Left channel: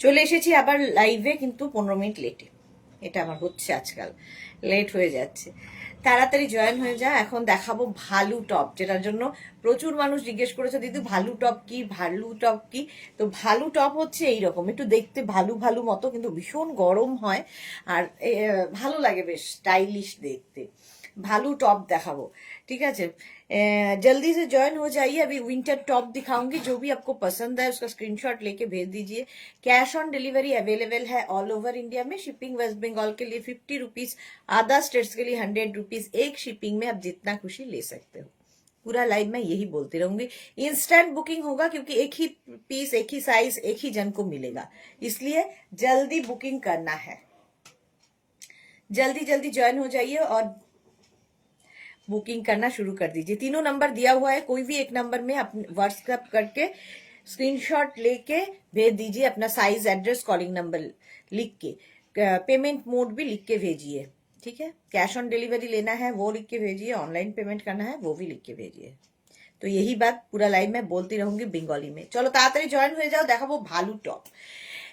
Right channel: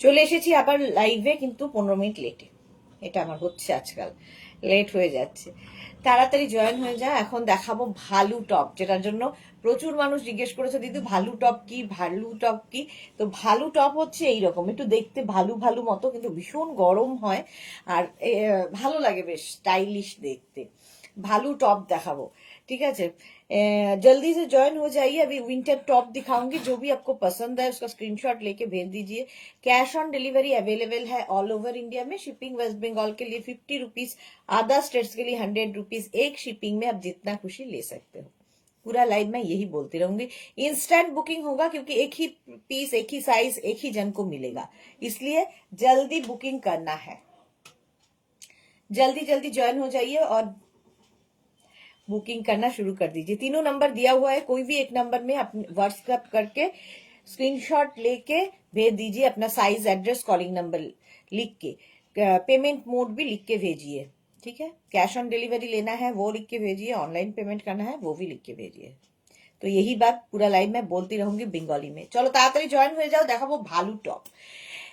চলে এসেছি আবার লাইভে, কিন্তু 15 মিনিট লেটে। এটা আমার হচ্ছে আজকাল, লেট হয়ে যাচ্ছে। তাড়াতাড়ি জয়েন হয়ে যায়। এখন দেখাবো ভালু টপ, যেটার জন্য প্রচুর মানুষ জিজ্ঞেস করেছে, দিদি ভালু টপ কি, ভালু টপ কি। তো ভালু টপ হচ্ছে এইরকম, একটু দেখতে ভালু ভালু মতো, কিন্তু ভীষণ গরম হয় আর ভালো লাগে, বেশ স্টাইলিশ দেখতে। भालू टॉप दिखाओ, ठीक है। जल्दी से ज्वाइन हो जाइए। अभी विंटर टॉप दिखाऊंगी, जो भी आपको पसंद है उसका स्क्रीनशॉट लेके भेज दीजिए। कैश ऑन डिलीवरी अवेलेबल है ऑल ओवर इंडिया में। शिपिंग वेस्ट बंगाल के लिए 50 रुपीज, अदर स्टेट्स के लिए 100 रुपीज। एक शिपिंग में आप जितना खुशी ले सकते हो। पूरा लाइव मैं यही बोलती रहूंगी। इंस्टेंट बुकिंग होगा, क्योंकि एक ही पीस, एक ही साइज, एक ही जन को मिलेगा, इसलिए जल्दी बुकिंग करना है। जल्दी जल्दी ज्वाइन हो जाइए और बुकिंग करना शुरू कर दीजिए। तीनों नंबर दिया हुआ है, कोई भी एक नंबर में अपने व्हाट्सएप करके स्क्रीनशॉट लेके भेज दीजिए। अपना साइज, एड्रेस, कॉलिंग नंबर लिख के, पेमेंट मोड भी लिख के भेजिए, ठीक है। कैश ऑन डिलीवरी लेना है वो लिख के भेजिए, ऑनलाइन पेमेंट करना है वो भी लिख के भेजिए। तो यही बात पूरा लाइव में बोलती रहूंगी बेंगली में। चलो ताড়াতাড়ি জয়েন হয়ে যাও। দেখাবো ভালু টপ,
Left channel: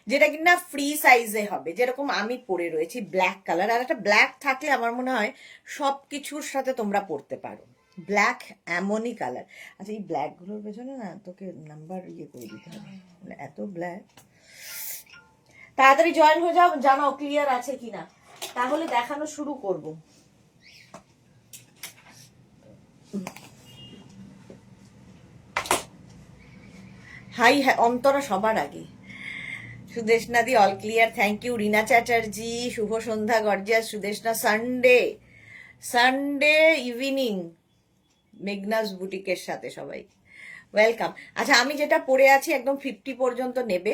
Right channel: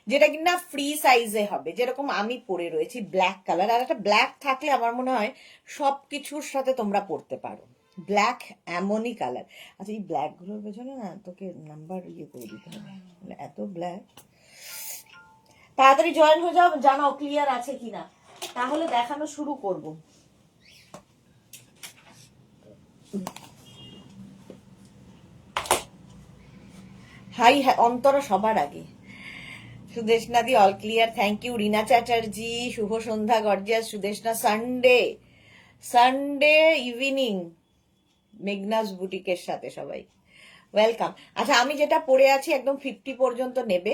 যেটা কিনা ফ্রি সাইজে হবে, যেরকম আমি পরে রয়েছি ব্ল্যাক কালার। আর একটা ব্ল্যাক থাকলে আমার মনে হয় সবকিছুর সাথে তোমরা পরতে পারো। ব্ল্যাক এমনই কালার। আচ্ছা, এই ব্ল্যাক গুলোর পেছনে না তোকে নাম্বার ইয়ে করে দিতে হবে, মানে এত ব্ল্যাক। তাড়াতাড়ি জয়েন হয়ে যাও, জানাও ক্লিয়ার আছে কিনা, তাহলে দেখানো শুরু করব। হাই অন্তরা সবার আগে। সুদেশনা দি all clear, thank you. Rina Chatterjee শুভ সন্ধ্যা, gorgeous. Sudeshna Sunday Sunday evening Meghna's বুটিকের সাথে সবাই ওয়েলকাম। আচ্ছা, আমি যেটা পরে আছি একদম 50 পর্যন্ত নেবে,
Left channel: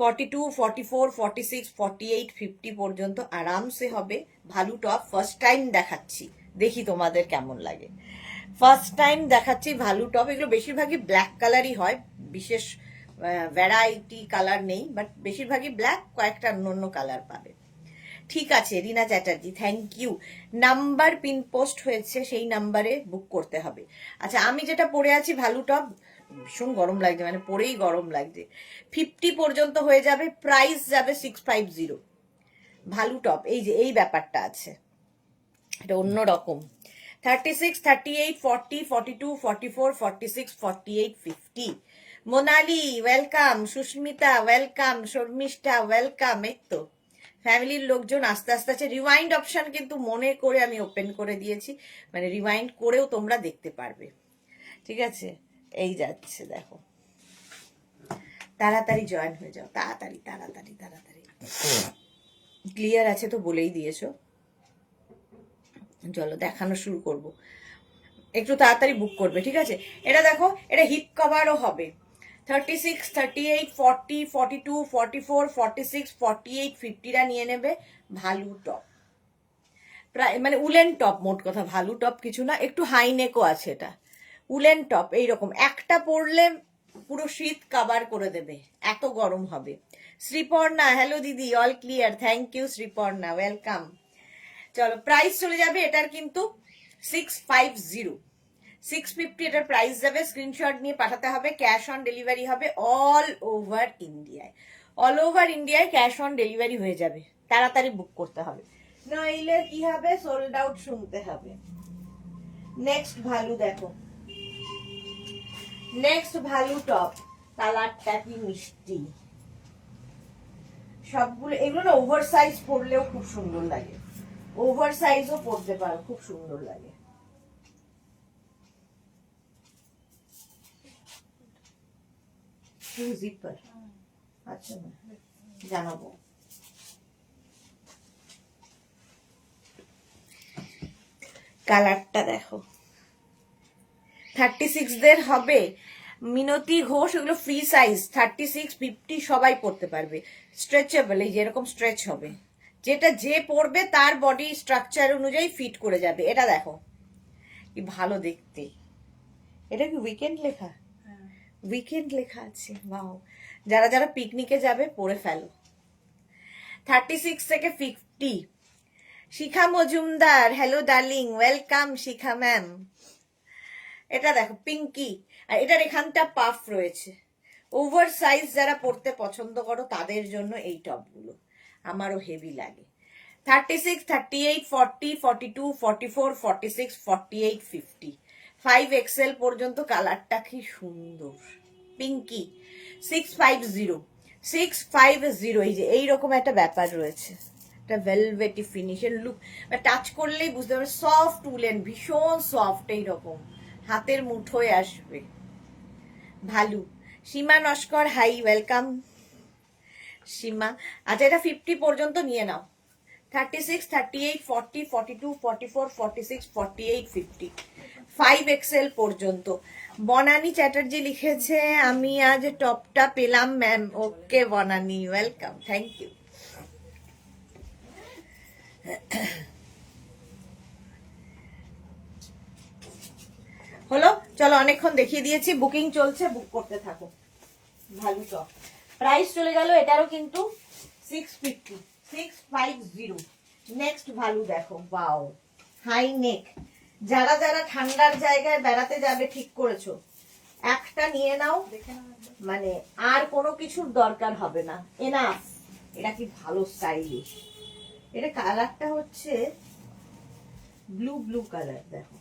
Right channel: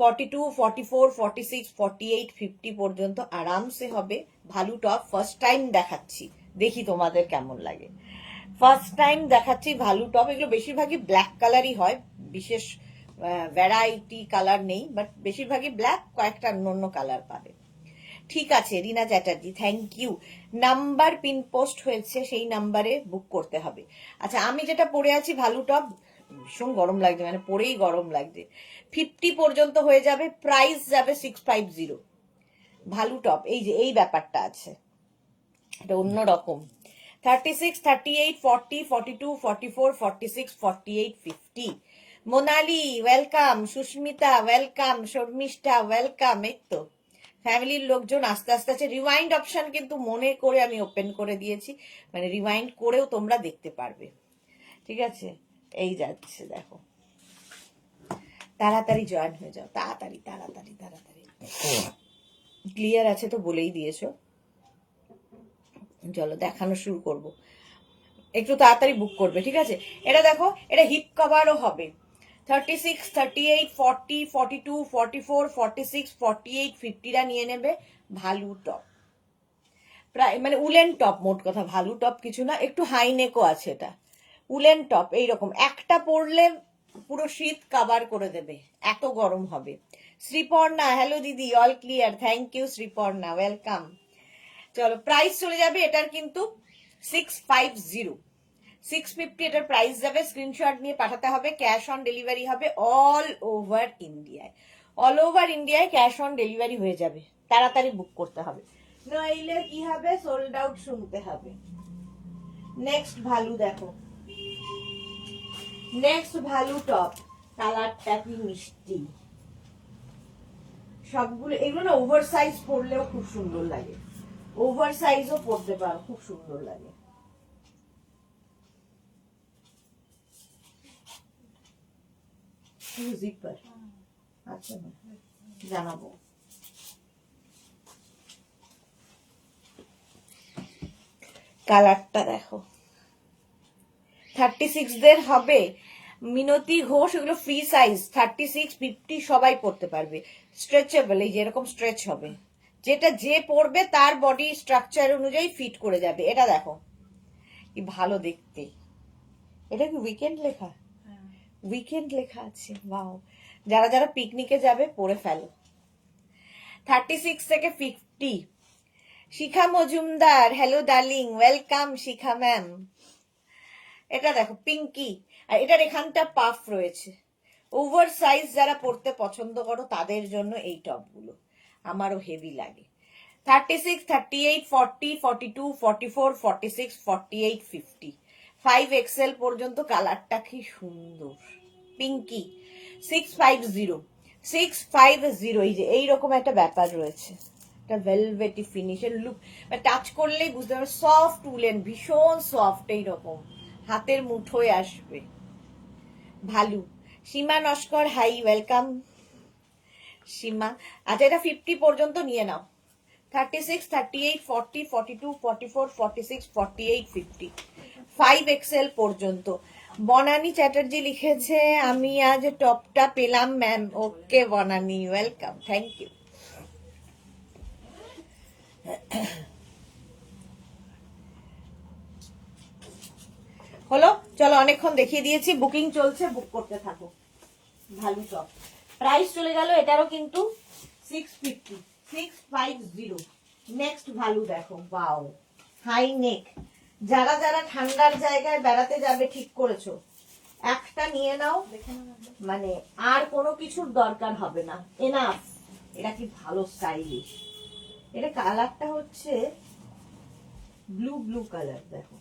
42, 44, 46, 48, 50 পর্যন্ত আরামসে হবে। ভালু টপ ফার্স্ট টাইম দেখাচ্ছি, দেখি তোমাদের কেমন লাগে। ফার্স্ট টাইম দেখাচ্ছি ভালু টপ। এগুলো বেশিরভাগই ব্ল্যাক কালারই হয়, বিশেষ ভ্যারাইটি কালার নেই, বাট বেশিরভাগই ব্ল্যাক, কয়েকটা অন্য কালার পাবে। ঠিক আছে Rina Chatterjee, thank you. Number pin post হয়েছে, সেই নাম্বারে বুক করতে হবে। আচ্ছা, আমি যেটা পরে আছি ভালু টপ, ভীষণ গরম লাগছে, মানে পরেই গরম লাগছে। 50 পর্যন্ত হয়ে যাবে, প্রাইস যাবে 650। ভালু টপ এই যে এই ব্যাপারটা আছে, এটা অন্যরকম। 36, 38, 40, 42, 44, 46, 48, 50। Monali welcome, Sushmita welcome, Sharmistha welcome. এই তো ফ্যামিলির লোকজন আস্তে আস্তে আছে। রিওয়াইন্ড অপশন কিন্তু মনে করে আমি ওপেন করে দিয়েছি, মানে রিওয়াইন্ড করেও তোমরা দেখতে পারবে, ঠিক আছে। এই যাচ্ছে দেখো, তাড়াতাড়ি জয়েন হয়ে যাও, তাড়াতাড়ি তাড়াতাড়ি তাড়াতাড়ি। ক্লিয়ার আছে তো বলেই দিয়েছো। চলো দেখানো শুরু করব, একটু তাড়াতাড়ি বুক করবে, ঠিক আছে। এটা দেখো, এটা হিপ কভারও হবে। 36, 38, 40, 42, 44, 46, 48, 50টা নিয়ে নেবে। ভালু টপ, প্রায় মানে উলেন টপ, মোট কথা ভালু টপ কিছু না, একটু হাই নেকও আছে। এটা উলেন টপ, এইরকম একটা পরলে পুরো শীত কাভার করে দেবে, এত গরম হবে। শ্রীপর্ণা হ্যালো দিদি, all clear, thank you Sriparna, welcome. চলো প্রাইস চলে যাবে এটার কিন্তু 650, 650 এটার প্রাইস যাবে। স্ক্রিনশট নিয়ে পাঠাতে হবে, ক্যাশ অন ডেলিভারি হবে অল ওভার ইন্ডিয়ায়। অল ওভার ইন্ডিয়ায় ক্যাশ অন ডেলিভারি হয়ে যাবে, তাড়াতাড়ি বুক করতে হবে, নইলে কি হবে, সোল্ড আউট শুনতে হবে। নেক্সট ভালু দেখো, নেক্সট ভালু টপ, কালারটা কি মিষ্টি। সবগুলো এগুলো না ওভার সাইজ পরলেও খুব সুন্দর লাগে, ওভার সাইজও পরতে পারো, খুব সুন্দর লাগে। জিপার, আচ্ছা জানাবো। কালারটা দেখো, 36 দের হবে। মিনতি ঘোষ, এগুলো ফ্রি সাইজ, 36, 50 সবাই পড়তে পারবে। স্ট্রেচেবল, এই যেরকম স্ট্রেচ হবে, যেটা যে পড়বে তার বডি স্ট্রাকচার অনুযায়ী ফিট করে যাবে। এটা দেখো কি ভালো দেখতে। এটা কি উইকেন্ড লেখা? উইকেন্ড লেখা আছে, ওয়াও। যারা যারা পিকনিকে যাবে পরে ফেলো। 36 থেকে 50। শিখা মজুমদার হ্যালো ডার্লিং, ওয়েলকাম শিখা ম্যাম। এটা দেখো পিঙ্কি, আর এটার এখানটা পাফ রয়েছে, ওভার সাইজ যারা পরতে পছন্দ করো তাদের জন্য এই টপগুলো আমারও হেভি লাগে। 36, 38, 40, 42, 44, 46, 48, 50, 5XL পর্যন্ত। কালারটা কি সুন্দর, পিঙ্কি। 650, 650, এই যে এইরকম একটা ব্যাপার রয়েছে, একটা ভেলভেটি ফিনিশের লুক, টাচ করলেই বুঝতে পারবে সফট উলেন, ভীষণ সফট, এইরকম হাতের মুঠোয় আসবে। ভালু। সীমা নস্কর, হাই, ওয়েলকাম সীমা। আচ্ছা, এটা 50 পর্যন্ত নিয়ে নাও। 36, 38, 40, 42, 44, 46, 48, 50, 5XL পর্যন্ত। বনানী চ্যাটার্জি লিখেছে আমি আজ টপটা পেলাম ma'am. Okay Banani, welcome, thank you. হলো, চলো অনেকক্ষণ দেখিয়ে দিয়েছি, বুকিং চলছে, বুক করতে থাকো। ভালো টপ, প্রাইস চলে গেল এটারও কিন্তু 650, 650। নেক্সট ভালো দেখো, বাও, হাই নেক। যারা যারা ঠান্ডার জায়গায় বেড়াতে যাবে ঠিক করেছো, একটা নিয়ে নাও, মানে আর কোনো কিছুর দরকার হবে না, এনাফ। এটা কি ভালো স্টাইলিশ। এটা কালারটা হচ্ছে ব্লু ব্লু কালার, দেখো,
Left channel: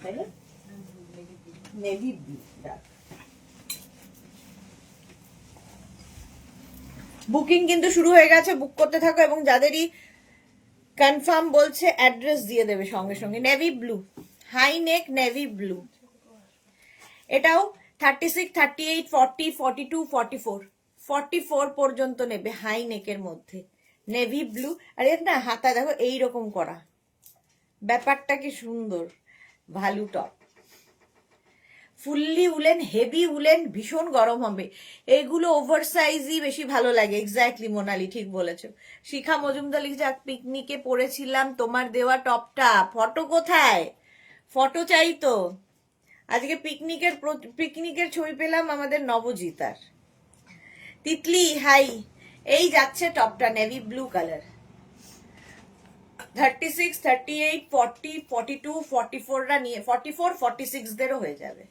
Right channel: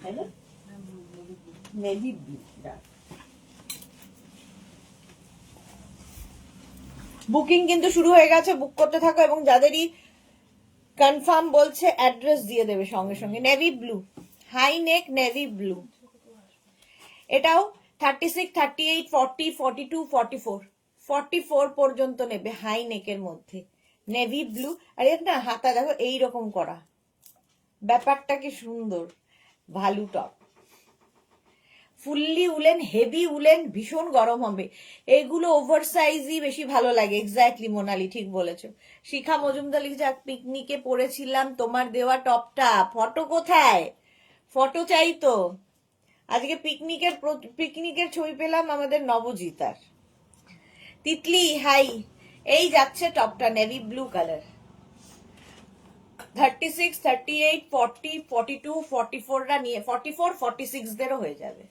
তাই না, নেভি ব্লু। বুকিং কিন্তু শুরু হয়ে গেছে, বুক করতে থাকো, এবং যাদেরই কনফার্ম বলছে অ্যাড্রেস দিয়ে দেবে সঙ্গে সঙ্গে। Navy blue, high neck navy blue. এটাও 36, 38, 40, 42, 44, 44 পর্যন্ত নেবে, হাই নেকের মধ্যে নেভি ব্লু। আর এর না হাতা দেখো এইরকম করা, ব্যাপারটা কি সুন্দর। Value top, fully woollen, heavy woollen, ভীষণ গরম হবে। এগুলো ওভার সাইজই বেশি ভালো লাগে। এক্স্যাক্টলি মোনালি, ঠিক বলেছো। শিখা মজুমদার লিখেছে পিকনিকে পরেছিলাম তোমার দেওয়া টপটা, ফটো কোথায়? ফটো চাই তো। আজকে পিকনিকের ছবি পেলাম আমাদের নবজিতার। তিতলি, হাই। এই যাচ্ছে টপটা, নেভি ব্লু কালার। 36, 38, 40, 42, 44 রা নিয়ে 44, 46 দেরও হয়ে যাবে।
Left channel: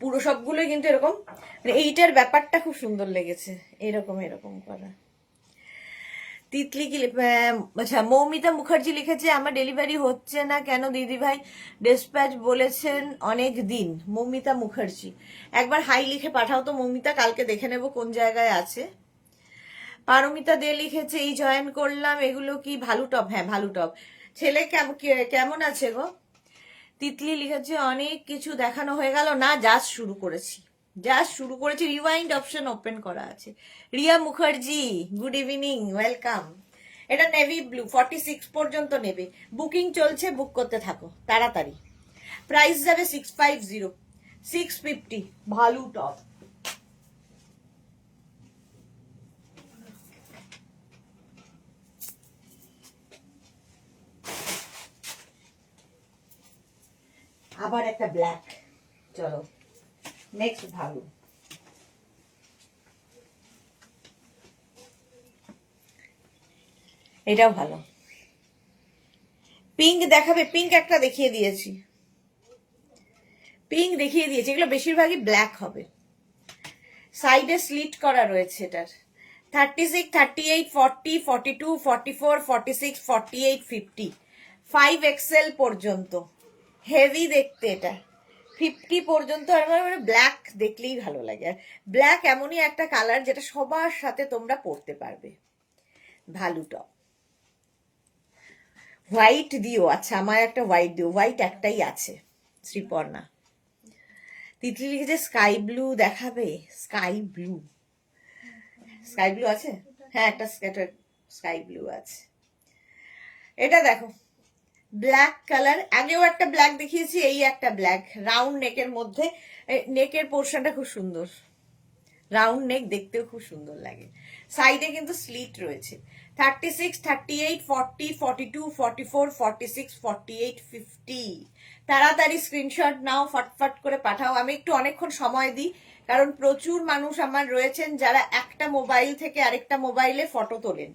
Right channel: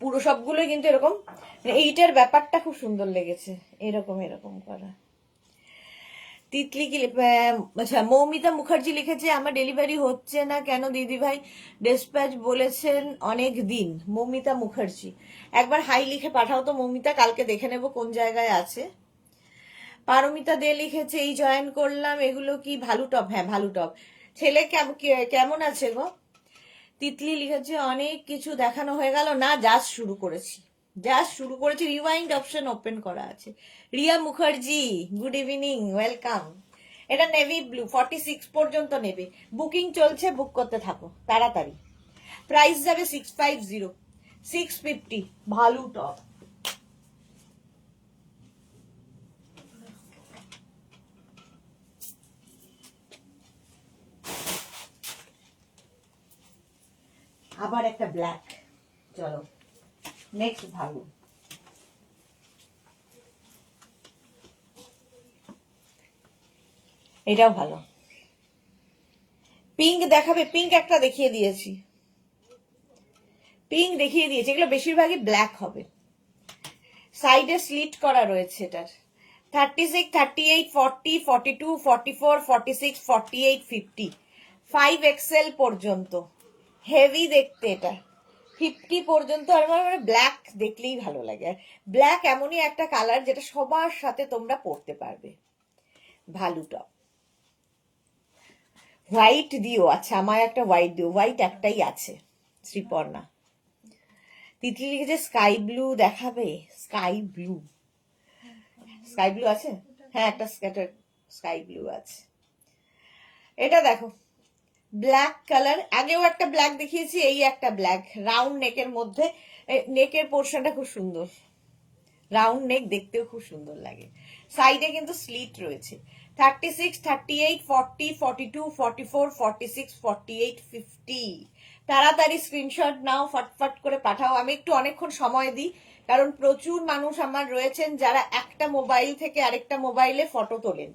পুরো সবগুলোই কিন্তু এরকম, মানে এইটার ব্যাপারটা খুব সুন্দর লেগেছে, এরকম এরকম করা। তিতলি কি, আচ্ছা, মৌমিতা মুখার্জি লিখেছে আমার ডেলিভারি হচ্ছে না কেন দিদি ভাই, ডিসপ্যাচ বলেছেন অনেক দিন। মৌমিতা মুখার্জি, একবার হাই লিখে পাঠাও তো মৌমিতা, কালকে দেখে নেব কোন জায়গায় আছে। পারমিতা দে লিখেছে এই জয়েন করলাম, এগুলো কি ভালো টপ? হ্যাঁ ভালো টপ। ছেলে কেমন আছে গো? তিতলি লিখেছে অনেক কিছু দেখানো হয়ে গেল না, জাস্ট শুরু করেছি, রিওয়াইন্ড অপশন ওপেন করা আছে। Riya Mukherjee, good evening, welcome. এটা নেভি ব্লু, 46 পর্যন্ত নেবে, বুকিং চলছে, বুক করতে থাকো তাড়াতাড়ি। প্রাইস যাবে 650, 650, ভালো টপ। আবার একটা ব্ল্যাক, চলো নেক্সট ভালো। এটাও ভালো। পিঙ্ক দেখাবে? পিঙ্ক একটা দেখিয়ে দিয়েছি, এগুলো বেশিরভাগই ব্ল্যাক হবে। সাইডে স্লিট করা রয়েছে এটার। 36, 38, 40, 42, 44, 46, 48, 50, 5XL পর্যন্ত, হেভি দেখতে এটা। 50 পর্যন্ত। আর আমার ব্ল্যাক দেখলেই ভালো লাগে, আর ব্ল্যাক এমনই একটা কালার যেটা সবার সাথে তোমরা পরতে পারবে। ভালো টপ। হোয়াইট দিও, আচ্ছা আমার একটা হোয়াইট দিও, হোয়াইট একটাই আছে, শ্রীপর্ণা। তিতলি লিখেছে স্কাই ব্লু দেখাবে, স্কাই ব্লু আছে, হ্যাঁ একটা স্কাই ব্লু আছে। এটা দেখো ব্ল্যাক কালার, আগেও একটা ব্ল্যাক দেখিয়েছি, এই একটা ব্ল্যাক, রাউন্ড নেকের মধ্যে, নেকের পোর্শনটা খুব সুন্দর, রাউন্ড নেক, দেখতেও খুব সুন্দর লাগে। সাইডে কিন্তু স্লিট রয়েছে। 36, 38, 40, 42, 44, 46, 48, 50। তাড়াতাড়ি স্ক্রিনশট নাও, ফটফট করে পাঠাও। আমি একটু অনেকক্ষণ সময় দিই, কারণ প্রচুর মানুষ আমার রয়েছেন যারা একটা মোবাইল থেকে আরেকটা মোবাইলে ফটো তোলেন,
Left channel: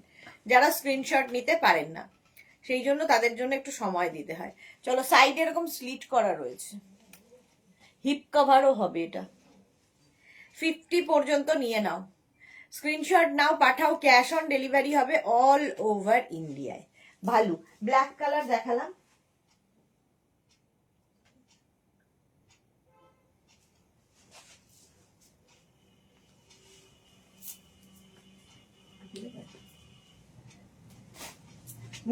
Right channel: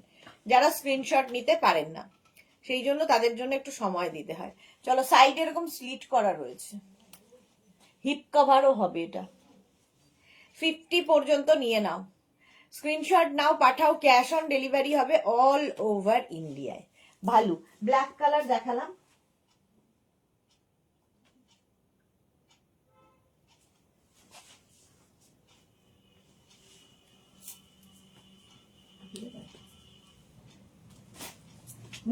যারা স্ক্রিনশট নিতে পারেন না, সেই জন্য তাদের জন্য একটু সময় দিতে হয়। চলো, সাইডে এরকম স্লিট করা রয়েছে, হিপ কভারও হবে এটা। 50 পর্যন্ত নিয়ে নাও, স্ক্রিনশট নাও, পাঠাও, ক্যাশ অন ডেলিভারি হবে অল ওভার ইন্ডিয়ায়। ভালো ব্ল্যাক কালার দেখালাম,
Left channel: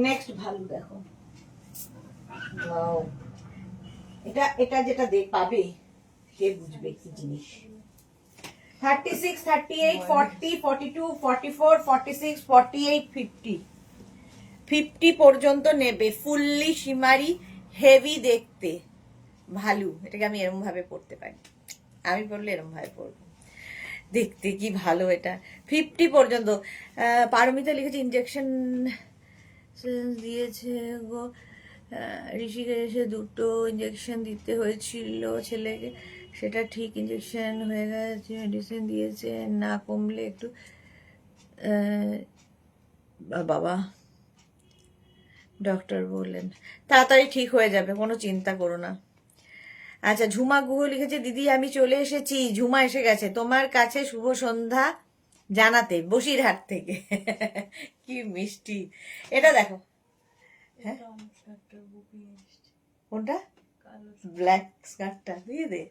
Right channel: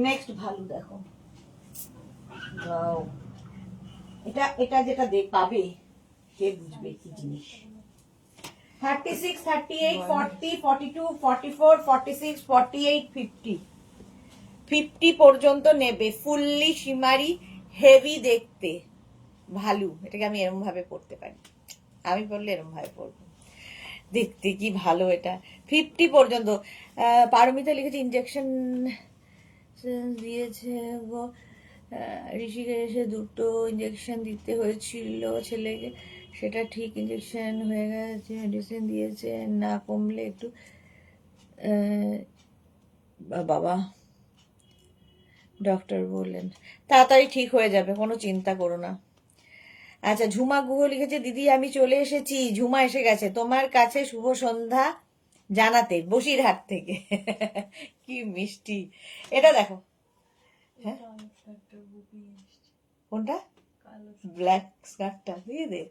নেক্সট ভালো দেখো, এটা এটা যেটা পাবে সে বুঝবে কি জিনিস। 36, 38, 40, 42, 44, 46, 48, 50 50 পর্যন্ত নেবে। ফুললি শিমারি, হেভি দেখতে, ভালো। এটাকে আমি এরম ভাবে পড়তে পারি, আমি পড়লে এরম ভাবে পড়বো, দেখতে কি ভালো এটা। 50 পর্যন্ত। পারমিতা লিখেছে ইনজেকশন দিয়েছে গো, ঋষিকেশে 2টো ইঞ্জেকশন দিতে হয়েছিল ছেলেকে, সেটা ঠিক ইঞ্জেকশন হয়ে গেছে, মেডিসিন দিয়েছে, না কমলে একটু বাবা ডক্টর বললেন তাড়াতাড়ি ঠিক হয়ে যাবে, কোনো চিন্তা করো না। আচ্ছা, ঝুমা গুহ লিখেছে দিদি আমি চলে এসেছি, ঝুমা এসে গেছে তোমার কাছে শুভ সন্ধ্যা জানাতে বসিরহাট থেকে। কি মিষ্টি। এটা দেখো, হ্যাঁ কোনটা, ব্ল্যাক স্কার্টটা দিয়ে দে।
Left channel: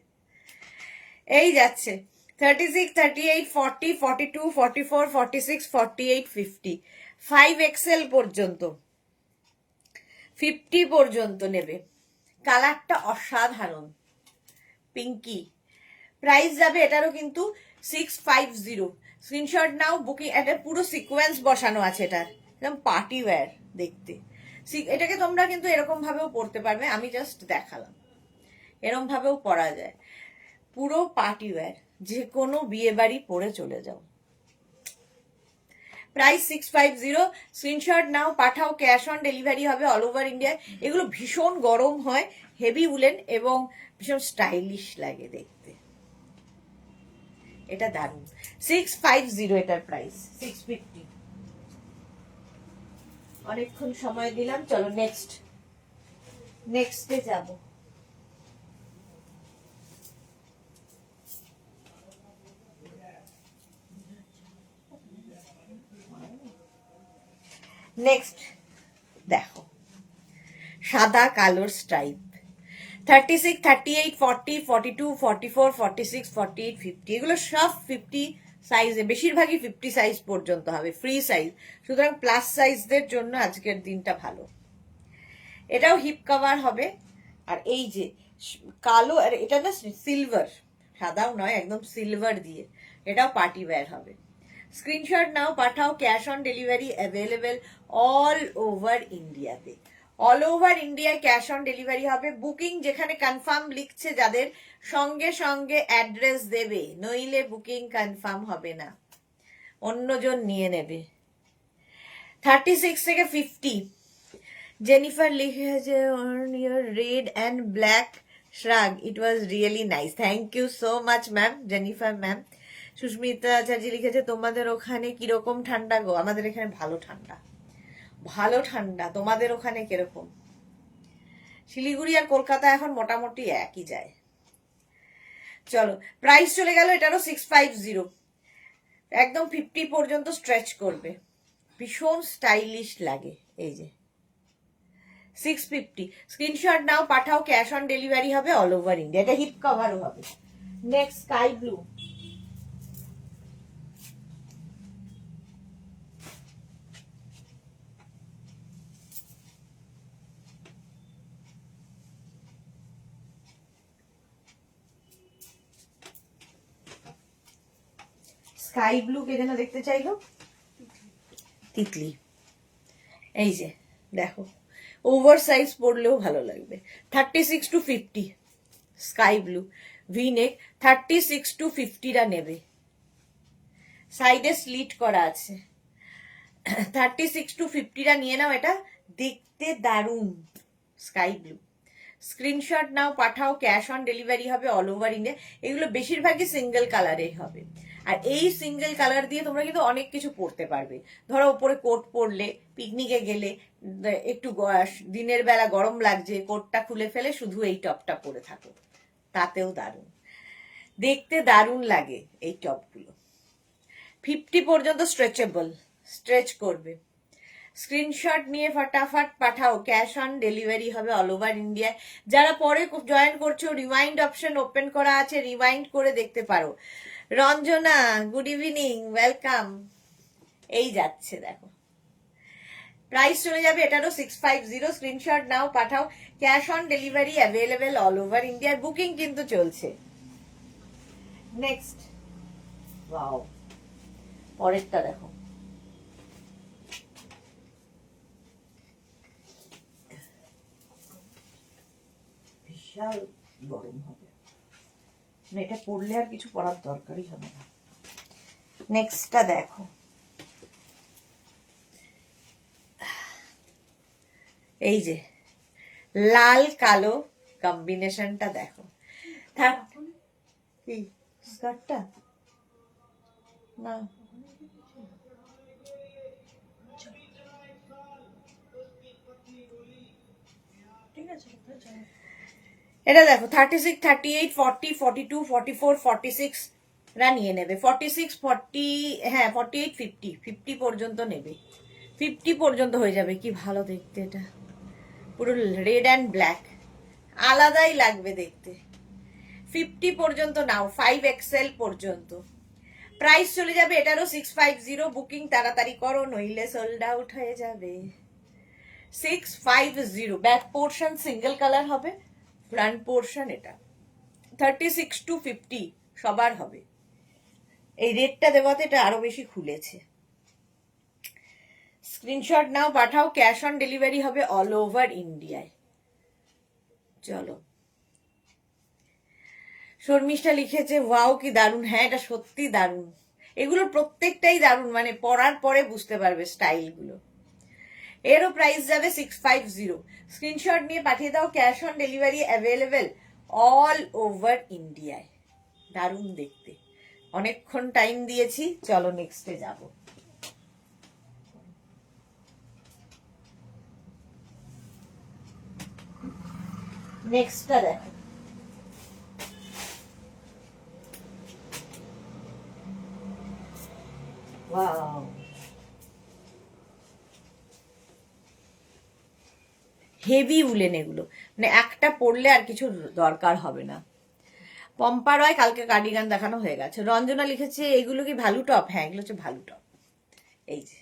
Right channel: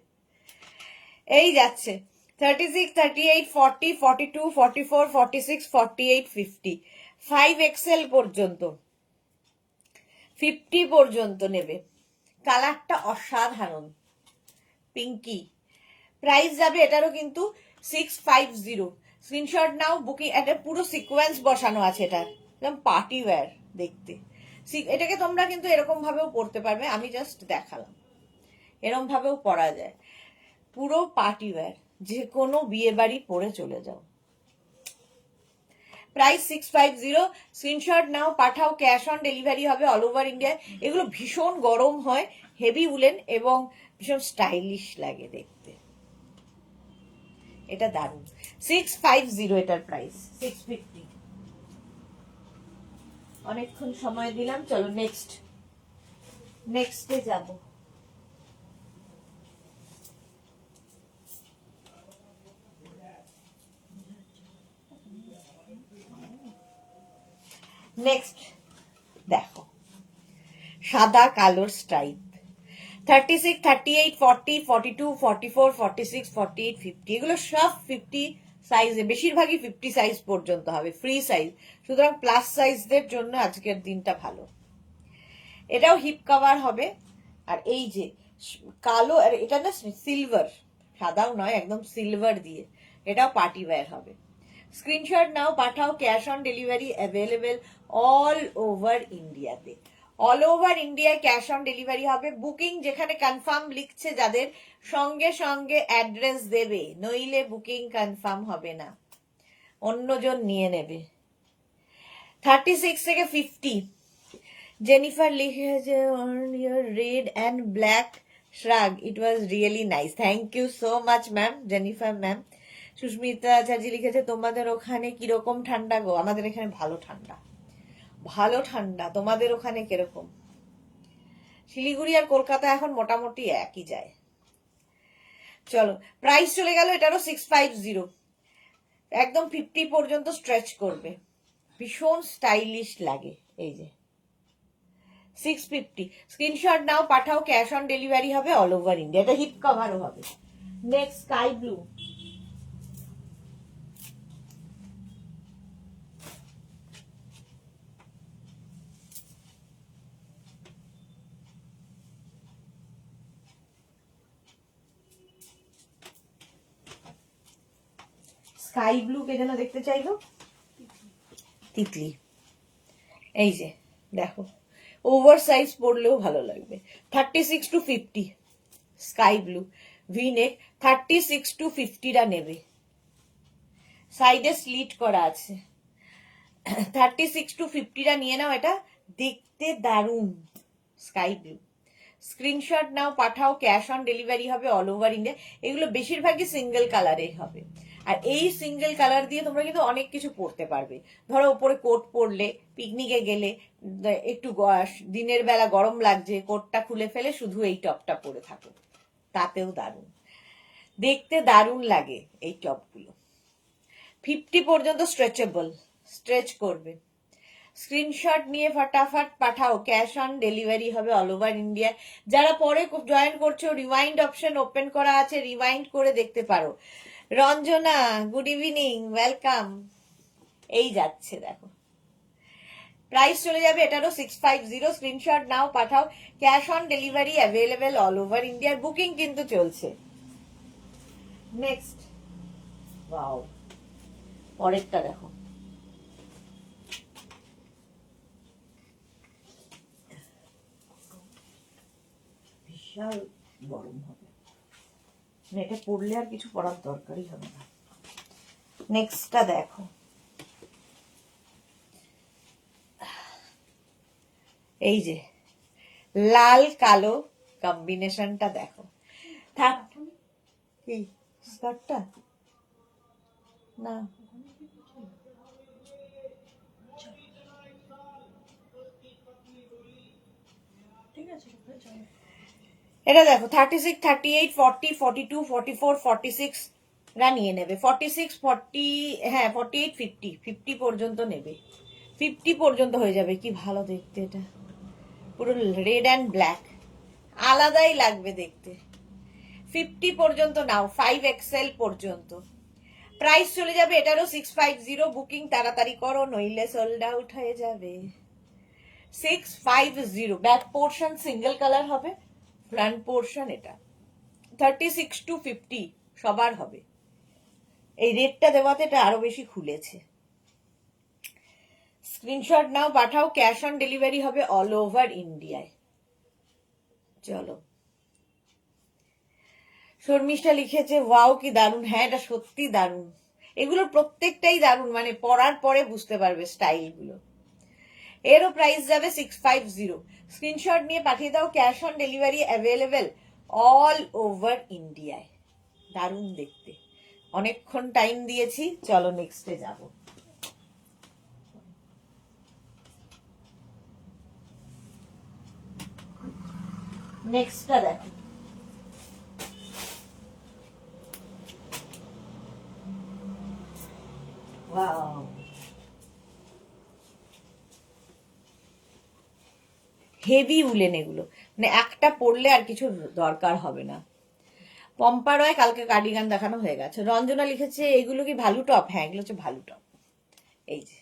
এই যাচ্ছে 36, 38, 40, 42, 44, 46, 48, 50 5XL পর্যন্ত, 50 পর্যন্ত নেবে। কালারটা অসাধারণ, পিঙ্কি। প্রাইস যাবে এটারও কিন্তু 650। স্ক্রিনশট নাও, বুকিং। একটা পুরো সিকোয়েন্স বসানো আছে এটার, একদম পার্টি ওয়্যার দেখতে। এটাকে তোমরা কিন্তু এরকম ভাবেও পরতে পারবে, আমি জাস্ট দেখালাম, এরকম ভাবেও পরা যায়, পুরো পার্টি ওয়্যার, যে কোনো বিয়ে বাড়ি পরে চলে যাও। প্রাইস 650। স্ক্রিনশট নাও, পাঠাও, ক্যাশ অন ডেলিভারি হবে অল ওভার ইন্ডিয়া। এগুলো ভীষণ গরম হয়, হেভি উলেন এবং ভীষণ স্টাইলিশ লাগে দেখতে, এটা দারুণ। 650 এটার প্রাইস, 650। অনেকক্ষণ সময় দিলাম, চলো নেক্সটে যাব। নেক্সট দেখো, সাদা কালোর স্ট্রাইপ। 36, 38, 40, 42, 44, 46, 48, 50 এগুলো সব 50 সাইজে, বেশিরভাগই 50 সাইজ পর্যন্ত হবে, ফ্রি সাইজ। সুতরাং প্লাস সাইজদের জন্য আজকের দিনটা ভালো। এটাও হিপ কভার হবে, আর এই যে কালো, আর এটা না সিলভার, সাদাও নয়, একদম সিলভার দিয়ে, এটাও পার্টি ওয়্যার হবে। স্ক্রিনশট নাও, পাঠাও, cash on delivery available all over ইন্ডিয়াতে। অল ওভার ইন্ডিয়ায় ক্যাশ অন ডেলিভারি হবে। বুকিং যেখানে কনফার্ম লিখছে যাদের, সঙ্গে সঙ্গে অ্যাড্রেস দেবে, নইলে বুকিং কনফার্ম হবে না, অন্যজন নিয়ে নেবে। 36 থেকে 50। জেনিফার লিখেছে on your red and black shrug, it was really nice, thank you so much ma'am, Jennifer ma'am. Susmita Acharya লিখেছে তোমাদের ওখানে কিরকম ঠান্ডা গো? আমাদের এখানে ভালো ঠান্ডা, ভালো ঠান্ডা। তোমাদের ওখানে কিরকম? শিলিগুড়ি আর কলকাতা এখন মোটামুটি একই যায়। চলো, প্রাইস চলে গেল এটারও 650, একদম 50 পর্যন্ত স্ট্রেচ করবে, ভীষণ স্টাইলিশ লাগে। এই যে 650। স্ক্রিনশট নাও, পাঠাও, ক্যাশ অন ডেলিভারি হবে অল ওভার ইন্ডিয়া। এটা হিপ কভারও হবে। Next sky blue. Sky blue কে যেন দেখতে চাইলো, তিতলি। এই যে দেখো, ওভার সাইজ পরলেও ভালো লাগবে। 36 to 50 sky blue V neck, 36 to 50টা নেবে। সাইডে স্লিট করা আছে, 36 to 50টা নিয়ে নাও, এটা দেখতে দারুণ, স্কাই ব্লু। স্ক্রিনশট নাও, পাঠাও, ক্যাশ অন ডেলিভারি হবে অল ওভার ইন্ডিয়া। এগুলো বেশিরভাগই সিঙ্গেল কালারের হবে, আর এই সিঙ্গেল কালার দিয়ে তোমরা কিন্তু অনেক কিছু পরতে পারবে। ধরো উপরে কোট পরলে, পিকনিকে গেলে, একটু দিনের বেলা গরম লাগছে, কোটটা খুলে ফেলে শুধু এই টপটা পরে থাকো, তাতেও দারুণ, দেখতে দারুণ লাগে এই টপগুলো। 50 পর্যন্ত স্ট্রেচেবল, স্ট্রেচ করবে। স্ক্রিনশট নিয়ে ফটাফট পাঠাও, ক্যাশ অন ডেলিভারি হবে অল ওভার ইন্ডিয়ায়। যারা পরে জয়েন করছো, রিমাইন্ড অপশন ওপেন করা আছে, রিমাইন্ড করে দেখতে পারো। Ranjana, good evening, welcome. এই যাচ্ছে দেখো, প্রাইস চলে যাবে এটারও 650। স্ক্রিনশট নাও, পাঠাও, cash on delivery available all over ইন্ডিয়ার, বুকিং কিন্তু চলছে। নেক্সট, ওয়াও, পরেরটা দেখো, বিশাল গরম হবে, এটা পরলে আর কিছু পরার দরকারই হবে না। নেক্সটটা দেখো, এই যে লাল কালো কম্বিনেশনটা দেখো। কি স্কার্টটা না, ঠিক আছে, এটা দেখো 36, 38, 40, 42, 44, 46 রা নিয়ে নেবে। 46, 40, হ্যাঁ 48, 50, 50 পর্যন্ত নেবে। 50 পর্যন্ত হয়ে যাবে। কি ভালো দেখতে, এটা পুরো রেড অ্যান্ড ব্ল্যাক, আলাদাই লাগবে দেখতে। 50 পর্যন্ত নাও, 5XL পর্যন্ত। প্রাইস চলে যাবে এটারও 650। বুকিং তাড়াতাড়ি করো, নইলে সোল্ড আউট হয়ে যাবে। 650। ব্যাক পোর্শন সিঙ্গেল কালার হবে, ফ্রন্ট পোর্শন এটা। 36 to 50 সবার হবে। এই রেটটা দেওয়াতে এটা আরো বেশি খুলেছে। স্ক্রিনশট নাও, পাঠাও, ক্যাশ অন ডেলিভারি হবে অল ওভার ইন্ডিয়ায়। চলো, শর্মিষ্ঠা লিখেছে ওয়াও কি দারুণ। হ্যাঁ, এটা সত্যি দারুণ, এগুলোর প্রত্যেকটাই দারুণ, মানে পরার পরে বুঝতে পারবে স্টাইল গুলো। এরও প্রাইস যাবে 650। স্ক্রিনশট নিয়ে পাঠিয়ে দাও, cash on delivery available all over ইন্ডিয়ায়। দারুণ দেখতে, অনেকক্ষণ টাইম দিয়েছি, চলো নেক্সটে যাব। নেক্সটটা দেখো, ওয়াও, হেভি উলেন এগুলো, মানে একটা পরলে আর কিছু দরকার হবে না। পম্পা রয়, কালকে কার্ডিগান দেখানো হয়ে গেছে। রঞ্জনা লিখেছে এগুলো কি ভ্যালু টপ? হ্যাঁ, এগুলো হচ্ছে ভ্যালু টপ। এই যে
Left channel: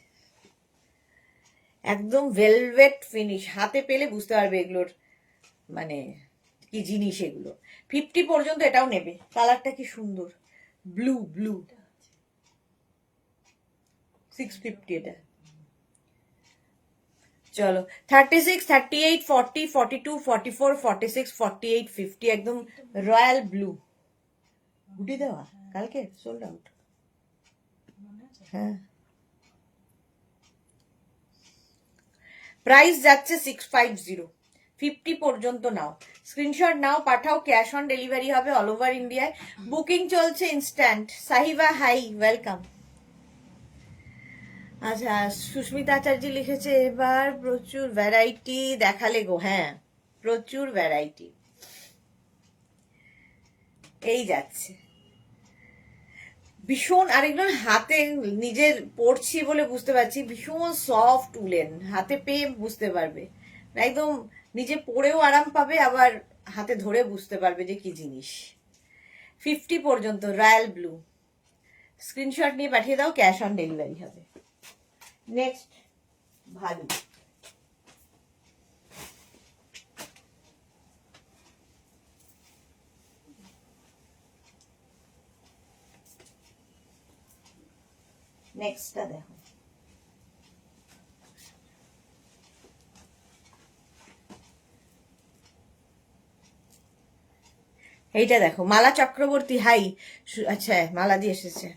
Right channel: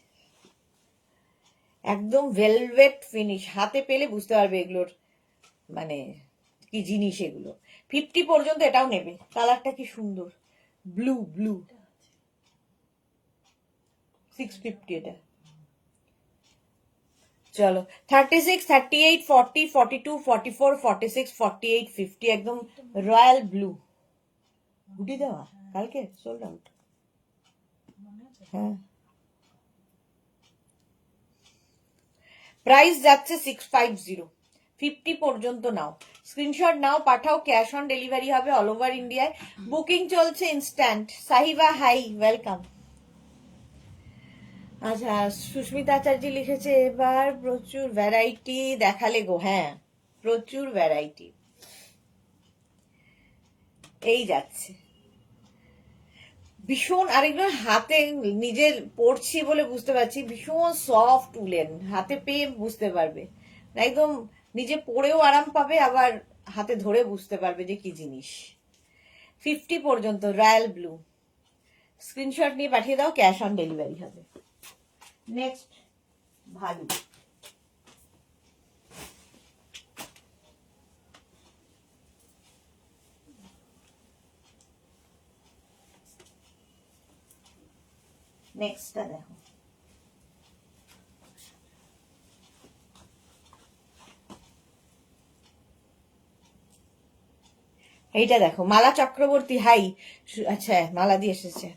একদম ভেলভেট ফিনিশ, হাতে পেলে বুঝতে পারবে এগুলোর মানে কি জিনিস এগুলো। 50 পর্যন্ত এটাও নেবে। কালারটা কি সুন্দর, ব্লু ব্লু। 650 এটা। চলো, 36, 38, 40, 42, 44, 46, 48, 50 একদম রয়্যাল ব্লু। গুটি দেওয়া, কালকে সোল্ড আউট। হ্যাঁ, প্রাইস যাচ্ছে 650। 50 পর্যন্ত নাও, স্ক্রিনশট নাও, পাঠাও, ক্যাশ অন ডেলিভারি হবে অল ওভার ইন্ডিয়ায়, বুকিং চলছে ইনস্ট্যান্ট। Sahiba hi, welcome. আচ্ছা, সুস্মিতা আচার্য লিখেছে এবার প্রচুর ভ্যারাইটি দেখালে গো। হ্যাঁ, প্রচুর ভ্যারাইটি। এই যাচ্ছে ভীষণ, আরেকজন হাতে নিজের পড়ছি বলে বুঝতে পারছি, ভীষণ সফট উলেন, হাতে পেয়ে বুঝতে পারবে, একদম নিজে পরেও আরাম পাবে, আবার হাতে ধরে বুঝতে পারবে যে কি জিনিস। 50 পর্যন্ত রয়্যাল ব্লু। স্ক্রিনশট নিয়ে পাঠিয়ে দাও, ক্যাশ অন ডেলিভারি হবে। নেক্সট, ভালো, নেক্সটটা দেখো, এইটা দেখো, মালা চক্রবর্তী হাই। আচ্ছা, মালা দিয়ে এসেছে।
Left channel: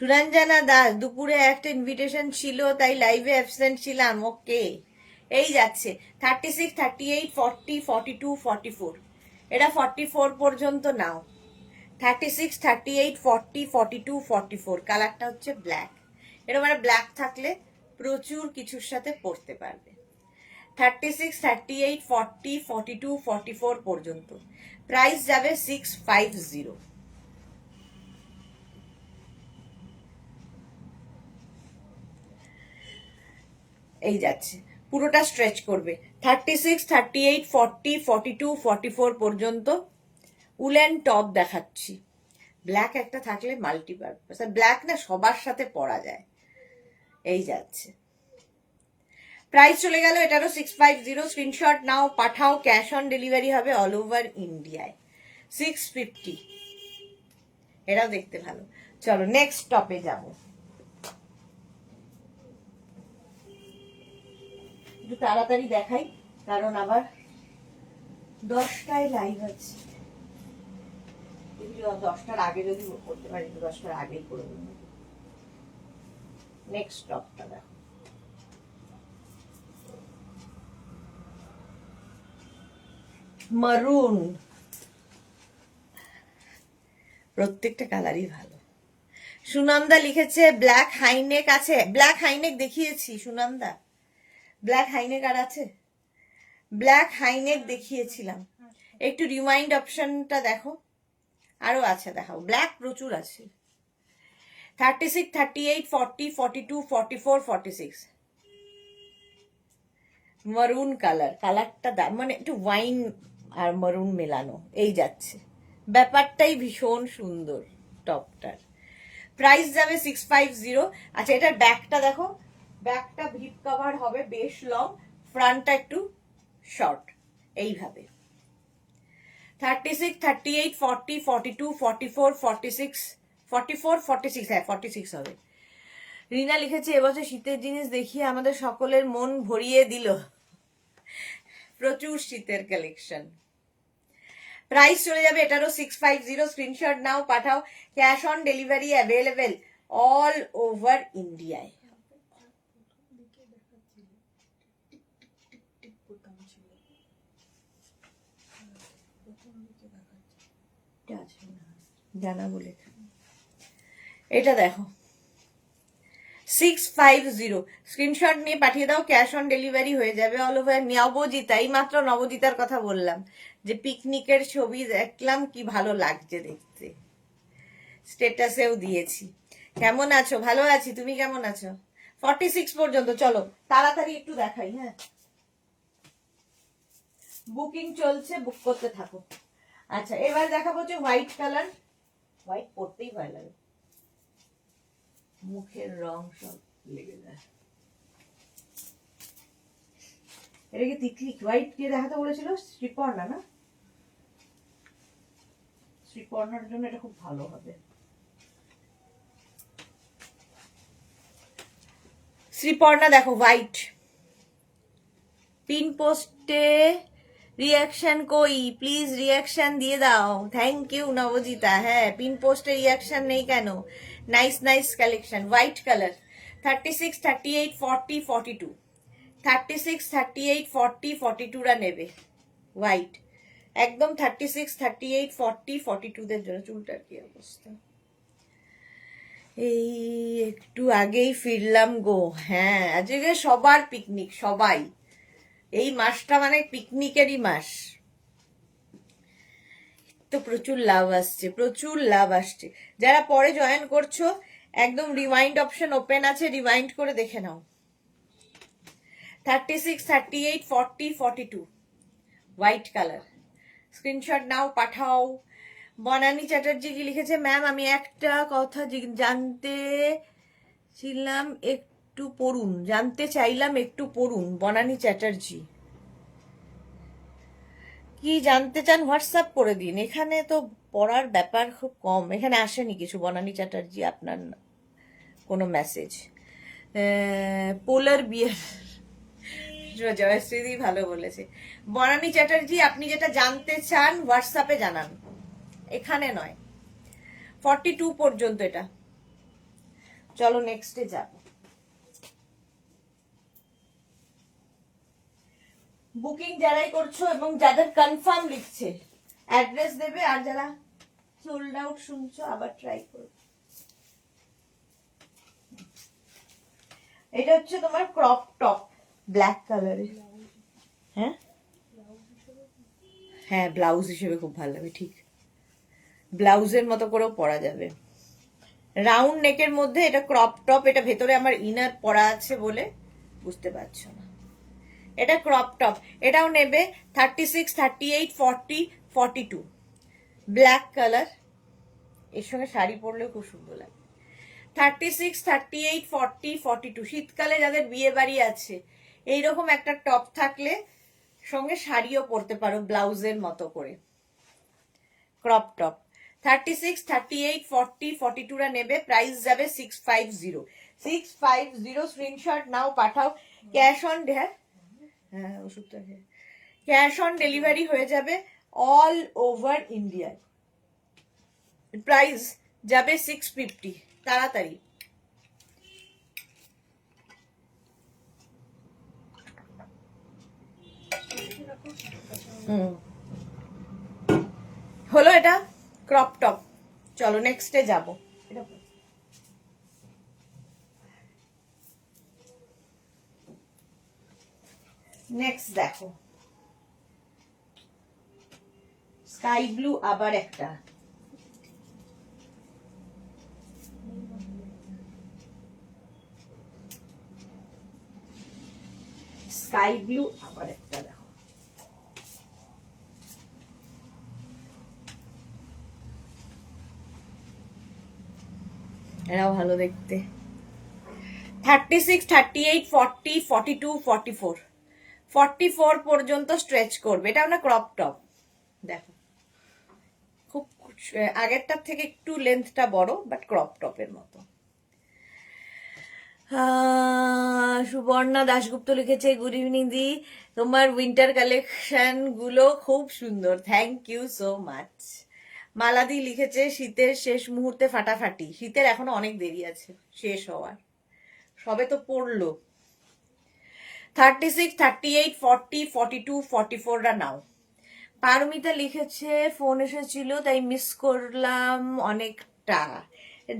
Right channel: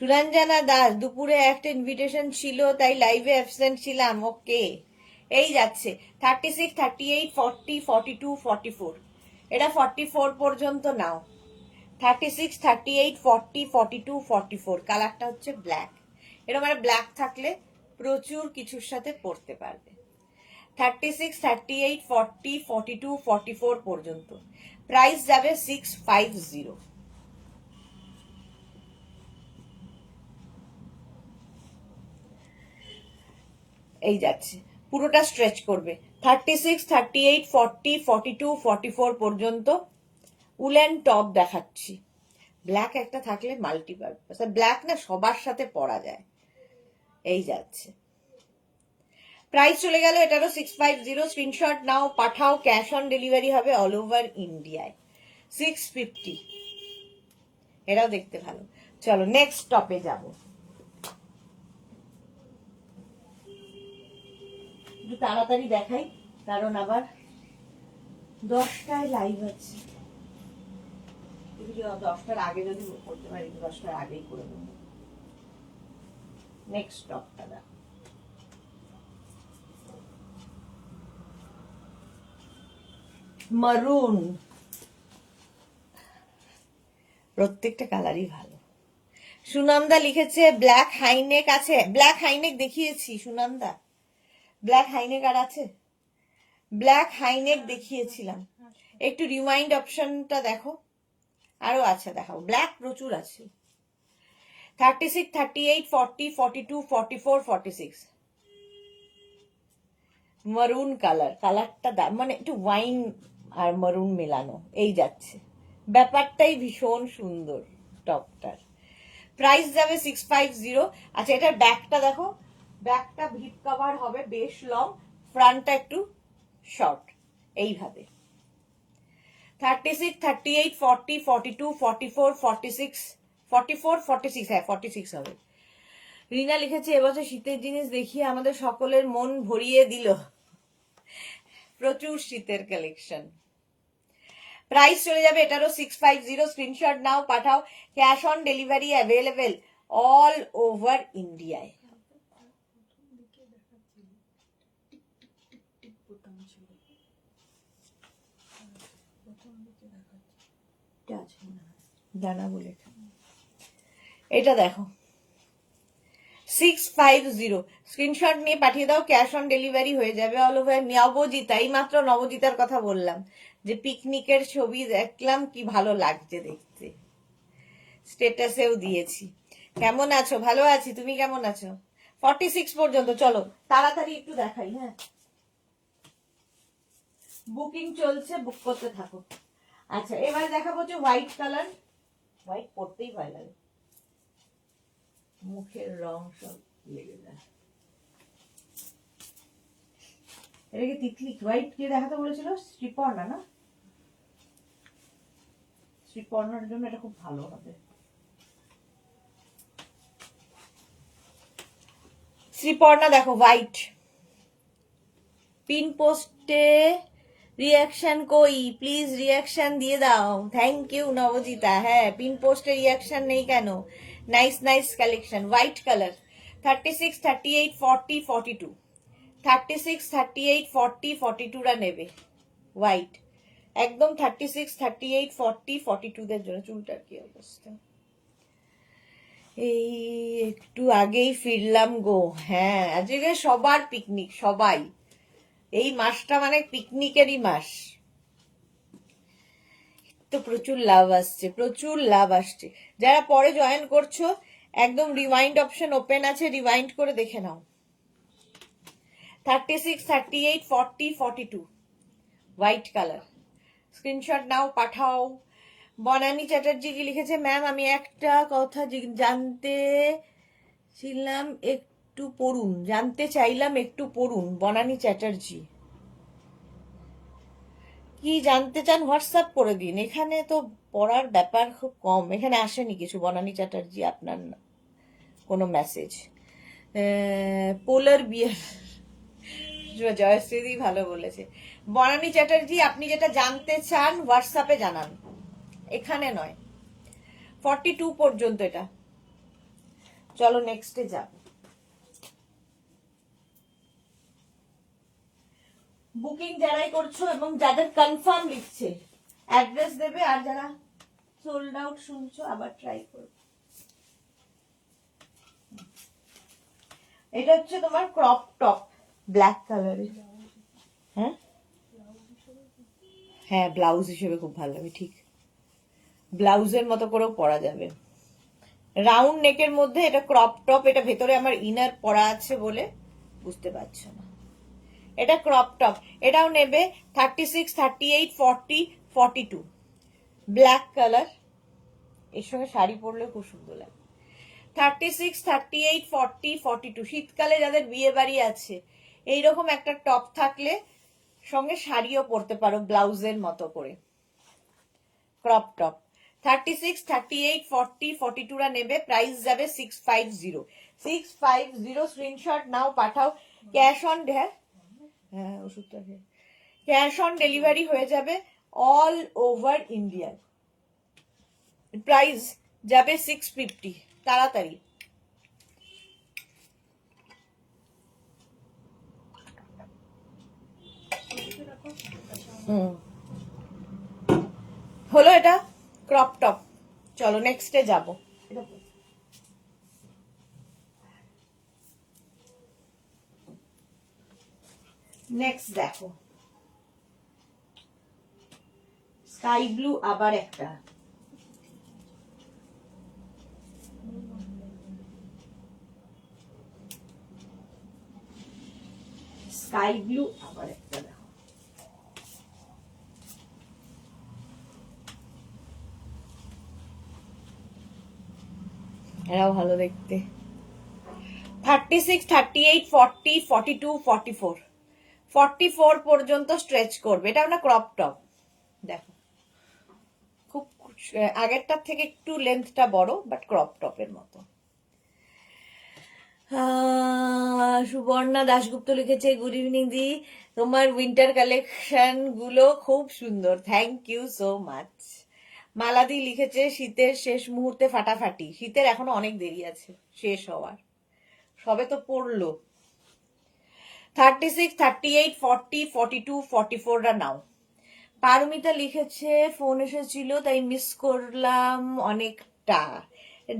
সুরঞ্জনা দাস, দুপুরে একটা ইনভিটেশন ছিল তাই লাইভে অ্যাবসেন্ট ছিলাম। ওকে, এই যাচ্ছে 36, 38, 40, 42, 44। এটা 44 পর্যন্ত নাও। 36, 38, 40, 42, 44। কালারটা হচ্ছে ব্ল্যাক। এটা মানে ব্ল্যাক থাকলে প্রচুর কিছুর সাথে পরতে পারবে। 36, 38, 40, 42, 44 পর্যন্ত। প্রাইস যাবে 650। এই যাচ্ছে, পুরোটা স্ট্রেচ করবে। 36, 38, 40, 42, 44 পর্যন্ত উলেন টপ দেখাচ্ছি। ব্ল্যাক একটা থাকলে মাল্টিপারপাস, ব্ল্যাক না সবার সাথে পরা যায়। এই যাচ্ছে, প্রাইস চলে গেল এটারও 650। স্ক্রিনশট নাও, পাঠাও, ক্যাশ অন ডেলিভারি হবে অল ওভার ইন্ডিয়ায়। 650, এটাও দেখতে ভালো। চলো নেক্সট টপে যাব। একটু তাড়াতাড়ি দেখাই, কারণ আবার 10টায় লাইভ আছে। 10টার আগে যদি করতে পারি, 10টার আগেই করে দেবো। নেক্সট টপটা দেখো, মারুন। প্রত্যেকটা কালারই ভালো। সুনন্দা লিখেছে ব্ল্যাক হাইনেক আছে। ব্ল্যাক হাইনেক দেখিয়েছি সুনন্দা, ব্ল্যাক হাইনেক আর আছে? ব্ল্যাক হাইনেক দেখিয়েছিলাম। একটু রিমাইন্ড অপশনটা দেখো, আরো আছে দেখাও। ব্ল্যাক প্রচুর আছে। 36, 38, 40, 42, 44, 46। মারুন কালার, কালারটা মানে একটু ওয়াইন আর মারুন মেলানো। এই যাচ্ছে, ব্যাপারটাই ভীষণ সুন্দর টপটার। প্রাইস যাবে 650। আচ্ছা, এটার ব্যাকটা দেখো, ব্যাকটা ভিপ কভার হবে, বেশ লং, ফ্রন্টটা একটু শর্ট। এইভাবে 36, 38, 40, 42, 44, 46, 44, 46, হ্যাঁ 46 হবে। রিনা লিখেছে এবছর শীতের জিনিস দেখিয়ে আমাদের সকলের মন ভরিয়ে দিল। প্রচুর শীতের কালেকশন। প্রাইস চলে যাবে এটারও 650। স্ক্রিনশট নাও, পাঠাও, cash on delivery available all over ইন্ডিয়ায়। জানা বলে এটা দেখো 650। স্ক্রিনশট নিয়ে পাঠিয়ে দাও, ক্যাশ অন ডেলিভারি হয়ে যাবে অল ওভার। নবজিতা, এই মাত্র নবজিতার কথা বললাম যে পিকনিকের ছবি দেখলাম, কি ভালো লাগছে দেখতে, স্টেটাসেও দিয়েছি। কেমন আছো? ভালো আছি, তুমি কেমন আছো? 46 পর্যন্ত। চলো তাড়াতাড়ি একটু দেখাই। হ্যাঁ, বুকিং চলছে, বুক করতে থাকো। আচ্ছা, এবার দেখাবো হচ্ছে হোয়াইট কালার। হোয়াইট পরতেই ভয় লাগে, মুখের রং সব লেগে যায়। এটা কি তিতলি? হোয়াইট কে দেখাতে বলেছিল? শ্রীপর্ণা না? শ্রীপর্ণার জন্য এটা খুব ভালো হবে। শ্রীপর্ণা দেখো হোয়াইট। পিন পোস্টে রিয়াকশন কই? প্লিজ রিয়াকশন দিয়ে দাও। Thank you Nabajita. হ্যাঁ, পিন পোস্টে রিয়াকশন নেই কেন? Nice nice collection. White colour 36, 38, 40, 42। 36, 38, 40, 42 রা নেবে হোয়াইট একদম। 36, 38, 40, 42 দের জন্য। চুলটার কি অবস্থা? এই একটু আগেই ফিরলাম গো। হ্যাঁ, আজকে সবার পিকনিক, সবাই। এই মাসটা মানে পিকনিকেরই মাস। তো প্রচুর লাভ আসছে, প্রচুর লাভ আসছে। যারা পরে জয়েন করছো, একদম রিমাইন্ড অপশন ওপেন আছে, রিমাইন্ড করে দেখে নাও। 36, 38, 40, 42 হোয়াইট কালার। স্ক্রিনশট নাও, পাঠাও। বনানী চ্যাটার্জি কি লিখেছে? ম্যাম আমি একটা কথা জানতে ছিলাম, একটু পড়ুন। জানতে চাইলাম, একটু পড়ুন। বনানী চ্যাটার্জি কি জানতে চান হোয়াটসঅ্যাপ করে দিন। এখানে তো পড়ার ব্যাপার খুব কম, এখানে আসেনি কিছু। বনানী চ্যাটার্জি আপনার কোনো মেসেজ? পোলার বিয়ার, জয়শ্রী ভালো বলেছে। বনানী চ্যাটার্জি, আপনি যেটা জানতে চান হোয়াটসঅ্যাপে জানান, এখানে নয়। 42 পর্যন্ত এটা। চলো নেক্সটে যাব। বুকিং যারাই করছো এবং যাদের কনফার্ম লিখছে অ্যাড্রেস দেবে, আর যারা সোল্ড আউট শুনছো আবার ট্রাই করবে। এটা হচ্ছে তোমার ক্রপ টপ ব্ল্যাক কালারের। হ্যাঁ হ্যাঁ, ব্লাউজ হিসেবে খুব ভালো লাগবে, ঠিক ব্লাউজের মতো করেও পরা যাবে। রাউন্ড নেকের মধ্যে এটা ক্রপ টপ, এটা ভেতরে আমার ইনার পরা আছে বলে বুঝতে পারছো না, এটা ক্রপ টপ। এটাও নেবে 36, 38, 40, 42, ব্ল্যাক কালার, এর সঙ্গে শাড়ি পরলেও খুব সুন্দর লাগে। 36, 38, 40, 42, শীতকালে যাদের বিয়ে বাড়ি আছে এইরকম একটা টপ থাকলে সঙ্গে শাড়িও পরতে পারো ব্লাউজের মতো করে, ক্রপ টপ। 36, 38, 40, 42 রা নেবে, প্রাইস যাবে 650। 650 স্ক্রিনশট নাও, পাঠাও। ক্যাশ অন হ্যাঁ ওষুধটা ক্যাশ অন ডেলিভারি হয়ে যাবে অল ওভার ইন্ডিয়া। প্রাইস যাবে 650, তাড়াতাড়ি। হলো এটা ক্রপ টপ। চলো নেক্সটে যাবো। নেক্সট দেখো স্কাই ব্লু, আবার একটা স্কাই ব্লু, আবার একটা দেখো, এরাও ভালো দেখতে। 36, 38, 40, 42, 44, 44 পর্যন্ত স্ট্রেচ করবে। এটা আমরা ক্রপ টপ, দেখো খুব আগেরটার থেকে একটু লেন্থটা বড়, বাট ক্রপ টপের মতো। সুবর্ণা দাশগুপ্ত লিখেছে, গুড ইভিনিং দি, তোমার উইন্টার কালেকশন গুলো খুব সুন্দর, থ্যাংক ইউ সো মাচ। মালাদি লিখেছে, শীতের শেষ মুহূর্তে ফাটাফাটি। শীতের এখনো অনেক দেরি আছে শেষ হওয়ার, সবে তো পড়লো। 36, 38, 40, 42, 44 রা নাও। পারমিতা লিখেছে, ফোন এসেছিল তাই মিস করলাম অনেকটা।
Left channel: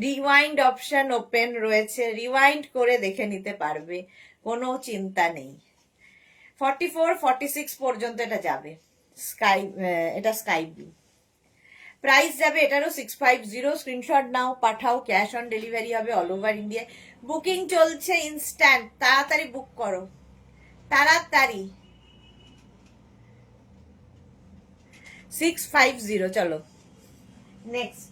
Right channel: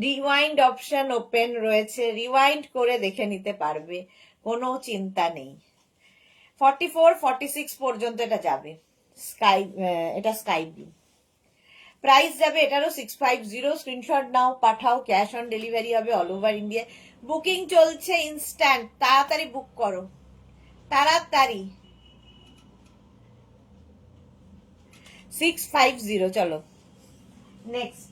রিওয়াইন্ড অপশন ওপেন রয়েছে, রিওয়াইন্ড করে দেখে নিতে পারবে, কোনো চিন্তা নেই। 44, 46 পর্যন্ত এটা যাবে। স্কাই, এটা স্কাই ব্লু। প্রাইস যাবে এটারও 650। স্ক্রিনশট নাও, পাঠাও, ক্যাশ অন ডেলিভারি হবে অল ওভার ইন্ডিয়া। বুকিং চলছে ইনস্ট্যান্ট, তাড়াতাড়ি বুক করো, তাড়াতাড়ি। 650। চলো নেক্সট।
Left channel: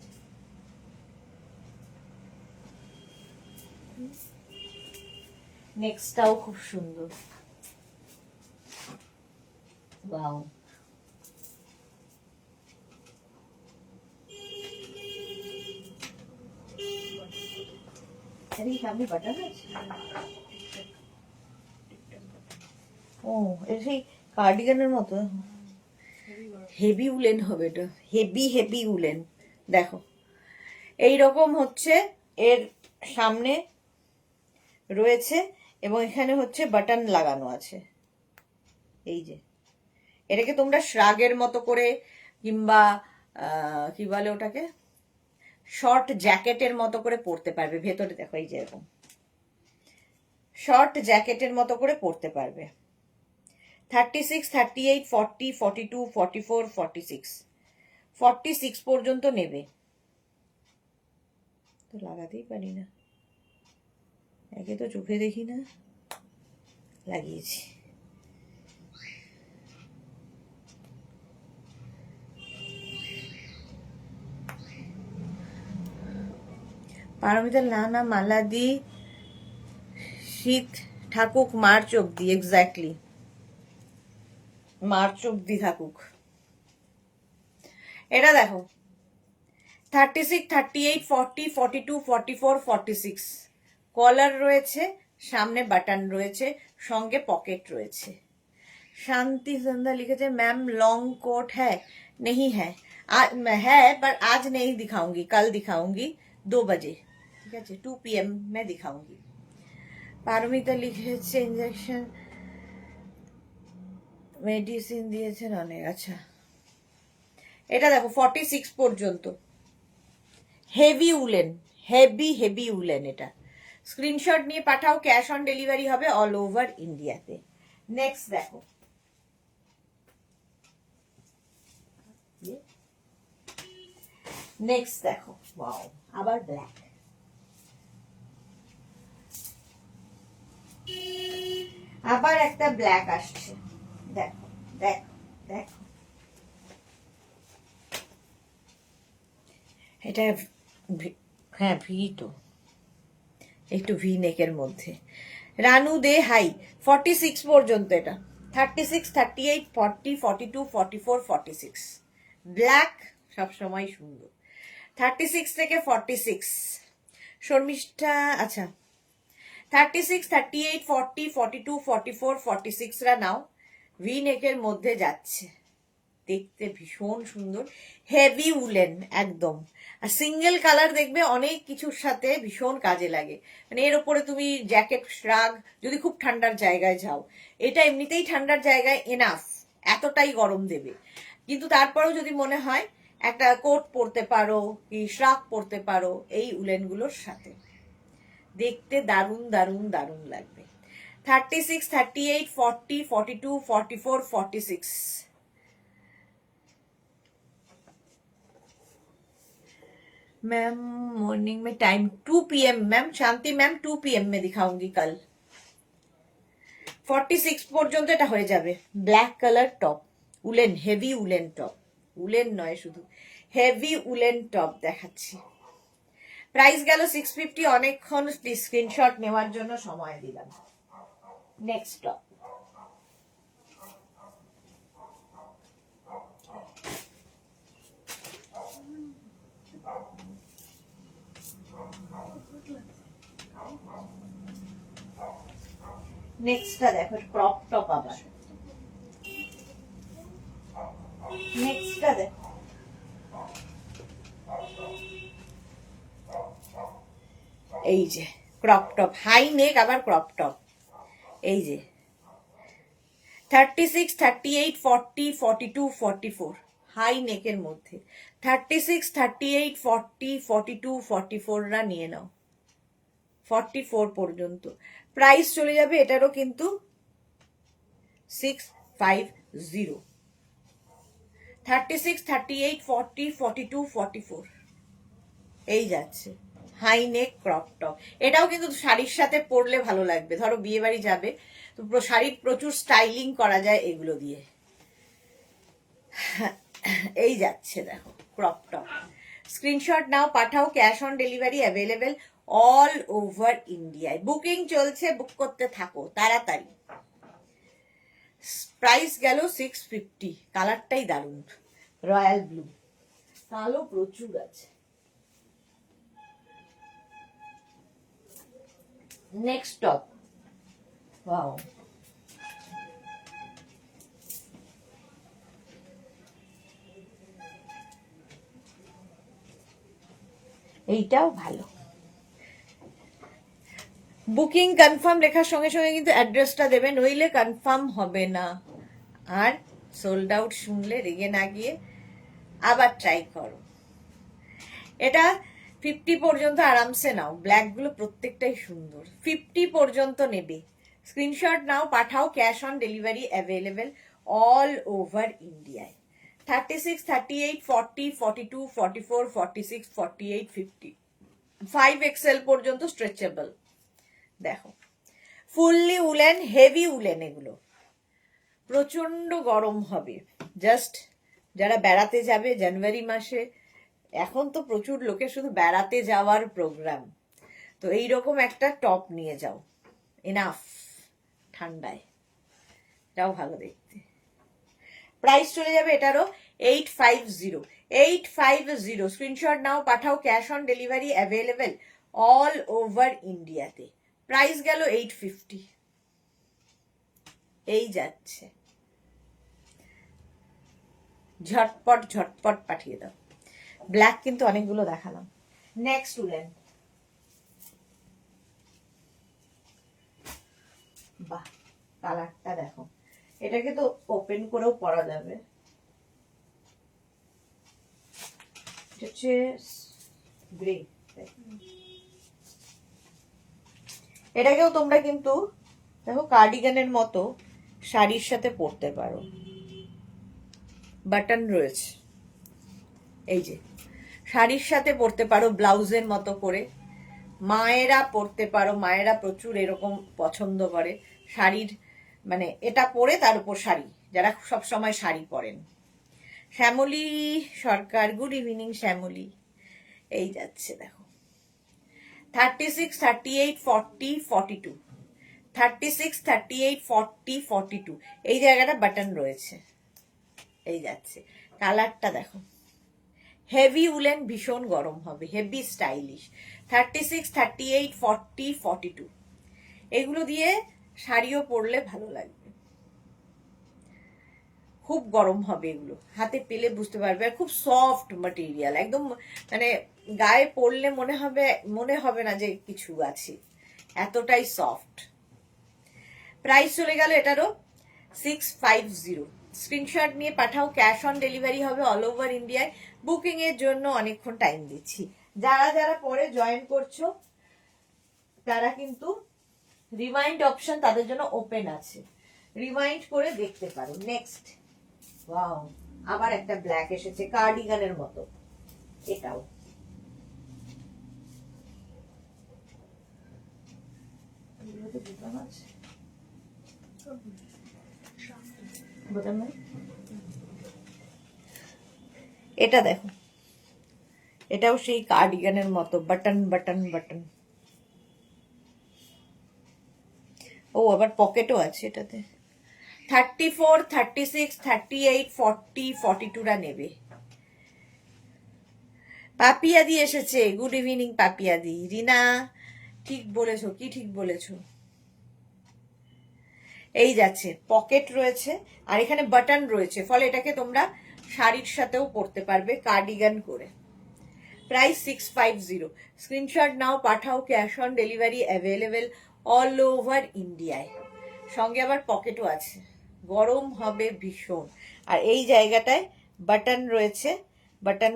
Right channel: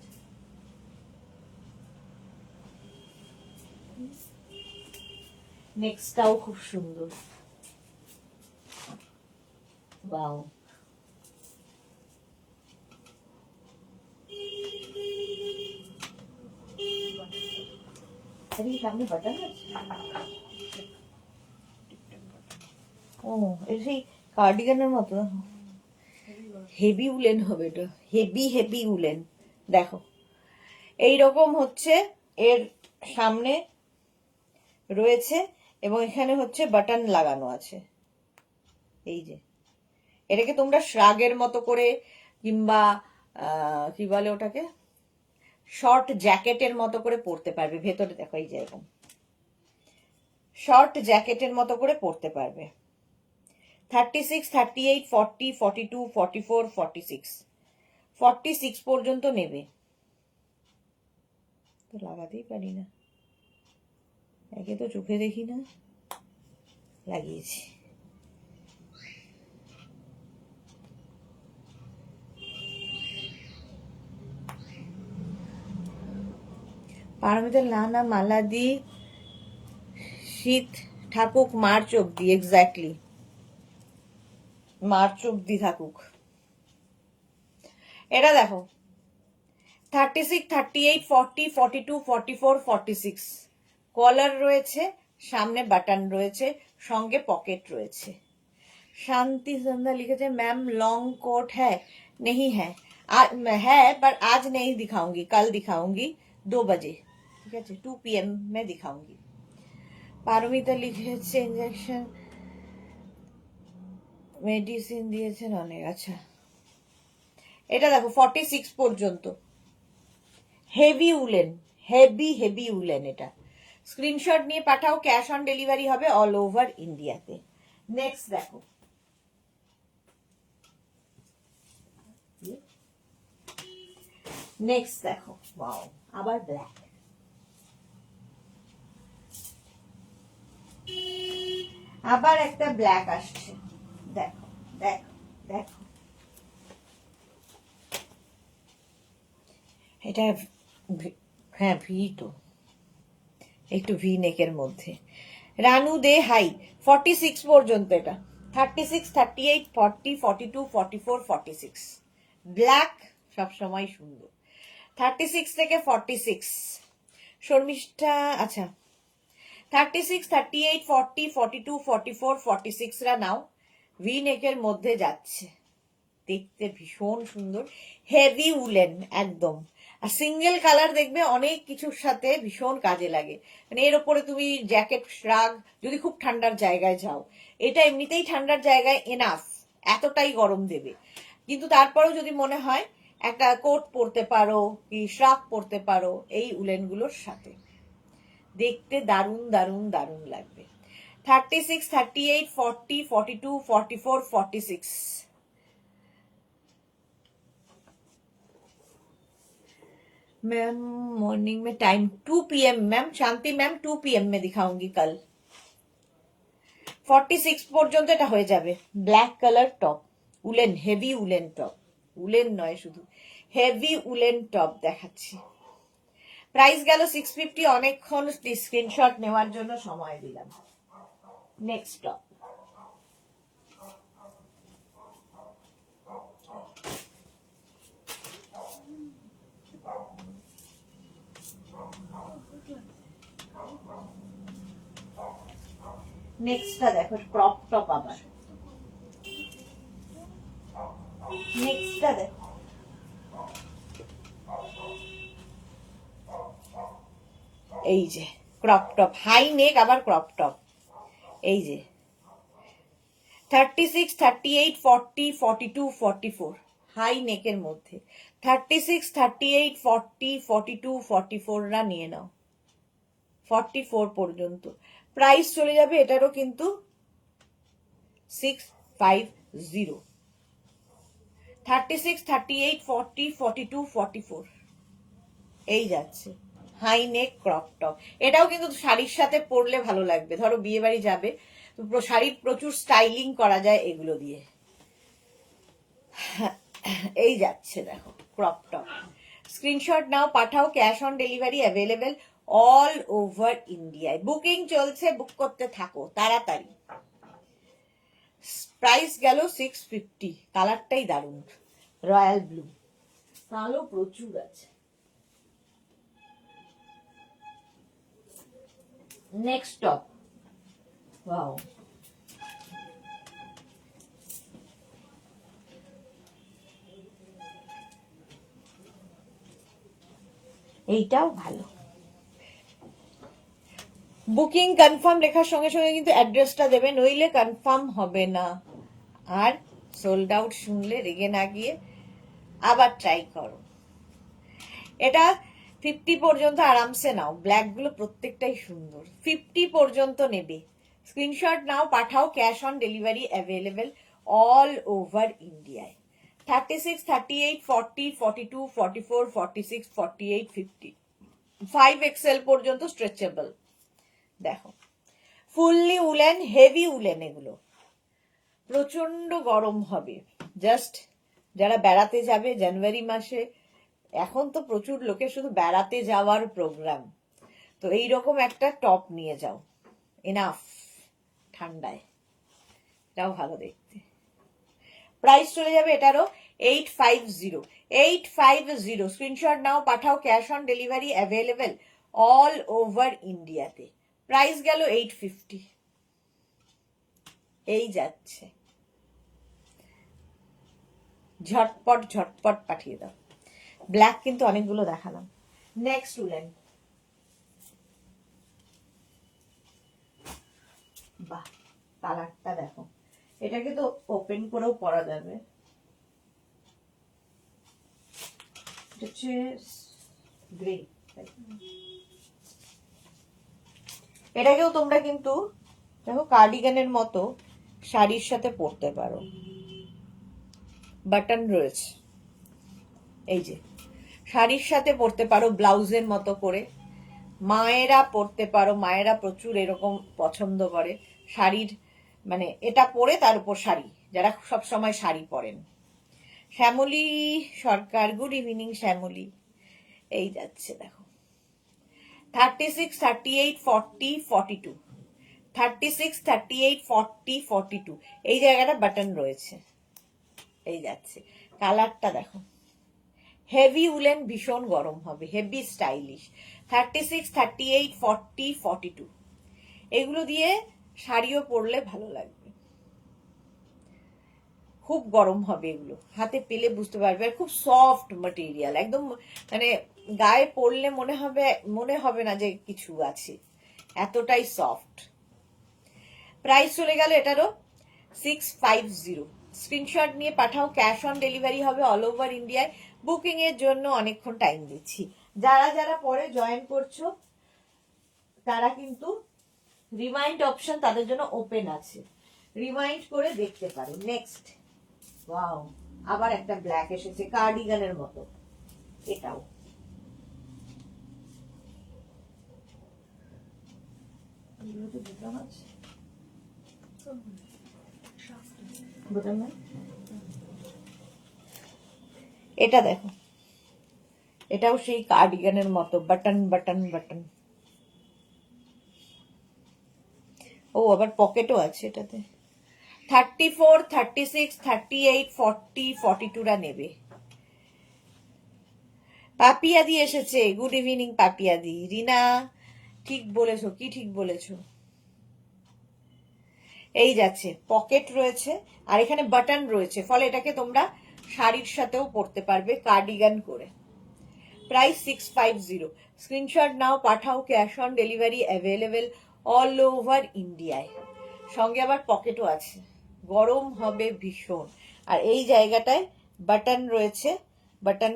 নেক্সটটাও খুব সুন্দর, ওয়াও। সামনে বাটন আছে, ও এটা সেই কার্ডিগানের মতো, হেভি উলেন হবে এটা, হেভি হেভি উলেন। দেখো এইরকম হচ্ছে, এর সামনে রয়েছে এবং এখানে হচ্ছে বাটন লাগানো আছে। এই যে এটাকে তোমরা শ্রাগের মতো করে, কিংবা কি বলে ওটাকে, শর্ট জ্যাকেটের মতো করে পরতে পারবে। ভেতরে দেখো এই যে এরকম শর্ট জ্যাকেটের মতো করে পরতে পারবে। 36, 38, 40, 42, 44, 46, 46 পর্যন্ত নেবে। তো লাগাতেই পারি না, একে তো চোখে দেখি না, লাগিয়েছি। পারমিতার না মালাদি, শীত থাকুক মার্চ অব্দি, এক্স্যাক্টলি মার্চ অব্দি থাকুক। এটা দেখো 36, 38, 40, 42, 44, 46, কলার রয়েছে, সামনে বাটন রয়েছে, সঙ্গে পকেট রয়েছে। শান্তি সন্ধ্যা লিখেছে, मैम लॉन्ग कोट है? नहीं है, है पर आज नहीं दिखाऊंगी, कल दिखाऊंगी 2 बजे, ठीक है 2 PM में दिखाऊंगी। পারমিতা লিখেছে, ইনজেকশন মেডিসিন দিয়েছেন অনেক, আচ্ছা। এটা দেখো 46 পর্যন্ত, heavy woollen, heavy heavy woollen. এটা স্ক্রিনশট নিয়ে পাঠাও, ক্যাশ অন ডেলিভারি হবে অল ওভার ইন্ডিয়াতে। নেক্সট দেখো নেক্সট দেখো, ওয়াও, আবার ব্ল্যাক, আবার একটা ব্ল্যাক আসছে, দেখো দেখো দেখো, এটা হ্যাঁ ভি তো, একটু ভি নেকের মধ্যে। রানু দে হাই, 46 পর্যন্ত, এটা 36, 38, 40, 42, 44, 46, ব্ল্যাক সবসময় সুন্দর। 36 থেকে 46 শর্মিষ্ঠা, আচ্ছা 36, 38, 40, 42, 44, 46 রা নাও, ভি নেকের মধ্যে যাচ্ছে, দেখতে ভীষণ সুন্দর, হেভি উলেন একদম। আর সিঙ্গেল কালার দেখবে অনেক কিছুর সাথে ভীষণ কাজে লাগে, মানে এর ওপরে তুমি জ্যাকেট, শ্রাগ, যদি খুব ঠান্ডার জায়গায় যাও, এটা এমনিতেই ঠান্ডার জায়গায় এনাফ, এতটাই গরম দেবে, কিন্তু তারপরেও যদি মনে হয় একটা কোট পরতে পারো কি শ্রাগ পরতে পারো এই উলেনগুলোর সাথে, দেখতে দারুণ দারুণ দারুণ লাগবে। 36, 38, 40, 42, 44, 46। मैम मॉर्निंग में टाइम 2 PM, मैम शांति मैम 2 PM में दिखाऊंगी कल। 46 পর্যন্ত এটা হয়ে যাবে, black colour top, woollen, heavy woollen top, woollen নয় শুধু হেভি উলেন টপ দেখাচ্ছি। প্রাইস গেল 650, অনেকক্ষণ স্ক্রিনশট নেওয়ার জন্য সময় দিলাম। নেক্সট টপ, নেক্সটটা দেখো, ক্রপ টপ, আবার নেক্সটটা দেখো, এই যে ক্রপ টপ, হাই নেক, আবার ক্রপ টপ, এই যে 36, 38, 40, 42, 44 হাই নেকের মধ্যে, 36, 38, 40, 42, 44 রা নিয়ে নাও, 44 পর্যন্ত। প্রাইস চলে যাবে এটারও কিন্তু 650। 36, 38, 40, 42, 44 এই যাচ্ছে, হাই নেক ক্রপ টপ। এটাও কিন্তু শাড়ির সাথে পরলে ভালো লাগবে, ধরো বিয়ে বাড়ি যাবে তো শাড়ির প্রচুর স্টাইলিং করা যায় এগুলো দিয়ে। এই যাচ্ছে দেখো ক্রপ টপ, স্ক্রিনশট নাও, পাঠাও, cash on delivery available all over ইন্ডিয়ায়, বুকিং চলছে, বুক করতে থাকো তাড়াতাড়ি। প্রাইস গেল 650, কালারটাই দারুণ, রয়্যাল ব্লু, কালো প্রচুর আছে। নেক্সট টপ, ওয়াও, এইটাও ভালো। বুকিং কনফার্ম লেখার সঙ্গে সঙ্গে কিন্তু অ্যাড্রেসটা দেবে, নইলে কনফার্ম হবে না। আর সোল্ড আউট শুনলে রেগে না গিয়ে আবার ট্রাই করো। এটা 50 পর্যন্ত আরামসে নাও, ব্ল্যাক গুলো প্রত্যেকটাই সুন্দর, 50 পর্যন্ত নেবে, স্ক্রিনশট নাও, পাঠাও, cash on delivery available all over ইন্ডিয়ায়। 36, 38, 40, 42, 44, 46, 48, 50, 5XL পর্যন্ত স্ট্রেচেবল। দেখো ফুললি উলেন, হেভি উলেন, এগুলো প্রচন্ড গরম হবে, জাস্ট যারা বেড়াতে যাবে জানুয়ারি মাসে, এখন তো প্রচুর লোকের শুধু বেড়াতে যাওয়ার প্রোগ্রাম, তো এইরকম একটা টপ নিয়ে যাও, এনাফ ঠান্ডায়, এটাও ভালো দেখতে। প্রাইস চলে যাবে এটারও 850, 850, স্ক্রিনশট নাও, পাঠাও, cash on delivery available all over ইন্ডিয়াতে। প্রাইস গেল 850, এই যাচ্ছে, ঝটপট ঝটপট পাঠিয়ে দাও। ব্ল্যাক কিন্তু অনেকগুলো দেখালাম। নেক্সট উলেন, বাহ কালারটা দেখো, এটাকে তো ওপেন করেও পরা যাবে, হচ্ছে গ্রে, এটাকেও তোমরা কিন্তু দেখো কার্ডিগানের মতো শাড়ির সাথে পরতে পারো, বাটন রয়েছে, এই যে শাড়ির সাথে পরতে পারো ব্লাউজের মতো করে, মায়েরা পরতে পারো, মায়েরা প্রচুর এরকম পছন্দ করে শাড়ির, মানে এটা পরে তার উপর শাড়ি, যারা সব সময় শাড়ি পরেন। শ্যামলী সরকার, গুড ইভিনিং শ্যামলী। এই যাচ্ছে দেখো 36, 38, 40, 42, 36, 38, 40, 42, এই জায়গাটা বাটন রয়েছে। এই যাচ্ছে, কালারটা দেখো, হেভি উলেন, ভীষণ গরম হবে, হেভি স্টাইলিশ। 36, 38, 40, 42, এগুলো দিয়ে শাড়িও পরলে ভালো লাগবে, খুব গরম হবে এগুলো, হাতে পেলে বুঝতে পারবে। খুব সফট ম্যাটেরিয়াল, একদম মানে গায়ে পরলে মনে হবে না যে কিছু আছে, এতটাই সফট। প্রাইস চলে গেল এটারও 650। স্ক্রিনশট নিয়ে পাঠাও, ক্যাশ অন ডেলিভারি হবে অল ওভার ইন্ডিয়ায়। বুকিং এর জন্য অনেকক্ষণ টাইম দিচ্ছি, যারা যারা পরে জয়েন করছো তারা কিন্তু রিমাইন্ড অপশন তাদের জন্য ওপেন আছে, রিমাইন্ড করে দেখতে পারো। নেক্সট, ওয়াও, আবার একটা ব্ল্যাক এসেছে কার্ডিগানের মতো, এটাও বোতাম আছে, বোতাম নাই। এটা দেখো, এটাও সেই কার্ডিগানের মতো, বাটন বাটন বাটন। ও আবার পকেটও আছে এটাতে। 34, 36, 38, 40, 42রা নেবে। পাপিয়াদি এসেছে, গুড ইভিনিং পাপিয়াদি। রিনা, ঠিক বলেছো, কি ঠিক বলেছো। এই যাচ্ছে, পকেট রয়েছে আর এখানে বাটন রয়েছে, ফলে এটাকে তোমরা শাড়ির সাথেও পরতে পারবে কার্ডিগান করে। প্রাইস 650। স্ক্রিনশট নাও, পাঠাও, cash on delivery available all over ইন্ডিয়ায়। সঙ্গে আবার পকেটও আছে, গরম হবে ভীষণ। আর এই জায়গাটায় বাটন রয়েছে, বাটন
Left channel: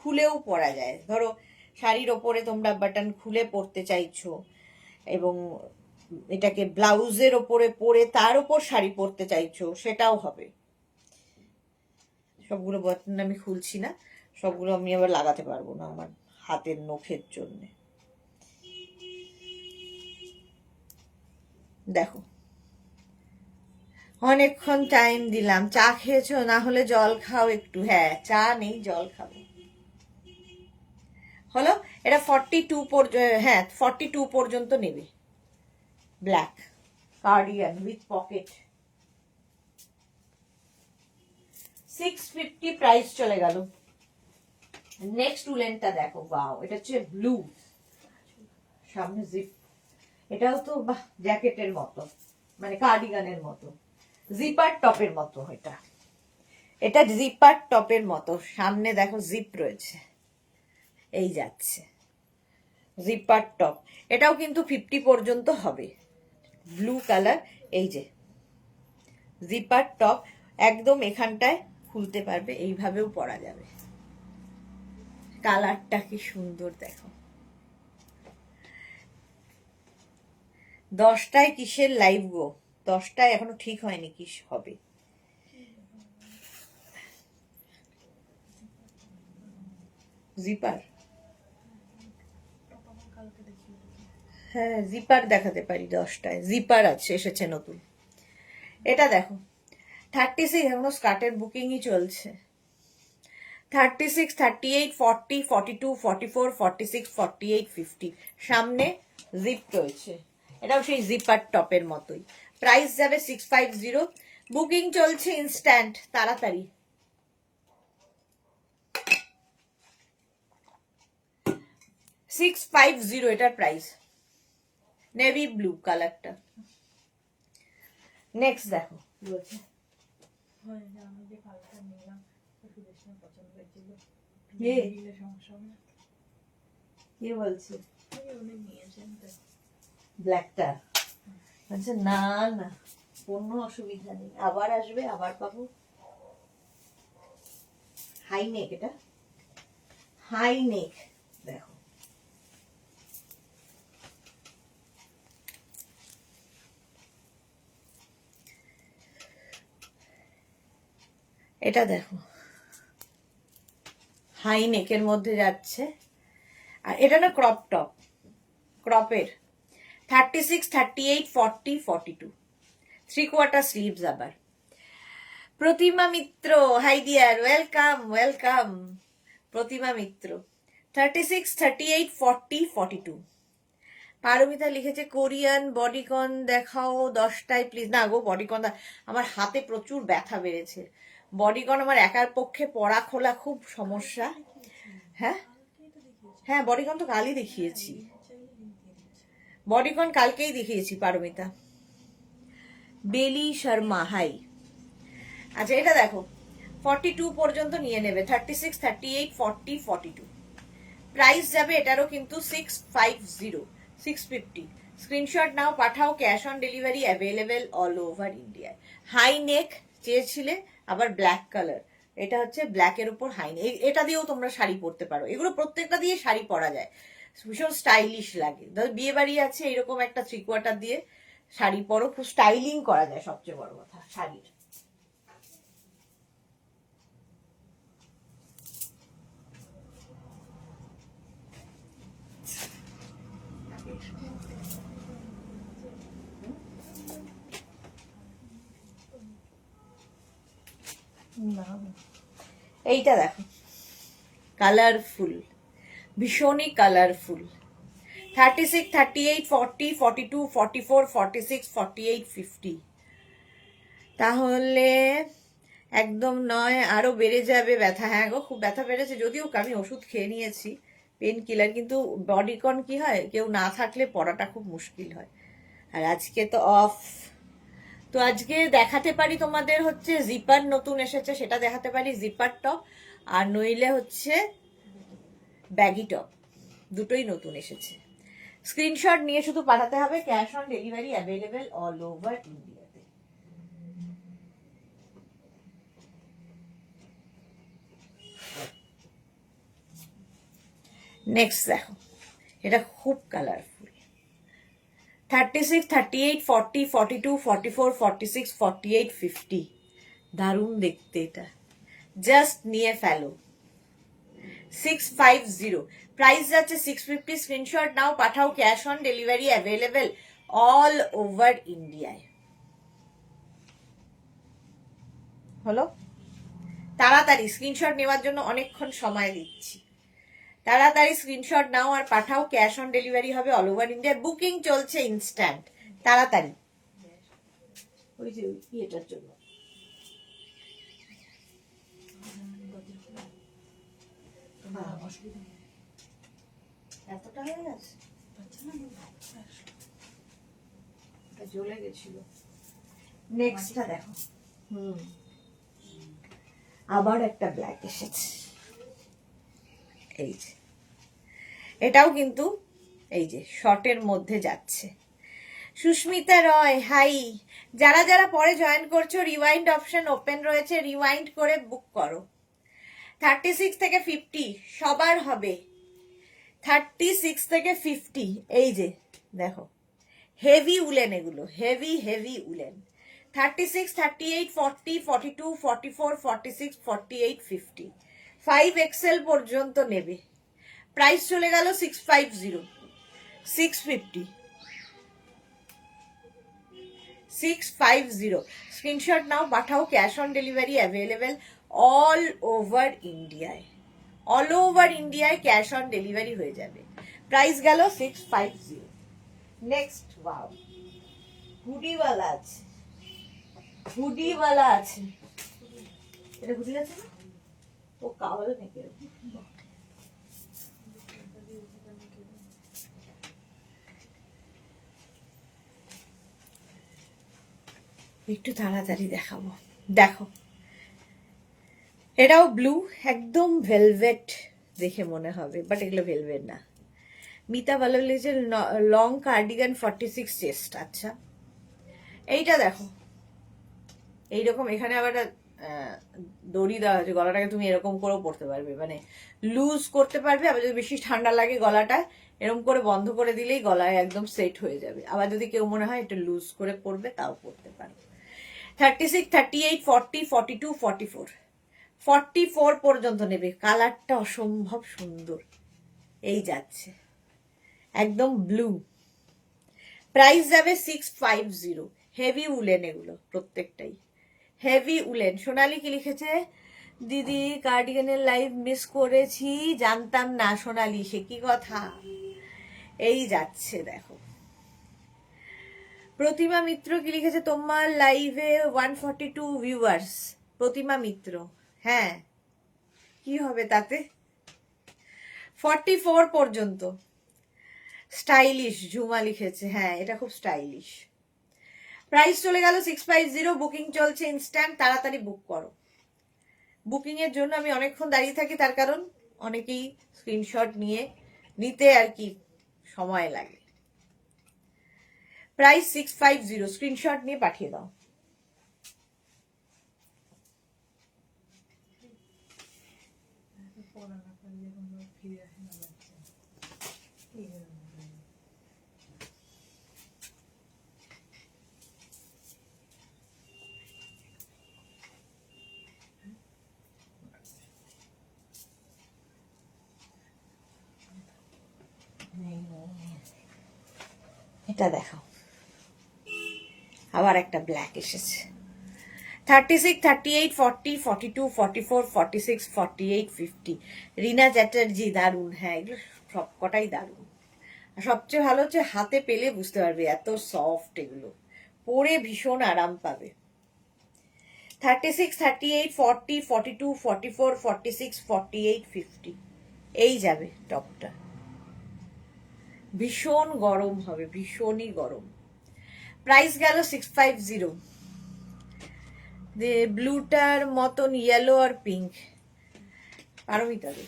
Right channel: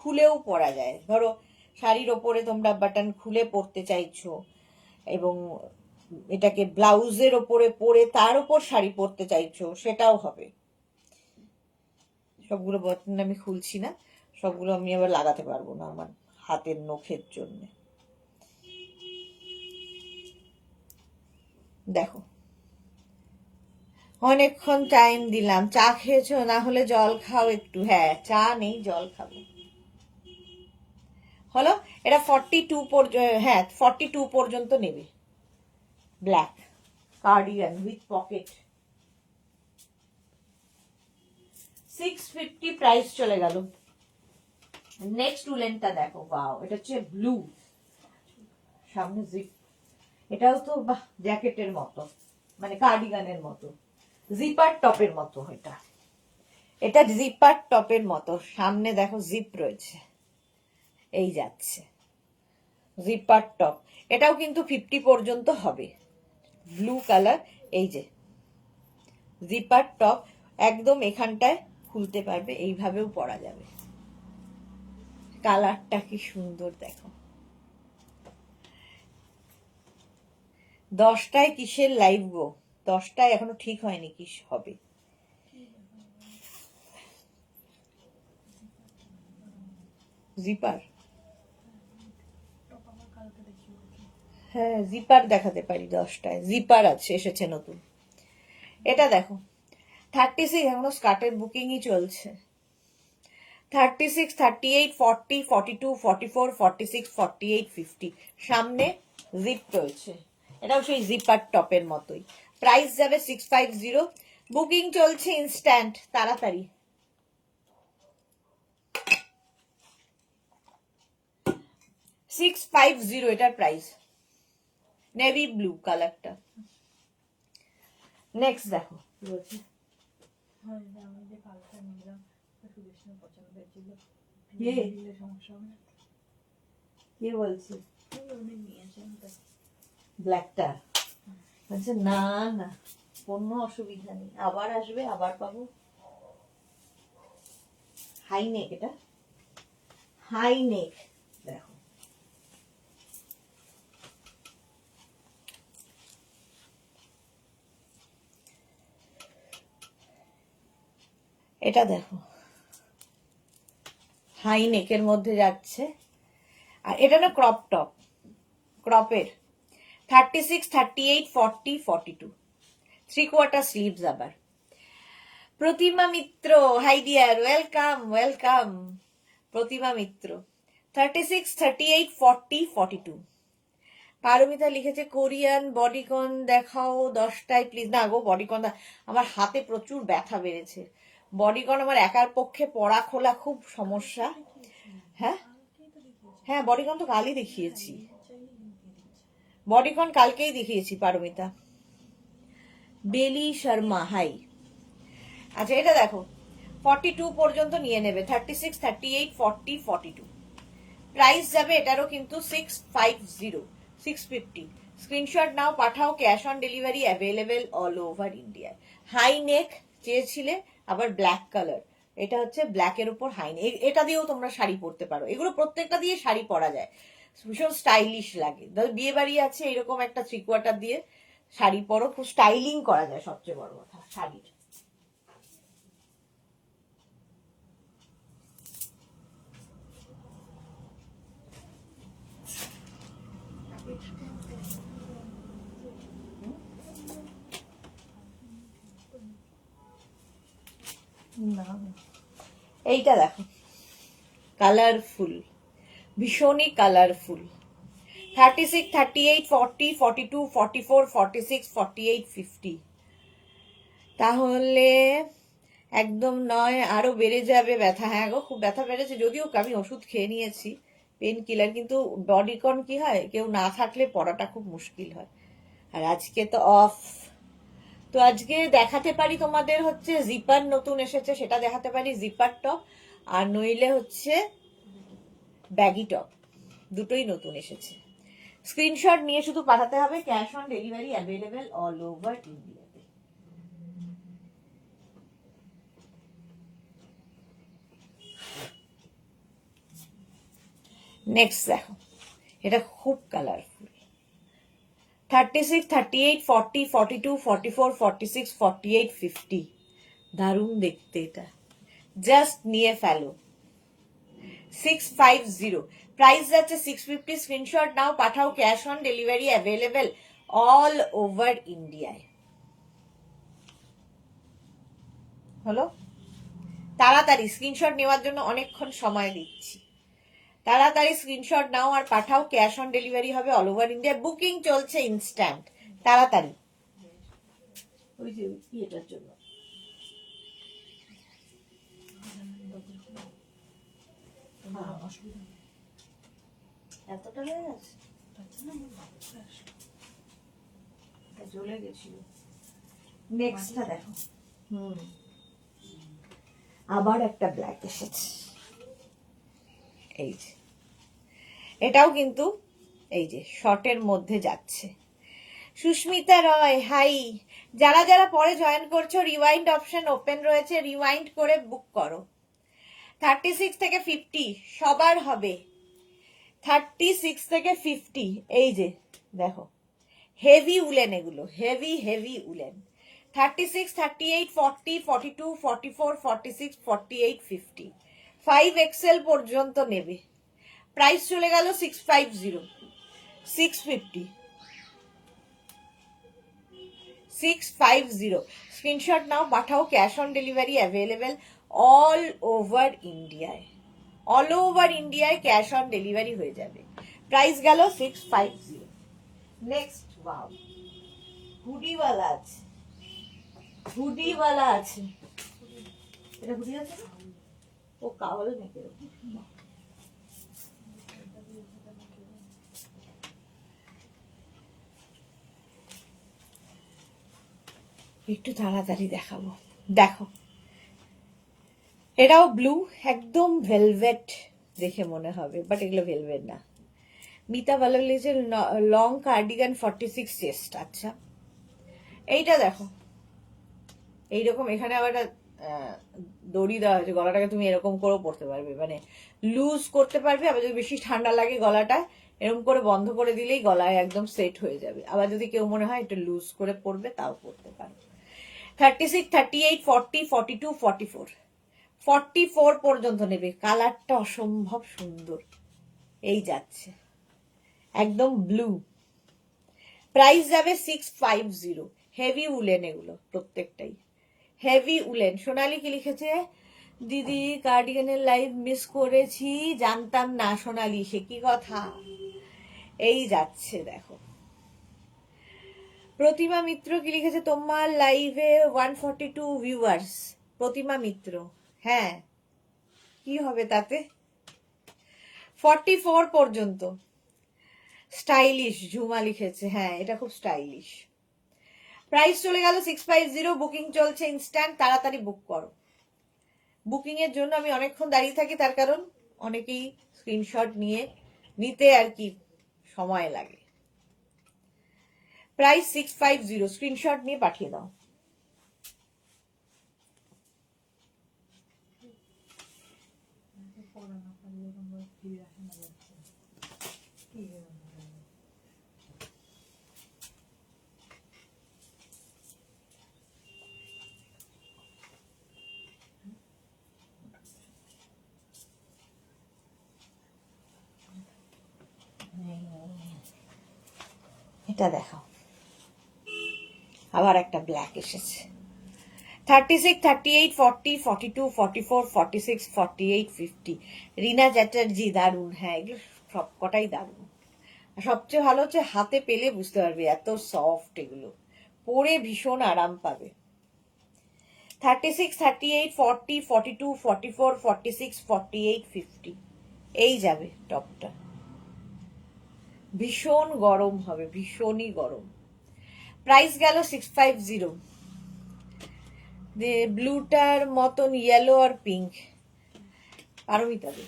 খুলেও পরা যায়। ধরো শাড়ির ওপরে তোমরা বাটন খুলে পরতে চাইছো এবং এটাকে ব্লাউজের ওপরে পরে তার ওপর শাড়ি পরতে চাইছো, সেটাও হবে। সবগুলো বাটন আমি খুলছি না, সবগুলো আমি আবার লাগাতে পারবো না আমার হাতের নখের জন্য। দেখো, অনেকক্ষণ টাইম দিলাম। চা খেয়েছো? না হলে জল খাও একটু। হ্যাঁ, চা নেই, জল খাবো। হলো, এটা 42 হ্যাঁ 42 পর্যন্ত নেবে। Black cardigan with pocket, 650 price চলে গেল। নেক্সট উলেনটা দেখো, ওয়াও, এটা হচ্ছে ব্লু, সামনে জিপ। এটাও তো বাহ, জ্যাকেটের মতো, মানে কার্ডিগানের মতো, জিপার টপের মতো। এটা জিপার টপের মতো, সামনে দেখো জিপ রয়েছে। এই যাচ্ছে জিপার টপ, এটাও কিন্তু 50 পর্যন্ত হবে। ব্লু কালার, এই যে জিপার টপ, একদম এখানটায় খুলতে পারবে, এইভাবেও পরা যাবে। কালারটা কি সুন্দর দেখো। 10টায় কিসের লাইভ গো? 10টায় এখনো ঠিক হয়নি কি হবে। জিপার, হ্যাঁ জিপার দেখাতে পারি। 10টায় জিপার আছে, এসেছে নতুন। এটা দেখো 36, এখনো স্কার্টের বুকিংই চলছে। 36, 38, 40, 42, 44, 46, 48, 50, সামনে জিপ রয়েছে। এটাও সেই জিপার টপের মতোই। প্রাইস যাবে 650। বুকিং চলছে ইনস্ট্যান্ট, তাড়াতাড়ি। 650 এটার প্রাইস, নেভি ব্লু কালারটা। নেক্সট দেখো কি বলছে। কে বলছে ব্ল্যাকটা? বলছে না না, কোনো অসুবিধা নেই, আবার আসবে, আবার পাবো। হাই নেক, এটা হাই নেক দেখো। এটা দেখো হাই নেকের মধ্যে যাচ্ছে, আর এটা না ক্রপ টপ, ক্রপের 36, 38, 40, 42, 3/4 স্লিভস আবার। প্রতিমা মিত্র, হাই ডিয়ার, ওয়েলকাম ওয়েলকাম। প্রতিমা মিত্র 36, 38, 40, 42। পারমিতা লিখেছে কোরিয়ান বডিকন দেখাও 10টায় প্লিজ। না গো, বডিকন আমার হাতে প্রচুর ব্যথা বেড়েছে। বডিকন আমার একার পক্ষে পরা খোলা খুব সমস্যা। হ্যাঁ হ্যাঁ, বডিকন তো কালই দেখিয়েছি, বডিকন কালকেই দেখিয়েছি পারমিতা। বেলি শর্মা, হাই। আচ্ছা এটা দেখো, 42 পর্যন্ত নিয়ে নেবে, 36, 38, 40, 42। প্রাইস যাবে এটারও কিন্তু 650, 650। স্ক্রিনশট নাও, পাঠাও, cash on delivery available all over India. High neck চেয়েছিলে, আবার ব্ল্যাক কালার, এটা হচ্ছে ব্ল্যাকের উপর হাই নেক। এটা দিয়েও তোমরা শাড়ি পরতে পারো, এগুলো প্রত্যেকটা দিয়ে শাড়ি পরা যায়, ভীষণ স্টাইলিশ লাগে। বিয়ে বাড়ি আছে, এরকম একটা 3/4 দিয়ে শাড়ি পরো, খুব স্টাইলিং করা যায়, সবচেয়ে বড় কথা শাড়ির। এইটা দেখো, কালারফুল, ভীষণই কালারফুল। 36, 38, 40, 42, 44, 46, 48, 50। তাহলে একদম নয়, আরো বেড়ে যাবে ব্যথা। হ্যাঁ গো, খুব ব্যথা বেড়েছে, যদিও আমি ওষুধ খেয়ে নিয়েছি পেন কিলার, কিন্তু বডিকন কি হয়, কেউ না থাকলে পড়াটা খুব মুশকিল হয়। আর আজকে তো অফ, তো আজকে দেখাতে পারি তোমাদের হচ্ছে জিপার নতুন এসেছে, সেটা দেখাতে পারি, জিপার টপ, আর নইলে হচ্ছে ব্যাগি টপ, দুটোই নতুন এসেছে। স্ক্রিনশট নিয়ে শুধু পাঠাতে হবে, cash on delivery available all over ইন্ডিয়াতে। নেক্সট দেখো, এটা খুব কালারফুল, 36, 38, 40, 42, 44, 46, 48, 50। দারুণ দেখতে এটা, জাস্ট নিয়ে ফেলো। 650, প্রাইস যাচ্ছে 650। স্ক্রিনশট নাও, পাঠাও, cash on delivery available all over ইন্ডিয়ায়। হলো, তাড়াতাড়ি স্ক্রিনশট নেওয়ার জন্য অনেকক্ষণ সময় দিচ্ছি, তাড়াতাড়ি স্ক্রিনশট নাও আর পাঠাও, ক্যাশ অন ডেলিভারি হবে অল ওভার ইন্ডিয়া, বুকিং চলছে ইনস্ট্যান্ট, তাড়াতাড়ি। ওই যে এটার জন্য এতটা হয়ে গেছে, চলে গেছিল। নেক্সটটা দেখো, আবার একটা ব্ল্যাক এসেছে, এই যে এটাও কিন্তু এই যে শর্টের মধ্যে যাচ্ছে। সুস্মিতা রয়, হাই। যারা যারা পরে জয়েন করছো, রিওয়াইন্ড অপশন ওপেন রয়েছে, রিওয়াইন্ড করে বুক করো। 36 থেকে 50 সবার হবে, 36 থেকে 50। এই যে দেখো, হেভি উলেন, এগুলো হেভি হেভি উলেন। 36, 38, 40, 42, 44, 46, 48, 50, 5XL পর্যন্ত নেবে। প্রাইস চলে গেল 650, 650, 650। স্ক্রিনশট নাও, পাঠাও, cash on delivery available all over ইন্ডিয়ায়, অল ওভার ইন্ডিয়ায় ক্যাশ অন ডেলিভারি হয়ে যাবে। প্রাইস গেল 650। নেক্সট, ওয়াও, হুডিওয়ালা আছে, হুডিওয়ালা আছে, এটা হুডি আছে না, ও কাওয়াল নেই, একটু তাড়াতাড়ি দেখাবো। দেখো, এটাও ব্লু, একদম ভেলভেট দেখে মনে হবে, বাট এগুলো ভেলভেট না। মিতা ভালো লেগেছে, লং কার্ডিগান 46 চেস্ট। আচ্ছা, এইটা দেখো, এইরকম এখানে আবার একটা দড়ি দেওয়া আছে, গলাটাকে তুমি এরকম করেও পরতে পারবে, মানে লুজ করতে পারবে। আবার যদি বেশি ঠান্ডা লাগে গলাটা, এরকম করে বন্ধ করে দিলেই গলায় একদম সেট হয়ে যাবে। আবার যদি কেউ মনে হয় একটু লুজ করে পরবে, তাও পরতে পারো। 36, 38, 40, 42, 44, 44 পর্যন্ত নেবে। কালারটা অসম্ভব সুন্দর, এই যাচ্ছে একদম ব্লু। প্রাইস যাবে 650। হেভি উলেন, এগুলো প্রত্যেকটাই হেভি উলেন। সোনালি কি লিখেছে, দিদি কার্ডিগানের লাইভ মিস করেছি, জানতাম না। সোনালি, সে কি কথা। এই যাচ্ছে দেখো। প্রতিমা মিত্র কি লিখেছে, তোমার লাইভে 142 ভিউয়ার্স। প্রতিমা মিত্র, হ্যাঁ কি হবে তাতে। 44 পর্যন্ত স্টাইলিশ। ঝুমা লিখেছে, হ্যাঁ এটা খুব স্টাইলিশ। প্রাইস চলে গেল 650। বুকিং চলছে ইনস্ট্যান্ট, তাড়াতাড়ি বুক করো। বুকিং এর জন্য আমি অনেকক্ষণ দাঁড়িয়ে থাকি, তার কারণ অনেকেই স্ক্রিনশট নিতে আর কি সময় লাগে। প্রাইস 650, স্ক্রিনশট নিয়ে পাঠিয়ে দাও। এটা দেখো, আবার একটা ব্ল্যাক এসেছে। 36, 38, 40, 42, 44, 46, 48, 50। রিনা চ্যাটার্জি, দারুণ। হ্যাঁ এগুলো সব কটাই দারুণ। সবচেয়ে ভালো হচ্ছে হাতে পেলে বুঝতে পারবে এত সফট, এগুলো পরে ভীষণ আরাম পাবে। 36, 38, 40, 42, 44, 46, 48, 50। এই যাবে টপটা। ভীষণ গরম হবে, ভীষণই গরম। প্রাইস গেল 650। ব্লুটার মতন ইয়েলো আর পিঙ্ক। পারমিতা দে।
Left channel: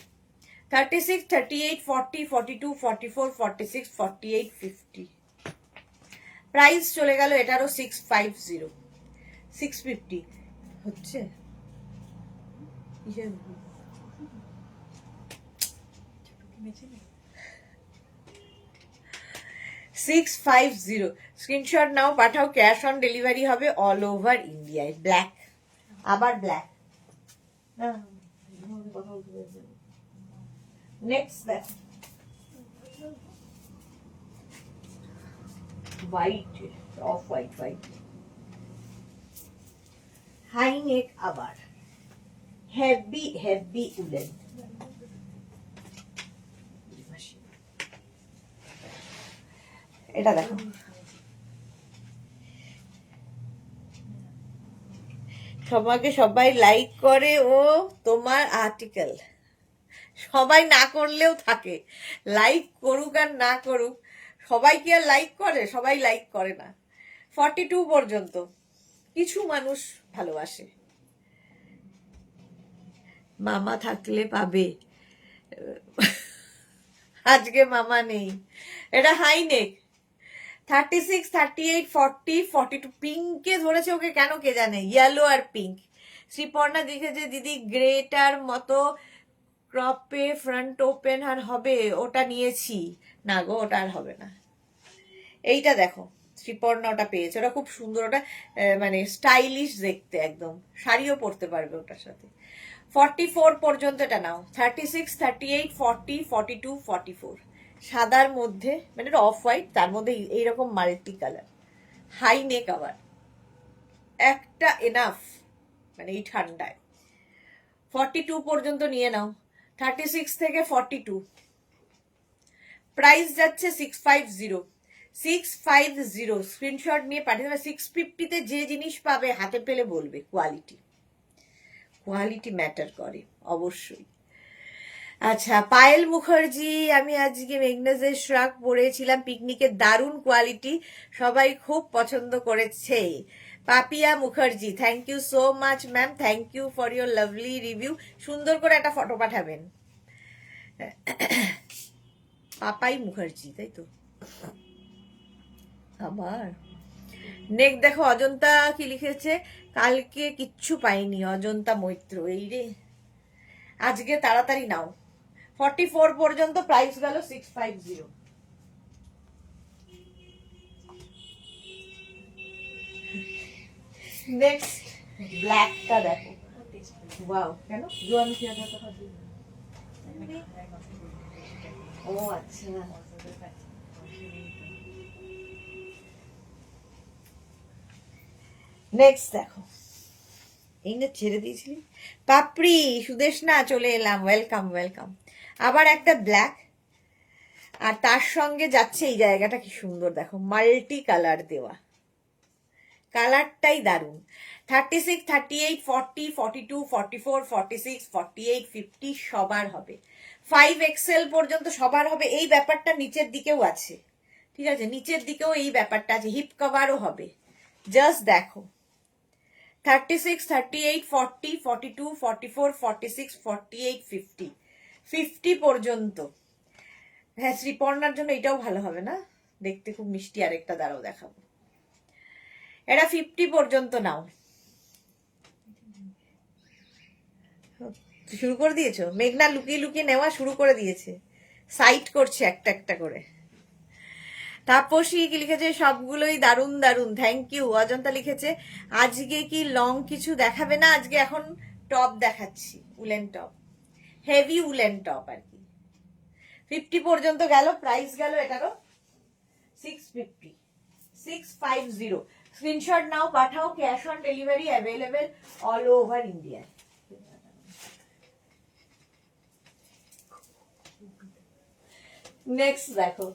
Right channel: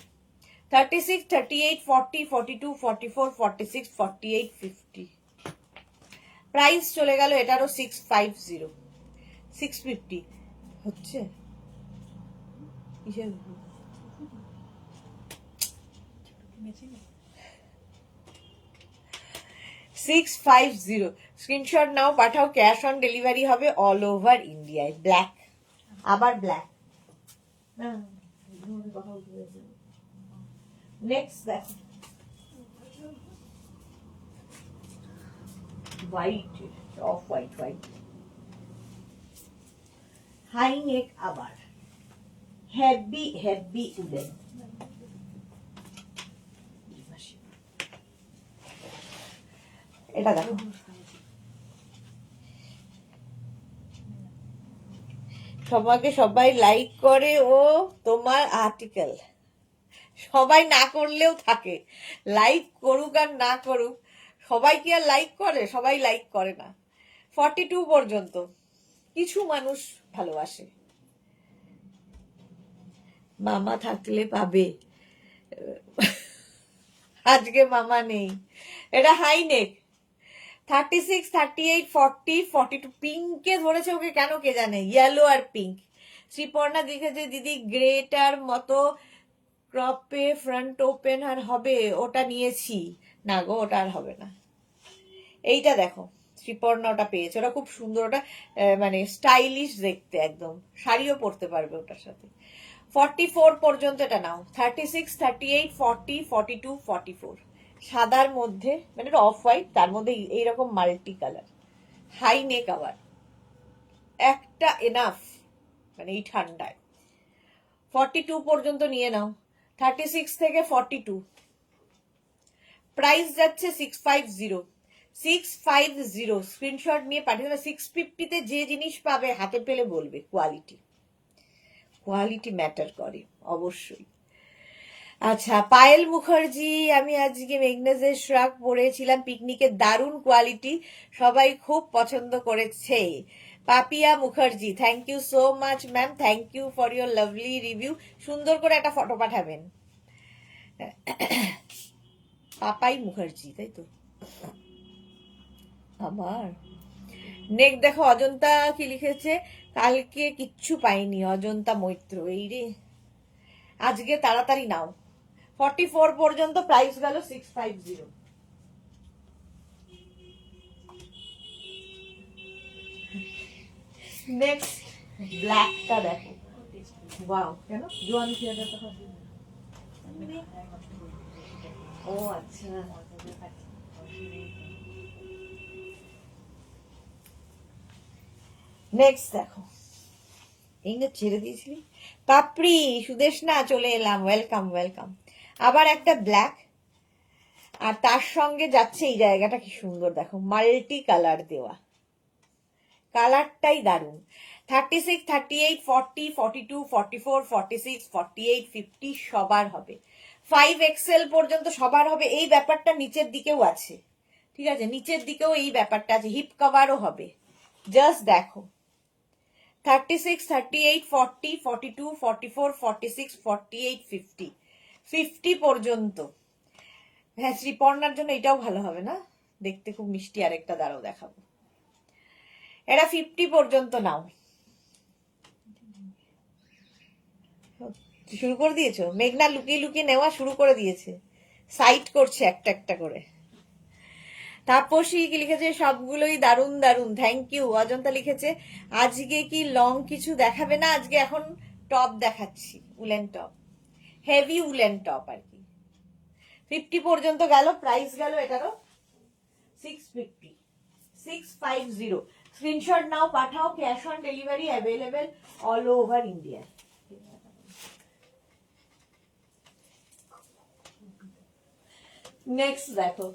36, 38, 40, 42, 44, 46, 48, 50। প্রাইস চলে গেল এটারও 650। 650 হচ্ছে। 650 স্ক্রিনশট নাও, পাঠাও। ক্যাশ অন ডেলিভারি হবে অল ওভার ইন্ডিয়ায়। ব্ল্যাক, আবার ব্ল্যাক। নেক্সট দেখো, white, off white, white high neck, আবার হেভি হেভি উলেন। এটা দেখো, তোমাকে সবাই লাইক করে, ও তোমার আর্টিকেল সবাই না করলেও থাকে। লাইক করুক আর না করুক, সবাই কি আর লাইক করে? সবাই লাইক করে না। 42 পর্যন্ত কিছু মানুষ ভালোবাসে। মামা থাকলে পাবে, আজকে মামা নেই। এটা হাই নেক। 36, 38, 40, 42। পিঙ্কে ধরেছে ওকে কেন কে জানে, ইয়েলো আর পিঙ্ক। শ্রীপর্ণা দেখেছে, দিদি গ্রেটার মতো ক্রপে ফ্রন্ট ওপেন আর হবে, ওটা নিয়েছি। না গো, ওটা আর হবে না। এইটা দেখো, শ্রীপর্ণা ওটা পেয়েছে, ওটা খুব সুন্দর। ওটা মানে স্টাইলিশ দেখতে, একদম শাড়িও পরতে পারবে ওটার সাথে। 44 পর্যন্ত এটা নাও। 36, 38, 40, 42, 44। সাদার মধ্যে, মানে এটা অফ হোয়াইট, তার মধ্যে এইরকম মাল্টি কালার। হাই নেক আবার, একটা এনাফ মানে এই ঠান্ডায়। 42 পর্যন্ত নিয়ে নাও। 36 থেকে 42। প্রাইস যাচ্ছে 650। 650 স্ক্রিনশট নিয়ে পাঠিয়ে দেবে। 650-তে যে জিনিস পাবে হাতে পেলে বলবে কোয়ালিটি ম্যাটার করে অবশ্যই। আচ্ছা, পায়েল মুখার্জি, আমি আজকে মেঘনাজের শ্রাক পরেছিলাম পিকনিকে, দারুণ কোয়ালিটি, সবাই খুব পছন্দ করেছে। Papiya Mukherjee, thank you so much ma'am, thank you for your lovely review. সুন্দর করে একটা ফটো পাঠাবেন। পাপাই মুখার্জি, তাই তো। আবার নেক দেখো, অজন্তা কি লিখেছে, কালকে কিচ্ছু পাইনি, অজন্তা মৈত্র। এই রে, আজকে তাড়াতাড়ি নাও। 44 পর্যন্ত প্রাইস গেল 650। নেক্সট ব্ল্যাকটা দেখো, ওয়াও, কেন জোয়ান ও আচ্ছা। নেক্সট দেখো, এই না ছেড়ে দিয়েছিলি পাপড়ি সুদেশনা, চলে এলাম, ওয়েলকাম ওয়েলকাম। আবার একটা ব্ল্যাক, আর তার সঙ্গে যাচ্ছে এই জায়গাটা কি সুন্দর দেখো, মাল্টি কালার দেওয়া, কালারটাই দারুণ। 36, 38, 40, 42, 44, 46, 48, 50 সবার হবে, 5XL পর্যন্ত সবার হবে। এই ব্যাপারটা নিচের দিকেও আছে, ঠিক আছে, নিচের দিকেও এই ব্যাপারটা আছে, হিপ কভারও হবে। জাস্ট দেখো, 36, 38, 40, 42, 44, 46, 48, 50, 50 পর্যন্ত। হ্যাঁ, শ্রীপর্ণার জন্য এটাও ভালো হবে না, দেখতে খুব মিষ্টি। আরেকটা দাঁড়াও দেখাবো, এরা 50 পর্যন্ত নাও। শুরু করে দিয়েছো, মেঘনা লুকিয়ে লুকিয়ে নেওয়া শুরু করে দিয়েছে, সাইট করছে একটা একটা করে। তাপসী কি লিখেছে, সবগুলোই দারুণ দারুণ, থ্যাংক ইউ। অজন্তা লিখেছে, আজকে কি লং কিছু দেখাবে না? আজকে এখন টপ দেখাচ্ছি, woollen top, heavy woollen top আর কি। 50 পর্যন্ত গেল, প্রাইস গেল এটারও 650, 650। স্ক্রিনশট নাও, পাঠাও, cash on delivery available all over India. Next দেখো,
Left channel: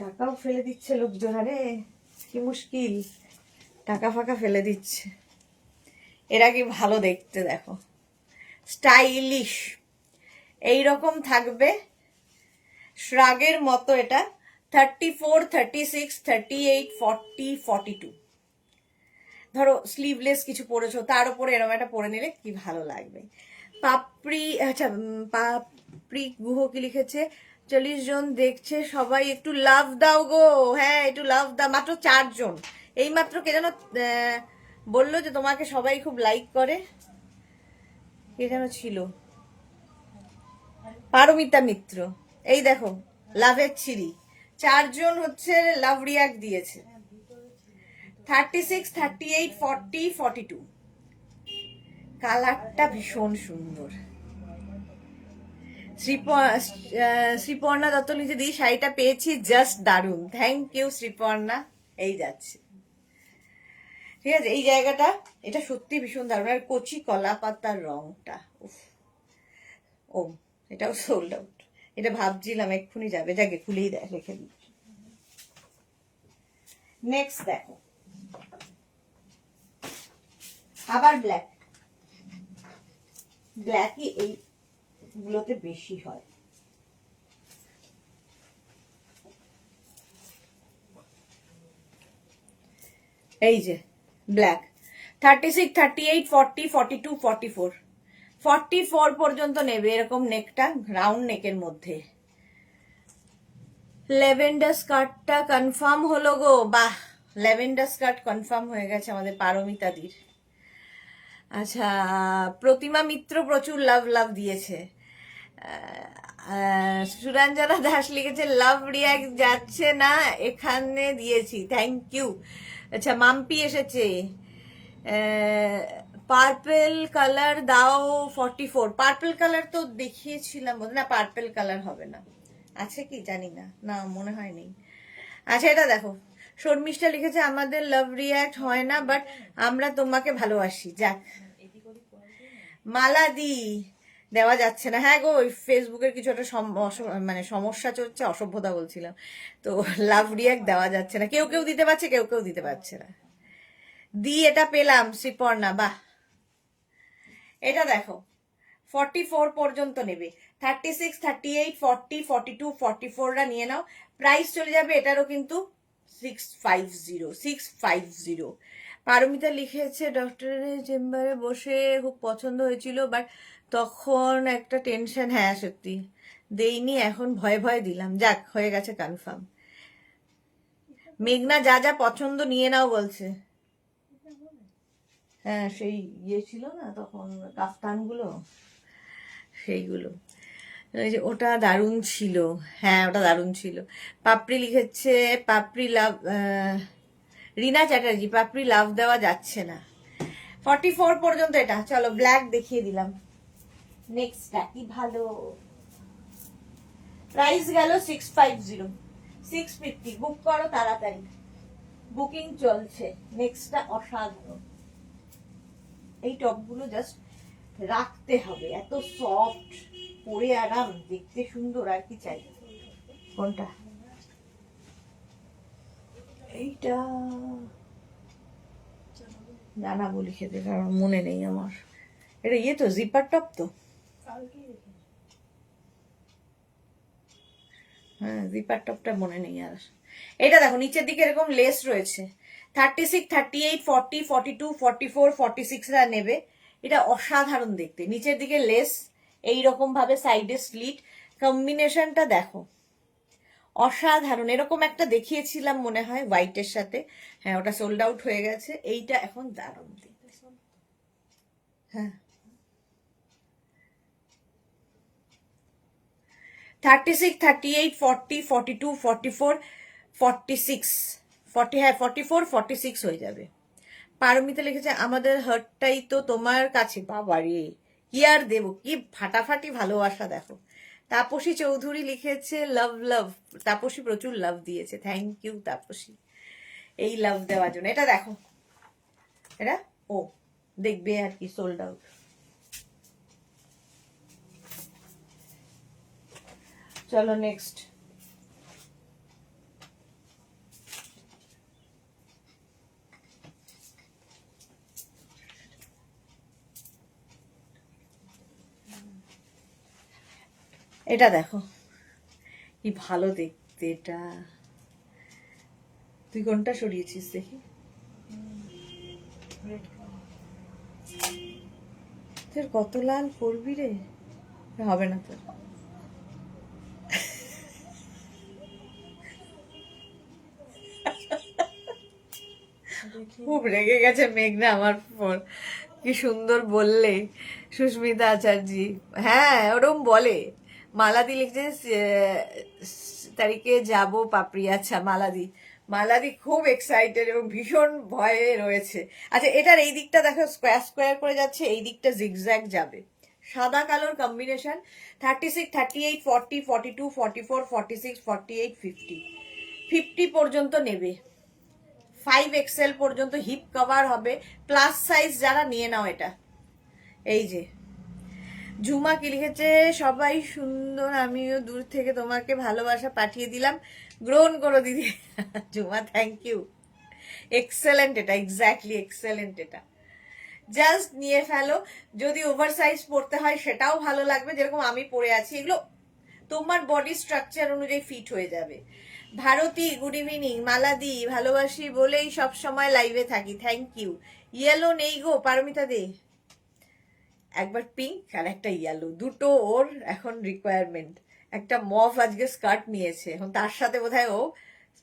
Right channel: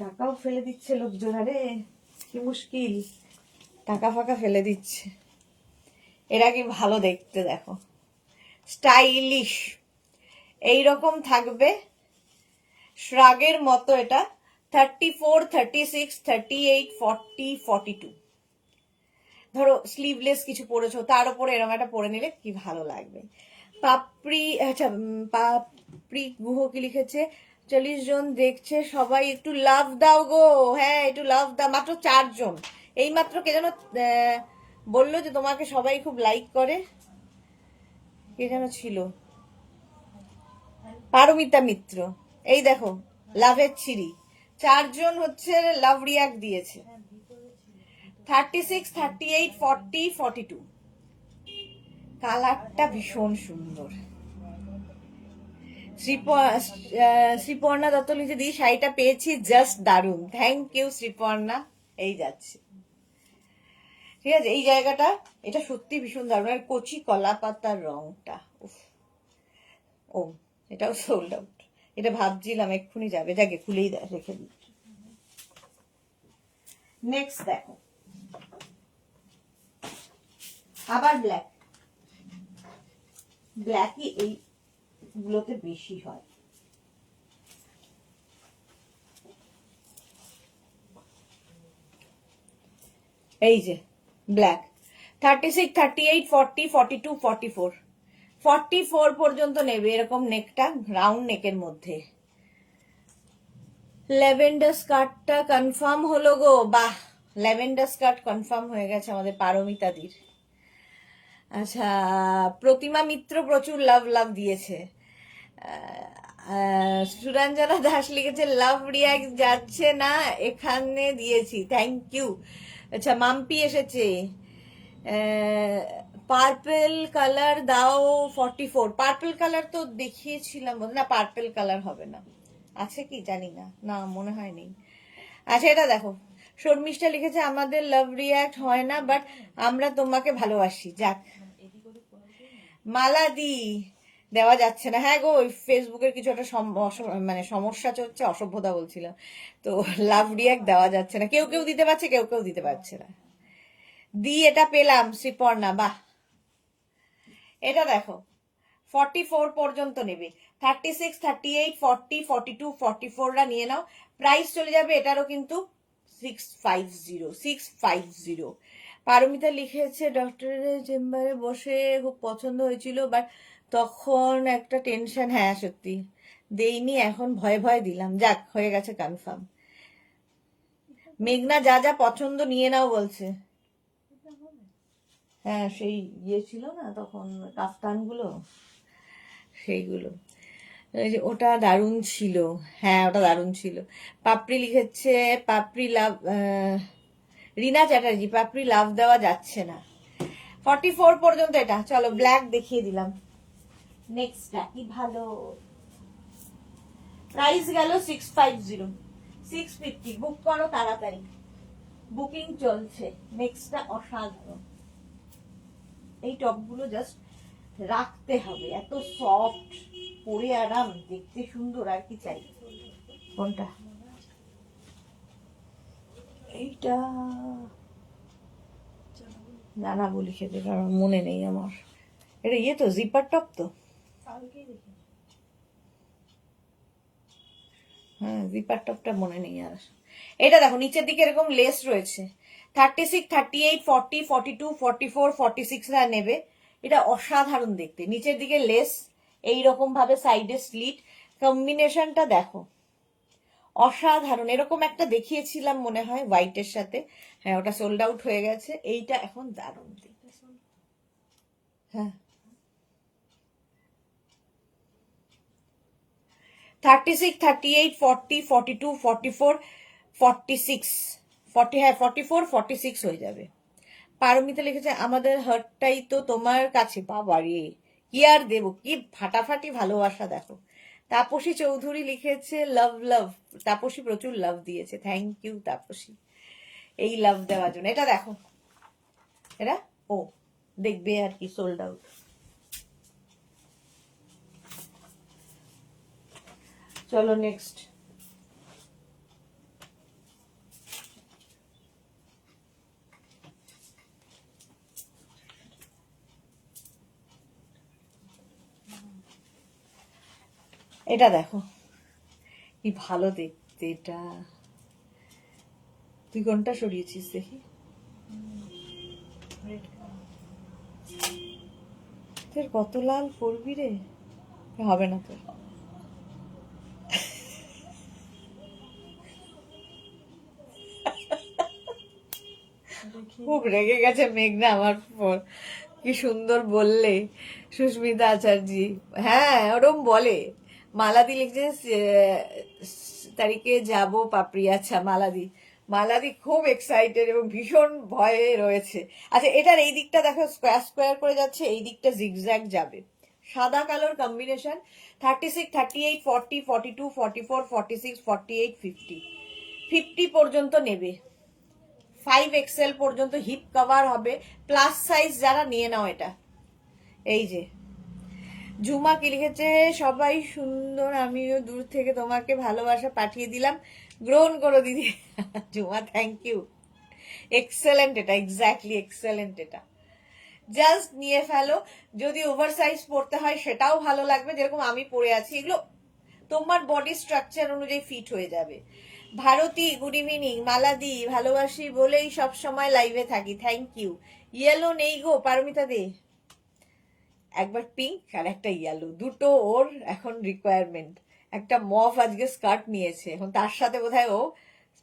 টাকাও ফেলে দিচ্ছে লোকজন, আরে কি মুশকিল, টাকা ফাকা ফেলে দিচ্ছে। এরা কি ভালো দেখতে দেখো, স্টাইলিশ এইরকম থাকবে, শ্রাগের মতো। এটা 34, 36, 38, 40, 42। ধরো স্লিভলেস কিছু পরেছো, তার উপরে এরকম একটা পরে নিলে কি ভালো লাগবে। পাপড়ি, আচ্ছা পাপড়ি গুহ কি লিখেছে, 40 জন দেখছে, সবাই একটু লাভ দাও গো। হ্যাঁ, একটু লাভ দাও, মাত্র 4 জন। এই মাত্র কে যেন বললো যে তোমাকে সবাই খুব লাইক করে, কে যেন ছিল, পারমিতা মিত্র। এই দেখো, লাভের ছিরি, 4 জন হচ্ছে লাভ রিয়াক্ট দিয়েছে। 36, 38, 40, 42। কালারটা ভীষণ সুন্দর। শ্রীপর্ণা দত্ত লিখে দিই, শাড়িটা পেয়েছি জাস্ট দারুণ, থ্যাংক ইউ শ্রীপর্ণা। এই যাচ্ছে, ঠিক আছে, এই জায়গাটা এটা সত্যি ভীষণ দারুণ। আর কচি কলা পাতার রংটা, উফ, ও এটাও সোল্ড আউট। এটা ভাবছিলাম এক্ষুনি যাবে, যাকে খুলেই দেয়, রেখে দিই। নেক্সট দেখো, আবার ব্ল্যাক, ব্ল্যাকই এইগুলোতে বেশি হয়। এই যে ব্ল্যাক, 36, 38, 40, 42, 44, 44 পর্যন্ত নেবে এরকম নেকটা, রাউন্ড নেকের মধ্যে। ল্যাভেন্ডার স্কার্টটা কনফার্ম হলো গো, বাহ, ল্যাভেন্ডার স্কার্ট কনফার্ম হয়ে গেছে আমাদের পারমিতাদির। আচ্ছা, প্রতিমা মিত্র প্রচুর লাভ লাভ দিয়েছে। সুরঞ্জনা দাস লিখেছে, লাভ রিয়াক্ট যাচ্ছে না, এখানে দিয়েছি, থ্যাংক ইউ। আচ্ছা, মাম্পি এসেছে, পার্পেল কালার দাও 44। পার্পেল কালার তো দেখিয়েছিলাম, না পার্পেল কালার হবে না, আছে কি জানি না, না মনে হয় নেই। আচ্ছা, এটা দেখো, শর্মিষ্ঠা লিখেছে, আমাদের লাভ রিয়াক্ট হয় না, বাট আমরা তোমাকে ভালোবাসি। যাক, মালা দি দেওয়া যাচ্ছে না, হ্যাঁ গো, ওই ফেসবুকের কিছু একটা মানে সমস্যা চলছে, অসভ্যতা বলছিলাম তো, লাভ রিয়াক্ট দেওয়া যাচ্ছে না, কেউ কেউ দিতে পারছে, কেউ কেউ দিতে পারছে না। দি এটা পেলাম শ্রীপর্ণা, বাহ। এটা দেখো, 44 পর্যন্ত নেবে, 36, 38, 40, 42, 44রা নিয়ে নাও, প্রাইস চলে যাবে এটারও কিন্তু 650, 650। পারমিতা লিখেছে, ডক্টরের চেম্বারে বসে খুব পছন্দ হয়েছিল, বাট তখন একটা টেনশন, হ্যাঁ সত্যি দেইনি, এখন ভয়ে ভয়ে দিলাম, যাক হয়ে গেছে কনফার্ম। মেঘনা যা যা পছন্দ নিয়ে নাও বলছে, হ্যাঁ সেই ইয়ে ছিল না তখন কাফতানগুলো, সেইগুলো। এই যে ওটা দারুণ ছিল, হ্যাঁ ওটা দারুণ ছিল। পাপড়ি লিখেছে, পাপড়ি লাভ, রিনা চ্যাটার্জি, পাপড়ি লাভ দেওয়া যাচ্ছে না। 44 পর্যন্ত এটা, চলো ব্ল্যাক দেখিয়ে দিলাম। নেক্সটটা কি ভালো, প্রাইস গেল 650, 650, বুক করো তাড়াতাড়ি, বুকিং চলছে। নেক্সটটা অসাধারণ, এই টপগুলো জাস্ট রাখতে হবে, এত সফট, পরে আরাম, দেখতে সুন্দর, আর কি চাই। কোনটা? এইটা জানাবো লিখে দে, কারণ মনে নেই আমার। এটা ইয়ে তো, জিপার টপ তো, হ্যাঁ জিপার টপটা মনে নেই আর। এটা দেখো নিচের দিকে এরকম লেস রয়েছে, 36, 38, 40, 42, 44, 46 রা নেবে। এটা অসাধারণ দেখতে, নিচের দিকে লেস, এইরকম ভাবে সাইডে স্লিট, কম্বিনেশনটা দেখো অসাধারণ। এরকম একটা দেখিয়েছিলাম মনে হয় হোয়াইটের সাথে, হ্যাঁ ওটা সোল্ড আউট হয়ে গেছে। এইটা এখন দারুণ দেখতে, হ্যাঁ 36, 38, 40, 42, 44, 46, 40, হ্যাঁ 44, 46 হয়ে যাবে। পারমিতা লিখেছে আমাদের হার্টটাই তো তোমার কাছে, বাবা রে কি আর দেবো, কি ফাটাফাটি ভালোবাসা দেখো। তাপসী চৌধুরী লিখেছে লাভ লাভ, তাপসী প্রচুর লাভ দিয়েছে, থ্যাংক ইউ তাপসী এই লাভ দেওয়ার জন্য। এটা দেখো, এটা ও দেখবে আর কি, সোল্ড আউট। চলো নেক্সট, এটা দেখো কি ভালো দেখতে এটা। তুই কোনটা সরিয়েছিস দেখি, তোর কত লাল পড়বি রে, হবে না তোর। খুব রেগে গেছে মেঘনা আমার পর, কি সুন্দর বললে সুস্মিতা আচার্যি, হ্যাঁ ওরম বলে। মালাদি লিখছে তারিখে যাব পাপড়ি, আচ্ছা মালাদি, মালাদি খুব এক্সাইটেড এবং ভীষণ ভয়ে রয়েছে। আচ্ছা এটার এই দিকটা দেখো স্কোয়ার স্কোয়ার করে যাচ্ছে, এই দিকটা জিগজ্যাগ যাবে, সাদা কালোর কম্বিনেশন। 36, 38, 40, 42, 44, 46, 48, 50, 50 পর্যন্ত নেবে, 5XL পর্যন্ত হিপ কভার হবে, প্লাস সাইজ যারা নিয়ে নাও এটা। এই যে ঝুমা কি লিখেছে, সবাই সুন্দর, আমিও দূর থেকে তোমাকে ভালোবাসা পাঠিয়ে দিলাম, গ্রহণ করো দিদি। ঝুমা থ্যাংক ইউ, এক্সেলেন্ট এটা, এক্স্যাক্টলি এক্সেলেন্ট এটা, জাস্ট নিয়ে ফেলো। যদি ওভার সাইজ পড়তে হয় সেটাও ভালো লাগবে, যেরকম আমি পরে আছি, এগুলো তোমার বডি স্ট্রাকচার অনুযায়ী ফিট হয়ে যাবে। ভারতী গুড ইভিনিং, মালাদি ভালোবাসি বলেই সব সময় লাইভে থাকি, থ্যাংক ইউ। ইয়েলো নেই গো পারমিতা দে, একবার পিঙ্ক আর একটা ইয়েলো, দুটো ওর এখন রিকোয়ারমেন্ট। একটা মফ আজকে স্কার্ট নিয়েছে, এখন তার সাথে বোধহয় ও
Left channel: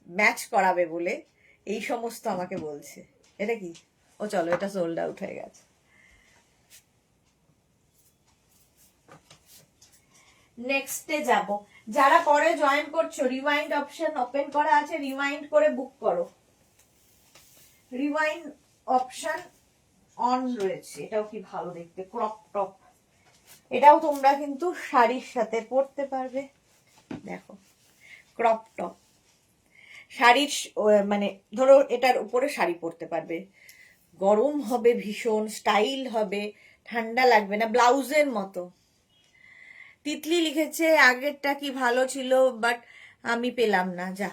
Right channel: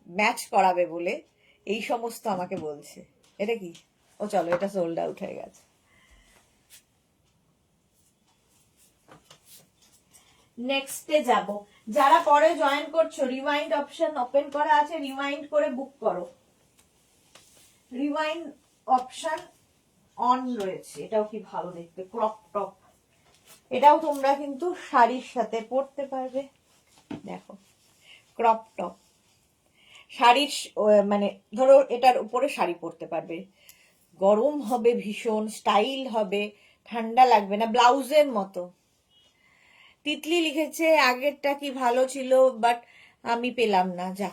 ম্যাচ করাবে বলে এই সমস্ত আমাকে বলছে। এটা কি, ও চলো এটা সোল্ড আউট হয়ে গেছে। নেক্সটে যাব, যারা পরে জয়েন করছো রিমাইন্ড অপশন ওপেন করা আছে, রিমাইন্ড করে বুক করো, রিমাইন্ড অপশন অন রয়েছে। এটাও কি ভালো দেখতে, ক্রপ টপ, এটাও তোমরা কিন্তু শাড়ির সাথে পরতে পারবে, দেখো ক্রপ টপ শাড়ির মানে ধরো এটার উপরে শাড়ি পরতে পারবে, গরম হবে ভীষণ, স্টাইল হবে, ঠান্ডা লাগবে না, ব্লাউজের মতো। তিতলি লিখেছে আগেরটা কি ভালো ছিল বাট আমি পেলাম না, যা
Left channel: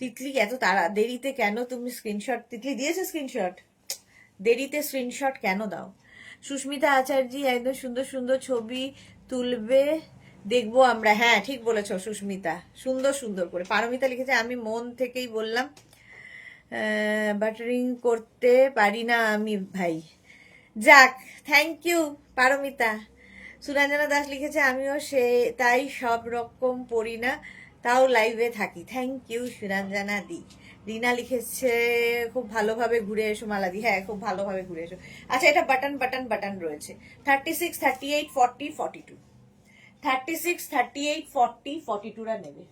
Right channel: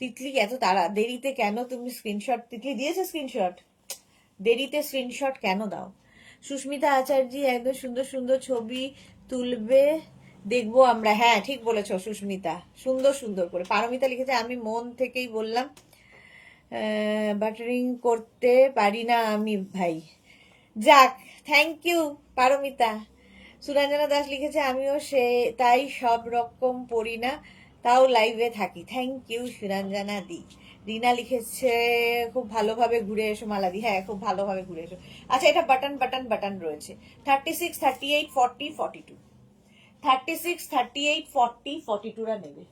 তিতলি এত তাড়া দেরিতে কেন তুমি স্ক্রিনশট, তিতলি দিয়েছে স্ক্রিনশট, দেরিতে স্ক্রিনশট কেন দাও। সুস্মিতা আচার্য একদম সুন্দর সুন্দর ছবি তুলবে, দেখবো আমরা, হ্যাঁ ঠিক বলেছো সুস্মিতা, সুন্দর সুন্দর করে। পারমিতা লিখেছে আমি মন থেকেই বললাম, বাটারিং করতে পারি না আমি ভাই, যাক থ্যাংক ইউ পারমিতা। সুরঞ্জনা দাস লিখেছে আমিও সে তাই সব রকম পড়ি না, তাও লাইভে থাকি, থ্যাংক ইউ সুরঞ্জনা দি। রিনা লিখেছে খুব ভালোভাবে ঘুরে এসো মালাদি, হ্যাঁ খুব ভালোভাবে ঘুরে এসো। আচ্ছা এটা বাটন বাটন বাটন রয়েছে, 36, 38, 40, 42, 36, 38, 40, 42রা নেবে।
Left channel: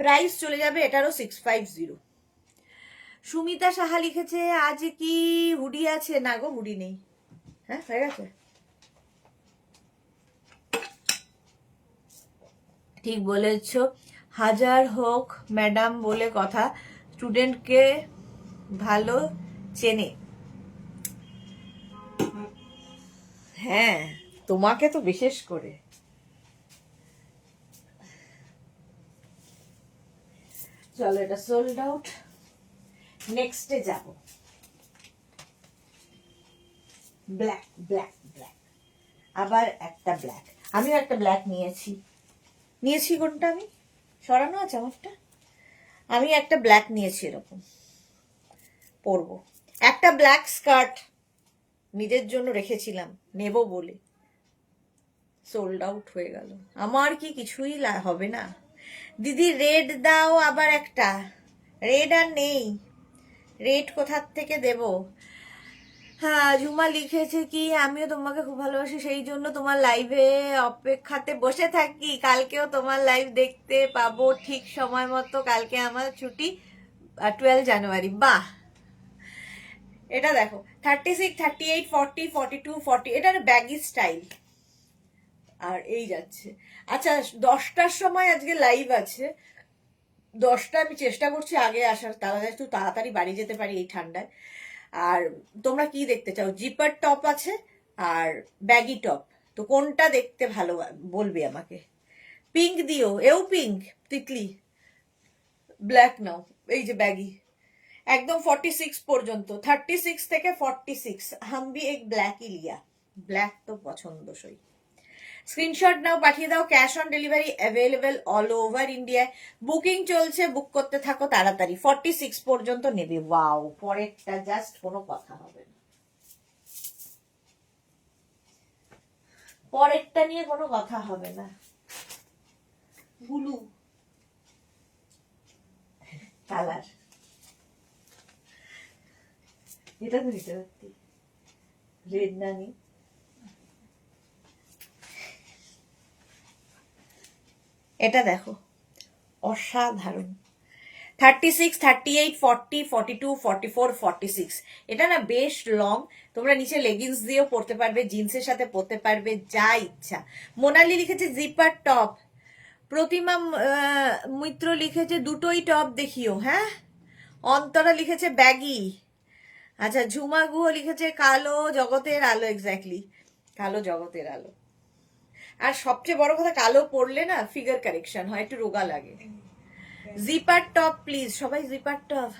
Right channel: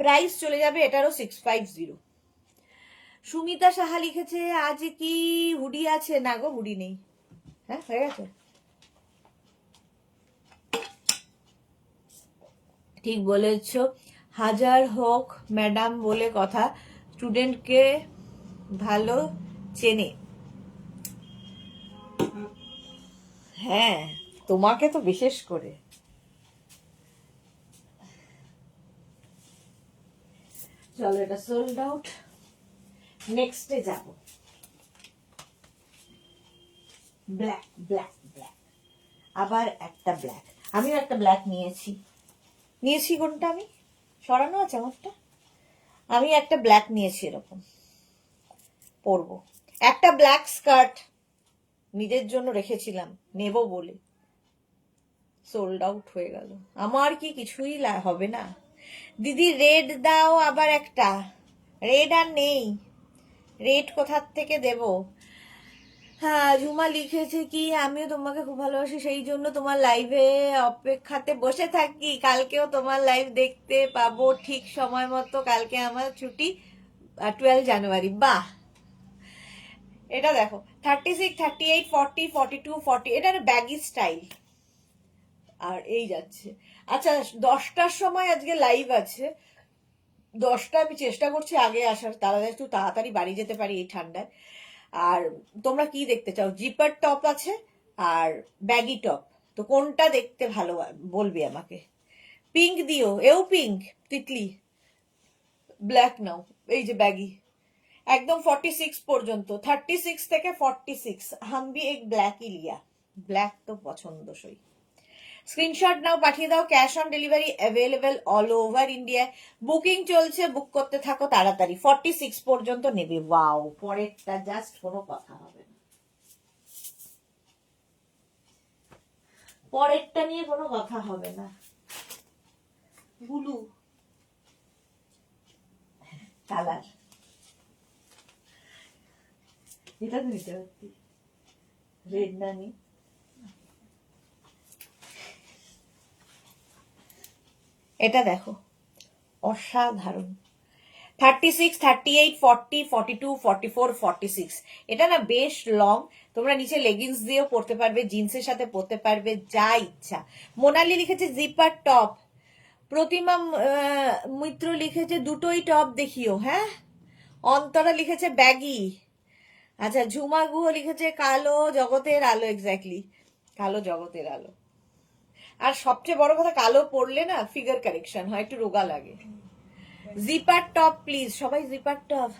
প্রাইস চলে যাবে এটারও 650। সুমিতা সাহা লিখেছে আজ কি হুডি আছে? না গো, হুডি নেই। হ্যাঁ, হয়ে গেছে। ঠিক বলেছ, হাজার হোক ম্যাডাম বলে কথা, স্টুডেন্টকে ভালো চেনে। হ্যাঁ, তোমাকে তো বিশেষ করে। চলো, এটা সোল্ড আউট। নেক্সটে যাব। ব্ল্যাক ব্ল্যাক ব্ল্যাক, আবার একটা ব্ল্যাক। আমিও একটা ব্ল্যাক নিয়েছি কোনটা? আমি সরানো আছে আমারটা। আমি একটা ব্ল্যাক নিয়েছি, এরকম পরবো। একটা ব্ল্যাক স্কার্ট নিজের জন্য রেখেছিলাম নেব বলে, সোল্ড আউট হয়ে গেল। আমার কি কিছুই হবে না? দিদি রেড দাও, আবার একটা। রেড আর নেই, রেড কোথার থেকে দেব? হ্যাঁ, ঝুমা লিখেছে কি আমিও তোমাকে খুব ভালোবাসি, সেই জন্য তোমার লাইভে অপেক্ষাতে বসে থাকি, কালকেও তোমার লাইভ দেখতে পাবো ঠিক সময় মতো। কালকে আমার ছুটি, 12 জানুয়ারি। বাহ, এটা দেখো 36, 38, 40, 42, 40, এটার ব্যাগি স্টাইল। আর এই যাচ্ছে। আচ্ছা, 10টার সময় আজকে লাইভ আছে। 10টা আমি চেষ্টা করছি আগে আসার, তারা একটু তাড়াতাড়ি বাড়ি যেতে পারি এই ঠান্ডায়। আর তোমরা কি দেখতে চাও? জিপার টপ আছে আর ব্যাগি টপ, তো কোনটা দেখতে ভালো বলবে আমাকে। পিঙ্ক দিও, এও পিঙ্ক, তিতলি। ব্ল্যাক নাও, এই যে ব্যাগি, একদম 46 পর্যন্ত, 36 থেকে 46। हम भी एक ब्लैक ही लिया, ব্ল্যাক তো পছন্দসই। স্ক্রিনশট নাও, পাঠিয়ে দাও। Cash on delivery available all over ইন্ডিয়ায়। বুকিং চলছে, বুক করতে থাকো তাড়াতাড়ি। 46 পর্যন্ত নেবে। ওয়াও, পরেরটা জাস্ট কোনো কথা হবে না, পরেরটা নিয়ে কোনো কথা হবে না। ব্লু কালার, এটা তো নিতে পারতি, রেড না নি। এটা দেখো, অসাধারণ। 36, 38, 40, 42, 44, 46। এটা না বেশ লং, তোমরা নিচে লেগিংস দিয়েও পরতে পারবে, জিন্সের সাথে পরতে পারবে, যা ইচ্ছা। মোনালি লিখেছে জিপার টপ। প্রতিমা মিত্র লিখেছে দুটোই টপ দেখিও। হ্যাঁ, অন্তরা লিখেছে ব্যাগি। আচ্ছা, ঝুমা গুহ লিখেছে কালো জগতের আলো। এক্স্যাক্টলি, কালো জগতের আলো। আর সবচেয়ে বড় কথা, কালো পরলে না ফিগার কারেকশন হয়, একটু রোগা লাগে। জিপার টপ প্লিজ, সবাই জিপার টপ।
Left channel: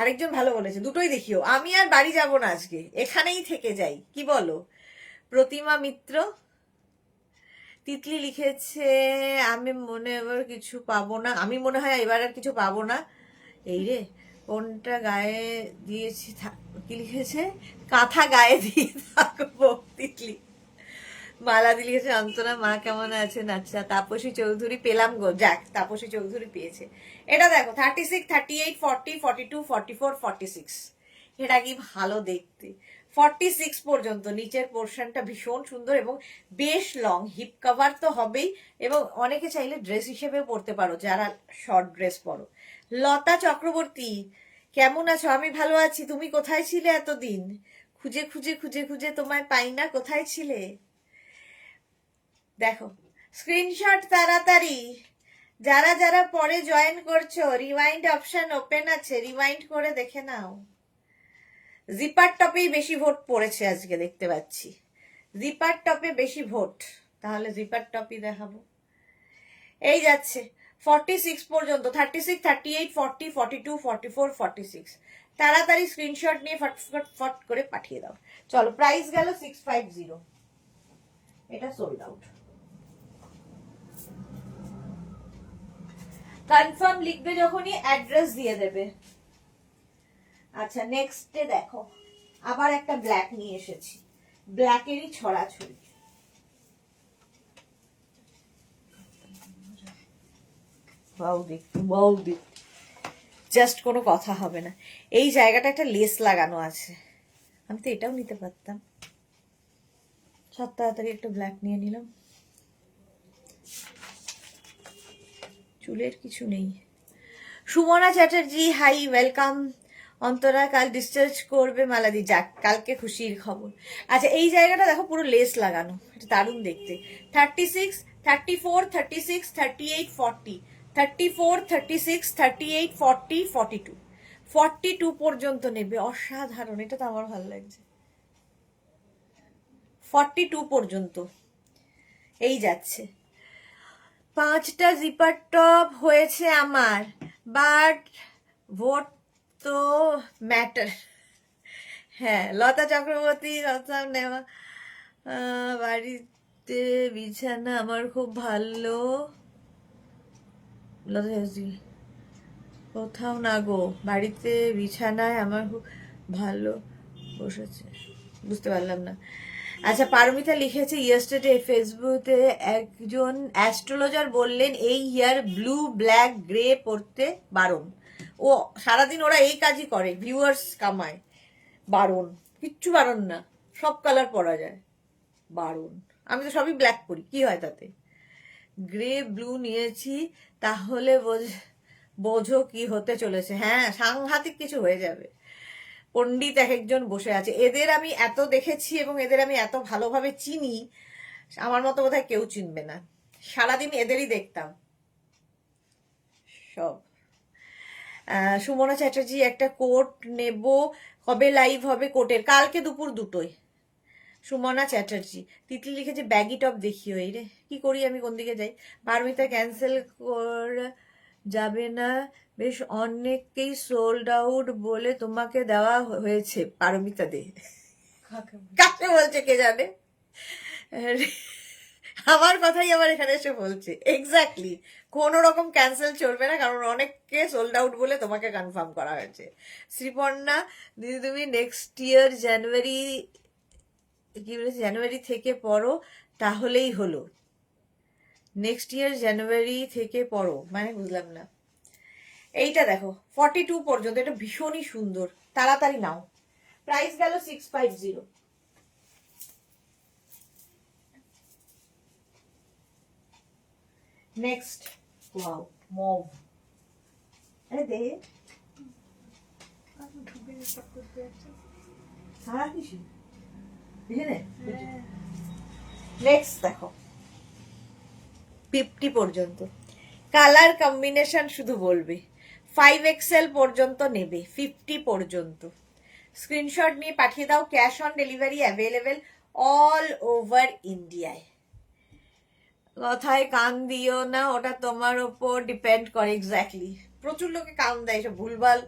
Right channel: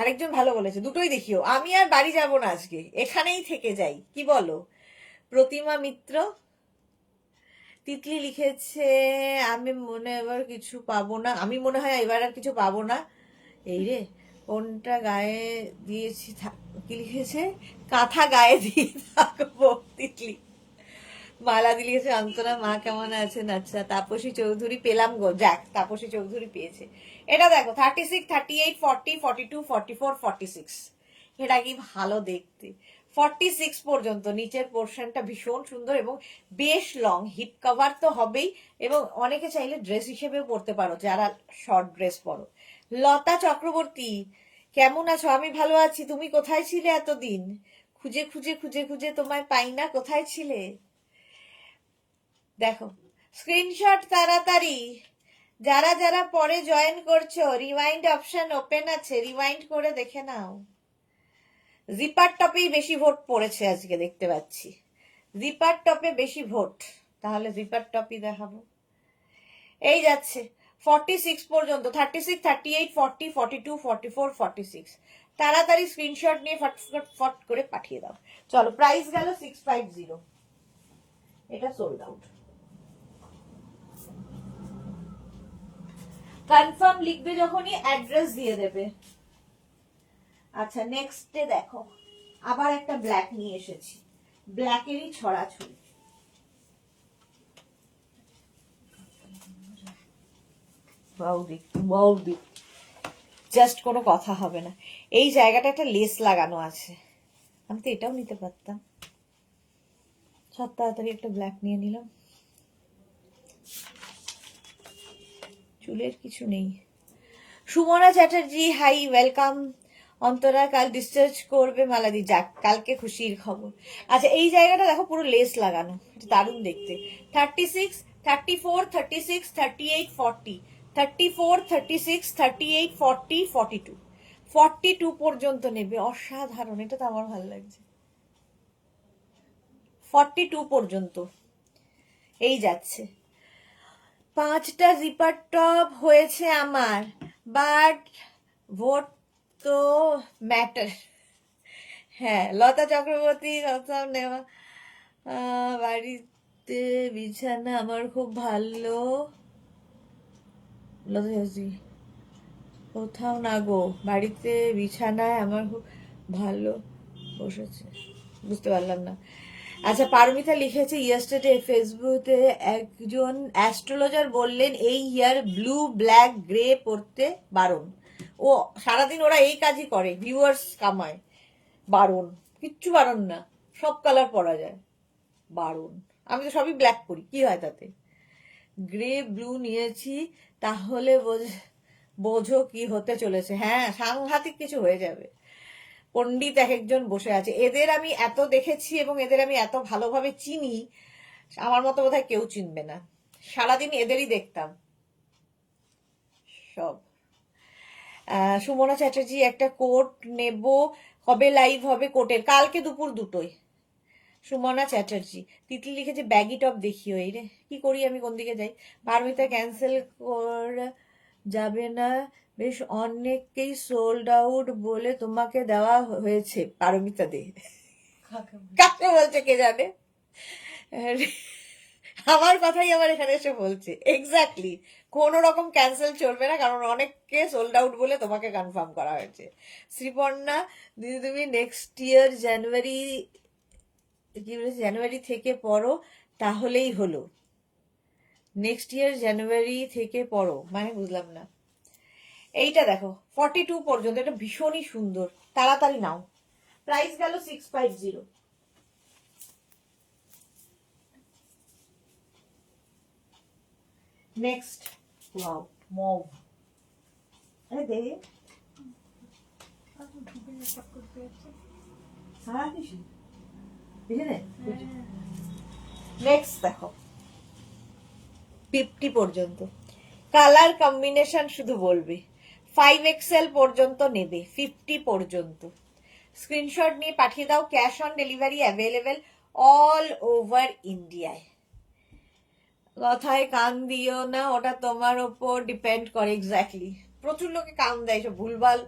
আরেকজন ভালো বলেছে দুটোই দেখিও। আমি আর বাড়ি যাব না আজকে, এখানেই থেকে যাই, কি বলো? প্রতিমা মিত্র। তিতলি লিখেছে আমি মনে এবার কিছু পাবো না, আমি মনে হয় এবার আর কিছু পাবো না। এই রে, কোনটা গায়ে দিয়েছি কি লিখেছে? কাঁথা গায়ে দিয়ে থাকবো। তিতলি। মালা দি লিখেছে অন্তরা মা কেমন আছেন? আচ্ছা, তাপসী চৌধুরী পেলাম গো, যাক তাপসী চৌধুরী পেয়েছে। এটা দেখো 36, 38, 40, 42, 44, 46। এটা কি ভালো দেখতে। 46 পর্যন্ত নিচের পোর্শনটা ভীষণ সুন্দর এবং বেশ লং, হিপ কভার তো হবেই, এবং অনেকে চাইলে ড্রেস হিসেবেও পরতে পারো যারা শর্ট ড্রেস পরো। লতা চক্রবর্তী, কেমন আছো? আমি ভালো আছি, তুমি কোথায় ছিলে এতদিন? খুঁজে খুঁজে খুঁজে খুঁজে তোমায় পাই না, কোথায় ছিলে? দেখো, স্ক্রিনশট তাড়াতাড়ি। যারা যারা পরে জয়েন করছো, রিওয়াইন্ড অপশন ওপেন আছে, রিওয়াইন্ড করে দেখে নাও। জিপার টপেই বেশি ভোট পড়েছে আজকে, দেখতে পাচ্ছি জিপার টপে বেশি ভোট, তাহলে জিপার টপই দেখাবো। এই যাচ্ছে 46 পর্যন্ত, 36, 38, 40, 42, 44, 46। তাড়াতাড়ি স্ক্রিনশট নিয়ে ফটফট ফট করে পাঠিয়ে দাও। চলো, প্রাইস গেল 650। এটা সোল্ড আউট। কনফার্ম লিখবে যখনই, অ্যাড্রেস দিয়ে দেবে। আচ্ছা, নেক্সটে দেখো, আবার একটা ব্ল্যাক নিয়ে এসেছি, ব্ল্যাকেরই ছড়াছড়ি। জাস্ট কোনো কথা হবে না। এই জায়গাটা একটা লেস লাগানো আছে, আমি তো এটাও নিতে পারতাম। সব তাড়াতাড়ি একটা ব্ল্যাক নিয়ে নিলাম। চুলের কিছু নেই। Sumana Chatterjee hi, welcome. অন্তরা কাল ডিসচার্জ করবে মালাদি, যাক কালকে খুশির খবর। আচ্ছা এই জায়গাটা দেখো পুরো লেস লাগানো, এটা দারুণ দেখতে। 36, 34, 36, 38, 40, 34, 36, 38, 40, 42, 42 পর্যন্ত নেবে। অসাধারণ, এটা তো আমার ভালো লাগছে। 42 পর্যন্ত এই যাচ্ছে। 5টা জিপার টপ হয়েছে আমার, বাট ভোট তো ম্যাটার। হ্যাঁ, লতা চক্রবর্তী কথা নেওয়া। বাড়িতে বিছানা আমার খুব ভালো। লতা চক্রবর্তী কোথাও না গো, বাড়িতে বিছানায় আমার খুব ভালো বসেছে, বুঝতে পারলাম না। আচ্ছা পারমিতা লিখেছে ইয়েস্টারডে ফেসবুকে একজন অ্যাস্ট্রোলজার বললেন এই ইয়ার ব্লু ব্ল্যাক গ্রে পড়তে বারণ। ও সারাদিন ওরা এই কাজই করে, ভিউয়ার্স কামায়। বারণ কিচ্ছু বারণ না, সব কালার পরা যায়। বারণ, আমি তো সবই ব্ল্যাক পরি, কি হয় তাতে? গ্রে ব্লু নিয়েছি, তাহলে বোঝো কি হতে চলেছে। হ্যাঁ সাংঘাতিক কিছু হয়ে যাবে। পণ্ডিত এক একজন বসে আছে, এদের আমি এত দেখেছি এবং এদের আমি এত ভালোভাবে চিনি, আমার মতো বোধহয় কেউ চিনবে না। সারাদিন এদেরই দেখতাম সব। সুমনা চ্যাটার্জি একটা কোট নেব, কবে লাইভ হবে কোটের? কালকে দুপুর 2টোয়। সুমনা চ্যাটার্জি। তিতলি লিখেছে ব্যাগি টপ দেখিও। এই রে কি করি আমি, কোন দিকে যাই? পারমিতা ক্যান্সেল করা যাবে না, বেশ অনেককেই সোল্ড আউট বলে তোমাকে দেওয়া হয়েছে। পারমিতা দে, কাকে বলছে কে জানে। আমার কথাই আবার এখানে এসে বলছে। এক্স্যাক্টলি, কোন রকম ক্যান্সেল চলবে না, কারণ অনেককে সোল্ড আউট বলে তোমাকে কনফার্ম করা হয়েছে। শ্রীপর্ণা দিদি তুমি নেক্সট ইয়ার জানুয়ারি থেকে পড়ো, তাহলেই হলো। নেক্সট ইয়ার জানুয়ারি থেকে পড়ো মানে বুঝলাম না। এইটা দেখো 42 পর্যন্ত, এটা ভীষণই সুন্দর, তাড়াতাড়ি নাও। প্রাইস গেল 650। Next wow mauve. আরে দে নেক্সট দেখো 50 পর্যন্ত কালার কম্বিনেশন শুধু বলবে। 5XL পর্যন্ত নেবে, 50 পর্যন্ত। স্ক্রিনশট নিয়ে পাঠিয়ে দাও, cash on delivery available all over ইন্ডিয়ায়। কথায় কান দিও না, ওটা তোমার ওপর ডিপেন্ড করে। এক্স্যাক্টলি, প্রচুর লোকে কান দেয়, সব ভুলভাল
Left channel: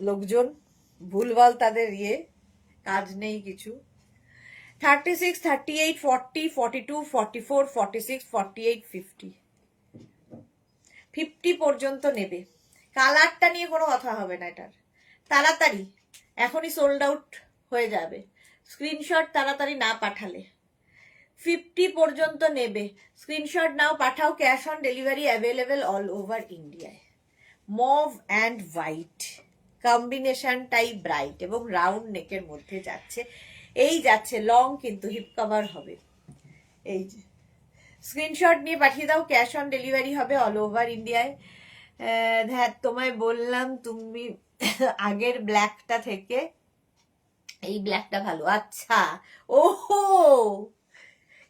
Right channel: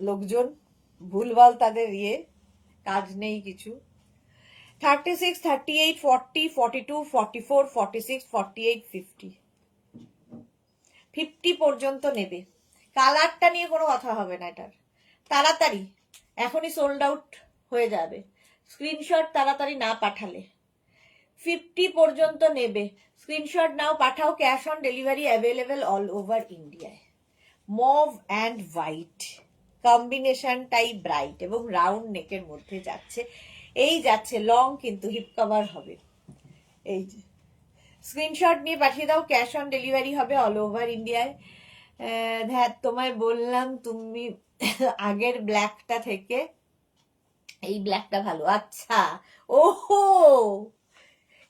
লোকজন, ভুলভাল তাদের কাজ নেই কিছু। 36, 38, 40, 42, 44, 46, 48, 50, 50 পর্যন্ত নেবে। কালারটা নিয়ে কোনো কথা হবে না, এটার তাড়াতাড়ি এখনই সোল্ড আউট হয়ে যাবে, স্ক্রিনশট তাড়াতাড়ি না পাঠালে। 50 পর্যন্ত নেবে, স্ক্রিনশট নাও, পাঠাও, cash on delivery available all over ইন্ডিয়ায়। মভ অ্যান্ড হোয়াইট কম্বিনেশনটাই ব্রাইট এবং রাউন্ড নেকের মধ্যে যাচ্ছে। এই যাচ্ছে লং, কিন্তু হিপ কভার হবে। এই যে স্ক্রিনশট নিয়ে পাঠিয়ে দাও, ক্যাশ অন ডেলিভারি হবে অল ওভার ইন্ডিয়ায়। তোমায় বললাম তুমি আগের ব্ল্যাকটা থেকে এই ব্ল্যাকটা ভালো। আচ্ছা, ওহো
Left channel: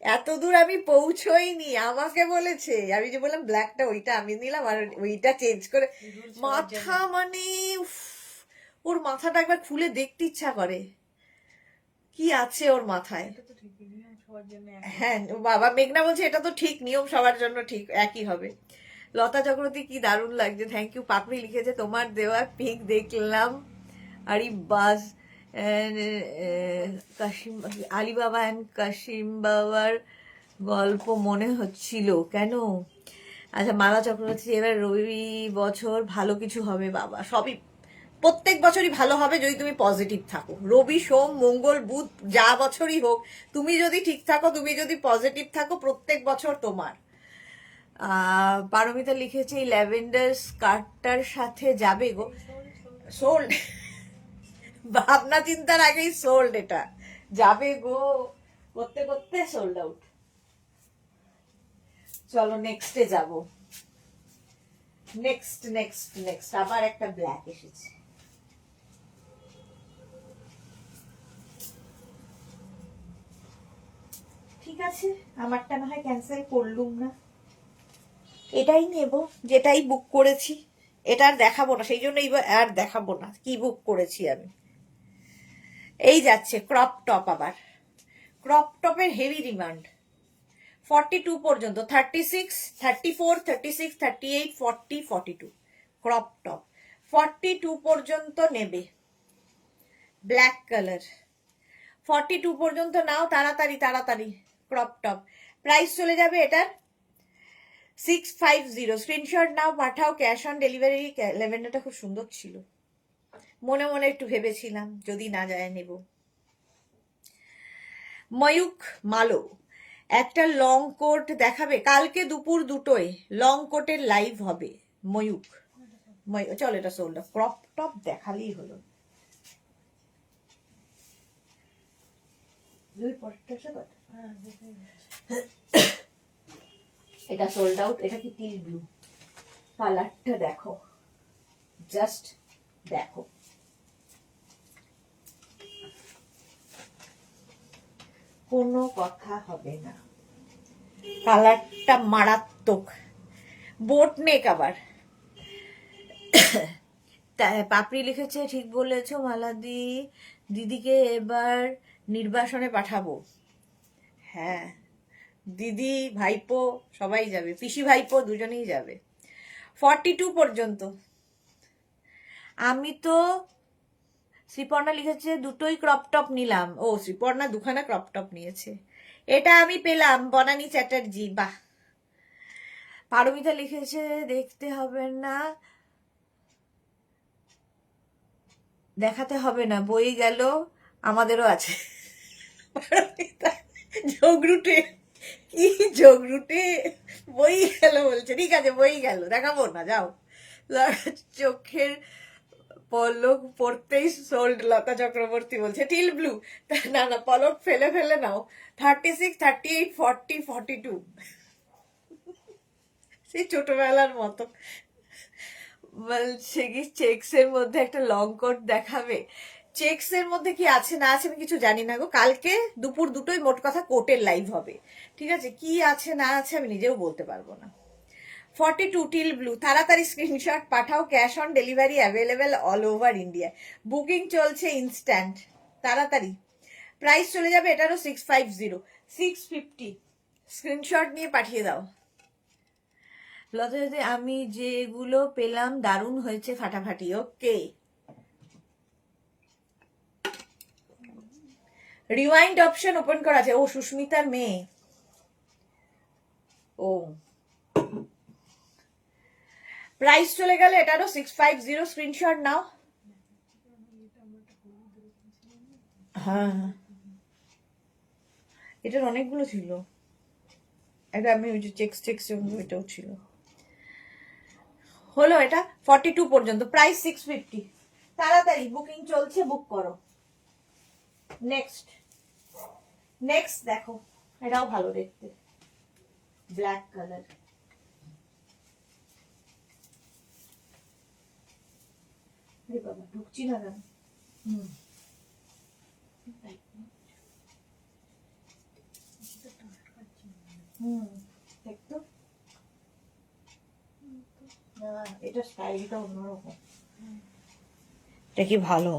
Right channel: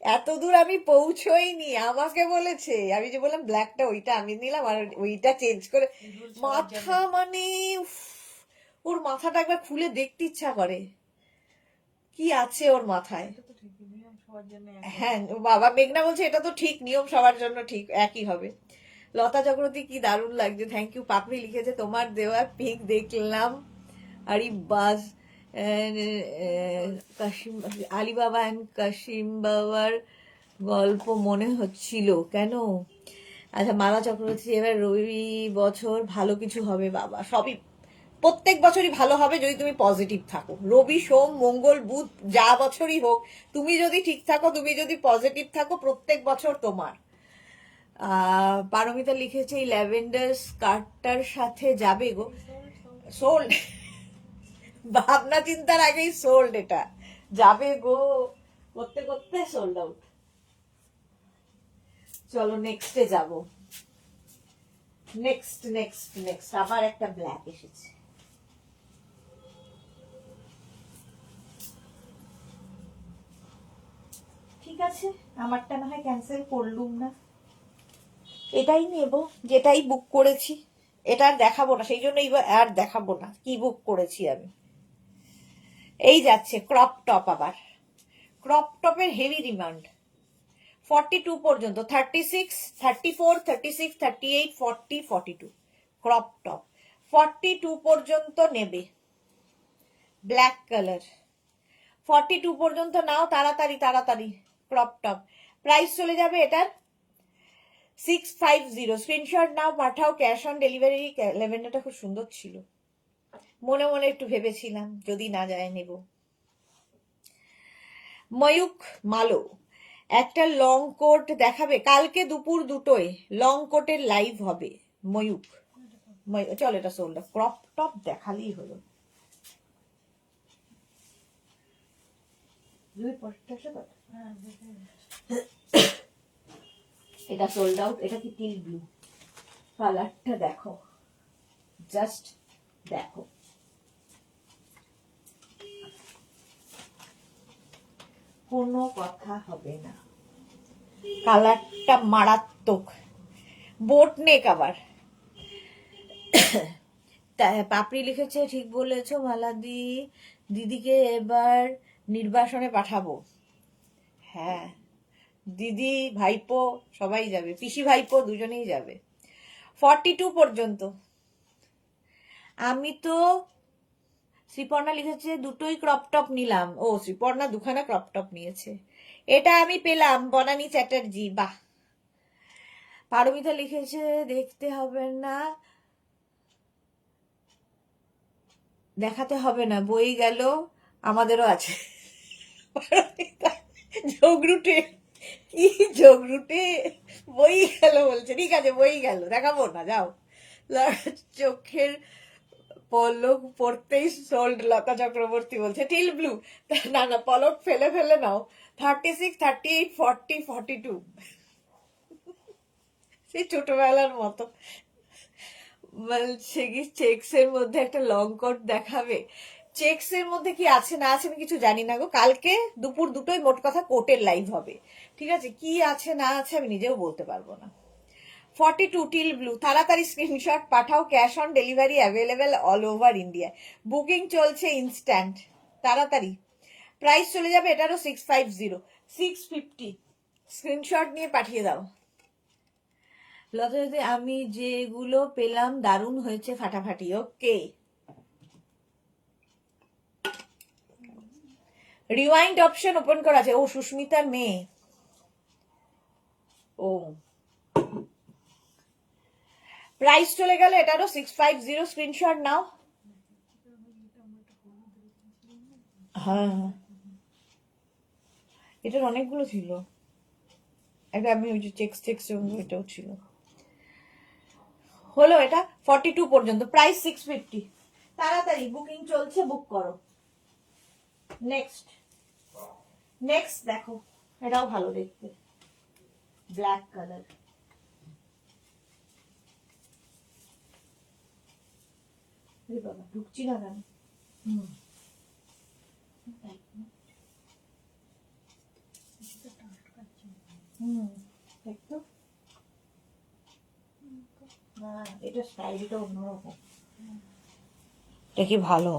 এত দূর আমি পৌঁছইনি, আমাকে বলেছে। আমি যে বললাম ব্ল্যাকটা ওইটা আমি নিলাম, আর ওইটা চেঞ্জ করে মাথা মানে ওর মাথাটা একবার খুলে দেখতে ইচ্ছা করে, কি আছে ওর মাথায়। হ্যাঁ বাবা, মেঘনা বলছে এটা তো ঠিক, নিয়ম সবার জন্য ঠিক একই হবে। লতা চক্রবর্তী কি দারুণ লাগছে, থ্যাংক ইউ। পাপড়ি লিখেছে তোমার দেওয়ার পিক দেখলাম, আরে বাস কাশিম আলিবাবা অ্যান্ড কাশিম বাবার গল্প মনে হচ্ছিল কেন? আচ্ছা মালা চক্রবর্তী এবার রবি বছর ভালো কিছু হবে। বাবা সবই প্রত্যেক বছরই ভালো হবে যদি তুমি পজিটিভ থাকো। রবি সোম মঙ্গল বুধ যা বছরই হোক, তুমি যদি ঠিক থাকো, তুমি যদি পজিটিভ থাকো, প্রত্যেক বছর তোমার। পারমিতা লিখেছে এই ল্যাভেন্ডার স্কার্টটার সাথে যাবে গো। সোল্ড, ভাবনা চিন্তার আগেই সোল্ড, এটা যাবে গো করতে করতে সোল্ড আউট। চলো নেক্সটে যাব। নেক্সট নেক্সট নেক্সট আবার একটা ব্ল্যাক এসেছে। ঠিক আছে, আমারটা না হয় ক্যান্সেল করলুম না, এটাই নেব যেটাই বুক করেছি। এটা আর দেখাবো না, সেই জন্য আর দেখাবো না কি বুক করেছি আমি। এই যাচ্ছে ক্রপ টপ, আবার ক্রপ টপের হেভি ডিমান্ড। 42 পর্যন্ত, 36, 34, 36, 38, 40, 42 ক্রপ টপ। 42 পর্যন্ত নেবে, ব্ল্যাক কালার। 42 পর্যন্ত নাও, তাড়াতাড়ি তাড়াতাড়ি। ক্রপ টপ প্রাইস চলে যাবে এটার 650। স্ক্রিনশট নাও, পাঠাও, ক্যাশ অন ডেলিভারি। ল্যাভেন্ডারটা খুব সুন্দর ছিল, মনে মনে একটু ভেবেছিলাম যদি না যায় নেব। ময়ূক মালো একটা লং কোট দেখাবে কালকে দুপুর 2টোয়, লং কোটের লাইভ হবে। ময়ূক, চল এটা সোল্ড। ক্রপ টপ দেখালেই হলো। এটা সোল্ড আউট। এটা কি টিল ব্লু কালারটা, দেখো জাস্ট দেখো, কোনো কথা হবে না, কালারটা মারাত্মক। বোট নেক আবার। পাপড়ি লিখেছে, ঠিক বলেছো মালাদি, দিদিকে এবার নির্বাসনে পাঠাবো। হ্যাঁ, দিদি ভাইপো সবাই যাবে, পিসি ভাইপো দুজনেই যাবে। 42 পর্যন্ত। আমি তো, শ্রীপর্ণা লিখেছে দুটোই ক্রপ টপ নিলাম। ও, শ্রীপর্ণা দুখানা ক্রপ টপ নিয়েছে। এটা আমি পেলাম, বনানী চ্যাটার্জি, বাহ। পারমিতা লিখেছে দেখতে হবে না, দেখাতে হবে না, বই গেল, আমাদেরও আছে। ঝগড়ুটে, কি ঝগড়ুটে, বই গেল বলছে। ঠিক আছে, বই গেল, দেখাবো না, যাও। চোখের পলক পড়তেই সোল্ড, লতা চক্রবর্তী বলছে। টিল ব্লু, না না, পলক ফেলে ফেলে নাও। 36, 38, 40, 42 সেই ছোটবেলার মতো। বলছে কি চেক্স এর মধ্যে একটা লং কোট দেখাবে। চেক্স এর মধ্যে কি আছে না আছে আমি কিছু জানি না গো। কালকে দুপুর 2টোয় মোট কথা কোটের লাইভ হবে, ঠিক আছে? কি আছে না আছে আমি নিজেও বলতে পারবো না। 42 টিল ব্লু, তাড়াতাড়ি screenshot Pathao, cash on delivery available all over India, booking চলছে ইনস্ট্যান্ট, তাড়াতাড়ি। প্রাইস চলে যাবে এটারও 650, 650। স্ক্রিনশট নিয়ে পাঠিয়ে দাও। লতা যদি আমি যেগুলো পেলাম দারুণ হয়েছে, ফাটাফাটি। ওকে, রিওয়াইন্ড অপশন ওপেন করা আছে। ও, সুস্মিতার মেয়ে। ও, প্রাইস চলে গেল এটারও 650। স্ক্রিনশট নাও। হ্যাঁ, এটার অনেকগুলো ছিল। এটা আমি ওই যে চেক্স টেক্স এটাও ছিল। হলো এটা 42 পর্যন্ত, প্রাইস 650। তাড়াতাড়ি বুকিং চলছে, বুক করো। নেক্সট নেক্সট দেখো, এটাও ভালো দেখতে, ব্ল্যাক কালার। বাবা, ঢুকছি না কেন? দেখতো, এটা স্টাইলটা অন্যরকম। এটা কি ভালো।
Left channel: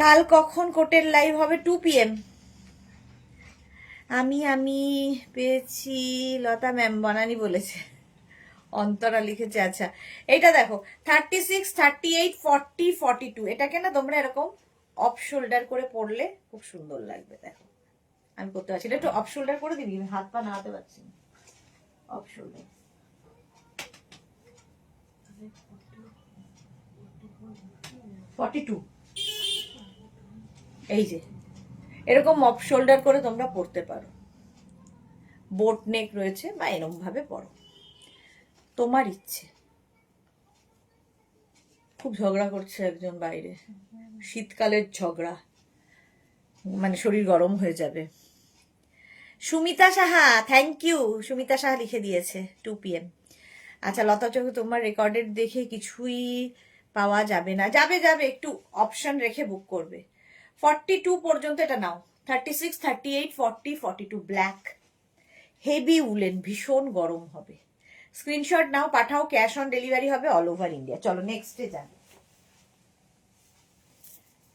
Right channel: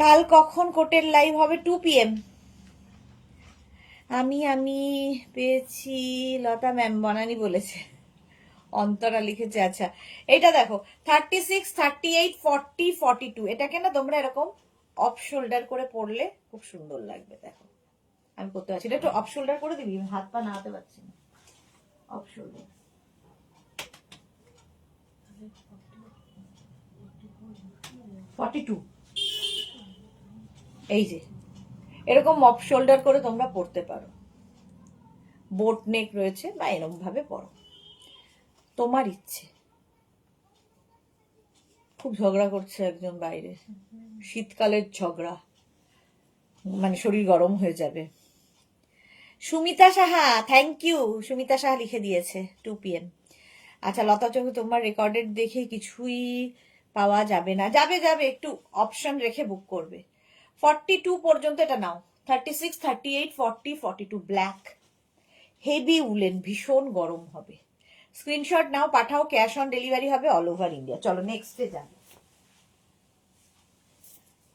কাল কখন কোটের লাইভ হবে? 2 PM। আমি পেয়েছি, লতা ম্যাম বনানি বলেছে, অন্তরা লিখেছে। আচ্ছা, এটা দেখো 36, 38, 40, 42। এটাকে না তোমরা এরকম অফ শোল্ডার করে পরলে খুব সুন্দর লাগবে। দেখো আমি করতে পারছি না, একটু অফ শোল্ডার করে দিবি, হাত পা নাড়াতে পারছি না। Off shoulder, 42। এই যে এরকম অফ শোল্ডার করে তোমরা পরতে পারো, বোট নেক রয়েছে, বা এরকম ভাবে পরো, তোমার ইচ্ছে। খুব ঝগড়া করছে একজন বাইরে, শীতকালের ঝগড়া, মানে শরীর গরম হয়ে যাবে। Sumita Saha, thank you. সুমিতা সাহা লিখে দিয়েছে 2 PM। আচ্ছা লতা চৌধুরী, তোমার রেকর্ডেড দেখে কিছুই পাওয়া যাবে না। যাবে যাবে, একটু অপশন রেখে বুক করবে। 42 পর্যন্ত এটা নাও। 36, 38, 40, 42 ব্ল্যাক, হেভি উলেন, ভীষণ গরম হবে। স্ক্রিনশট নাও, পাঠাও, ক্যাশ অন ডেলিভারি হবে অল ওভার ইন্ডিয়া। চলো নেক্সটে যান।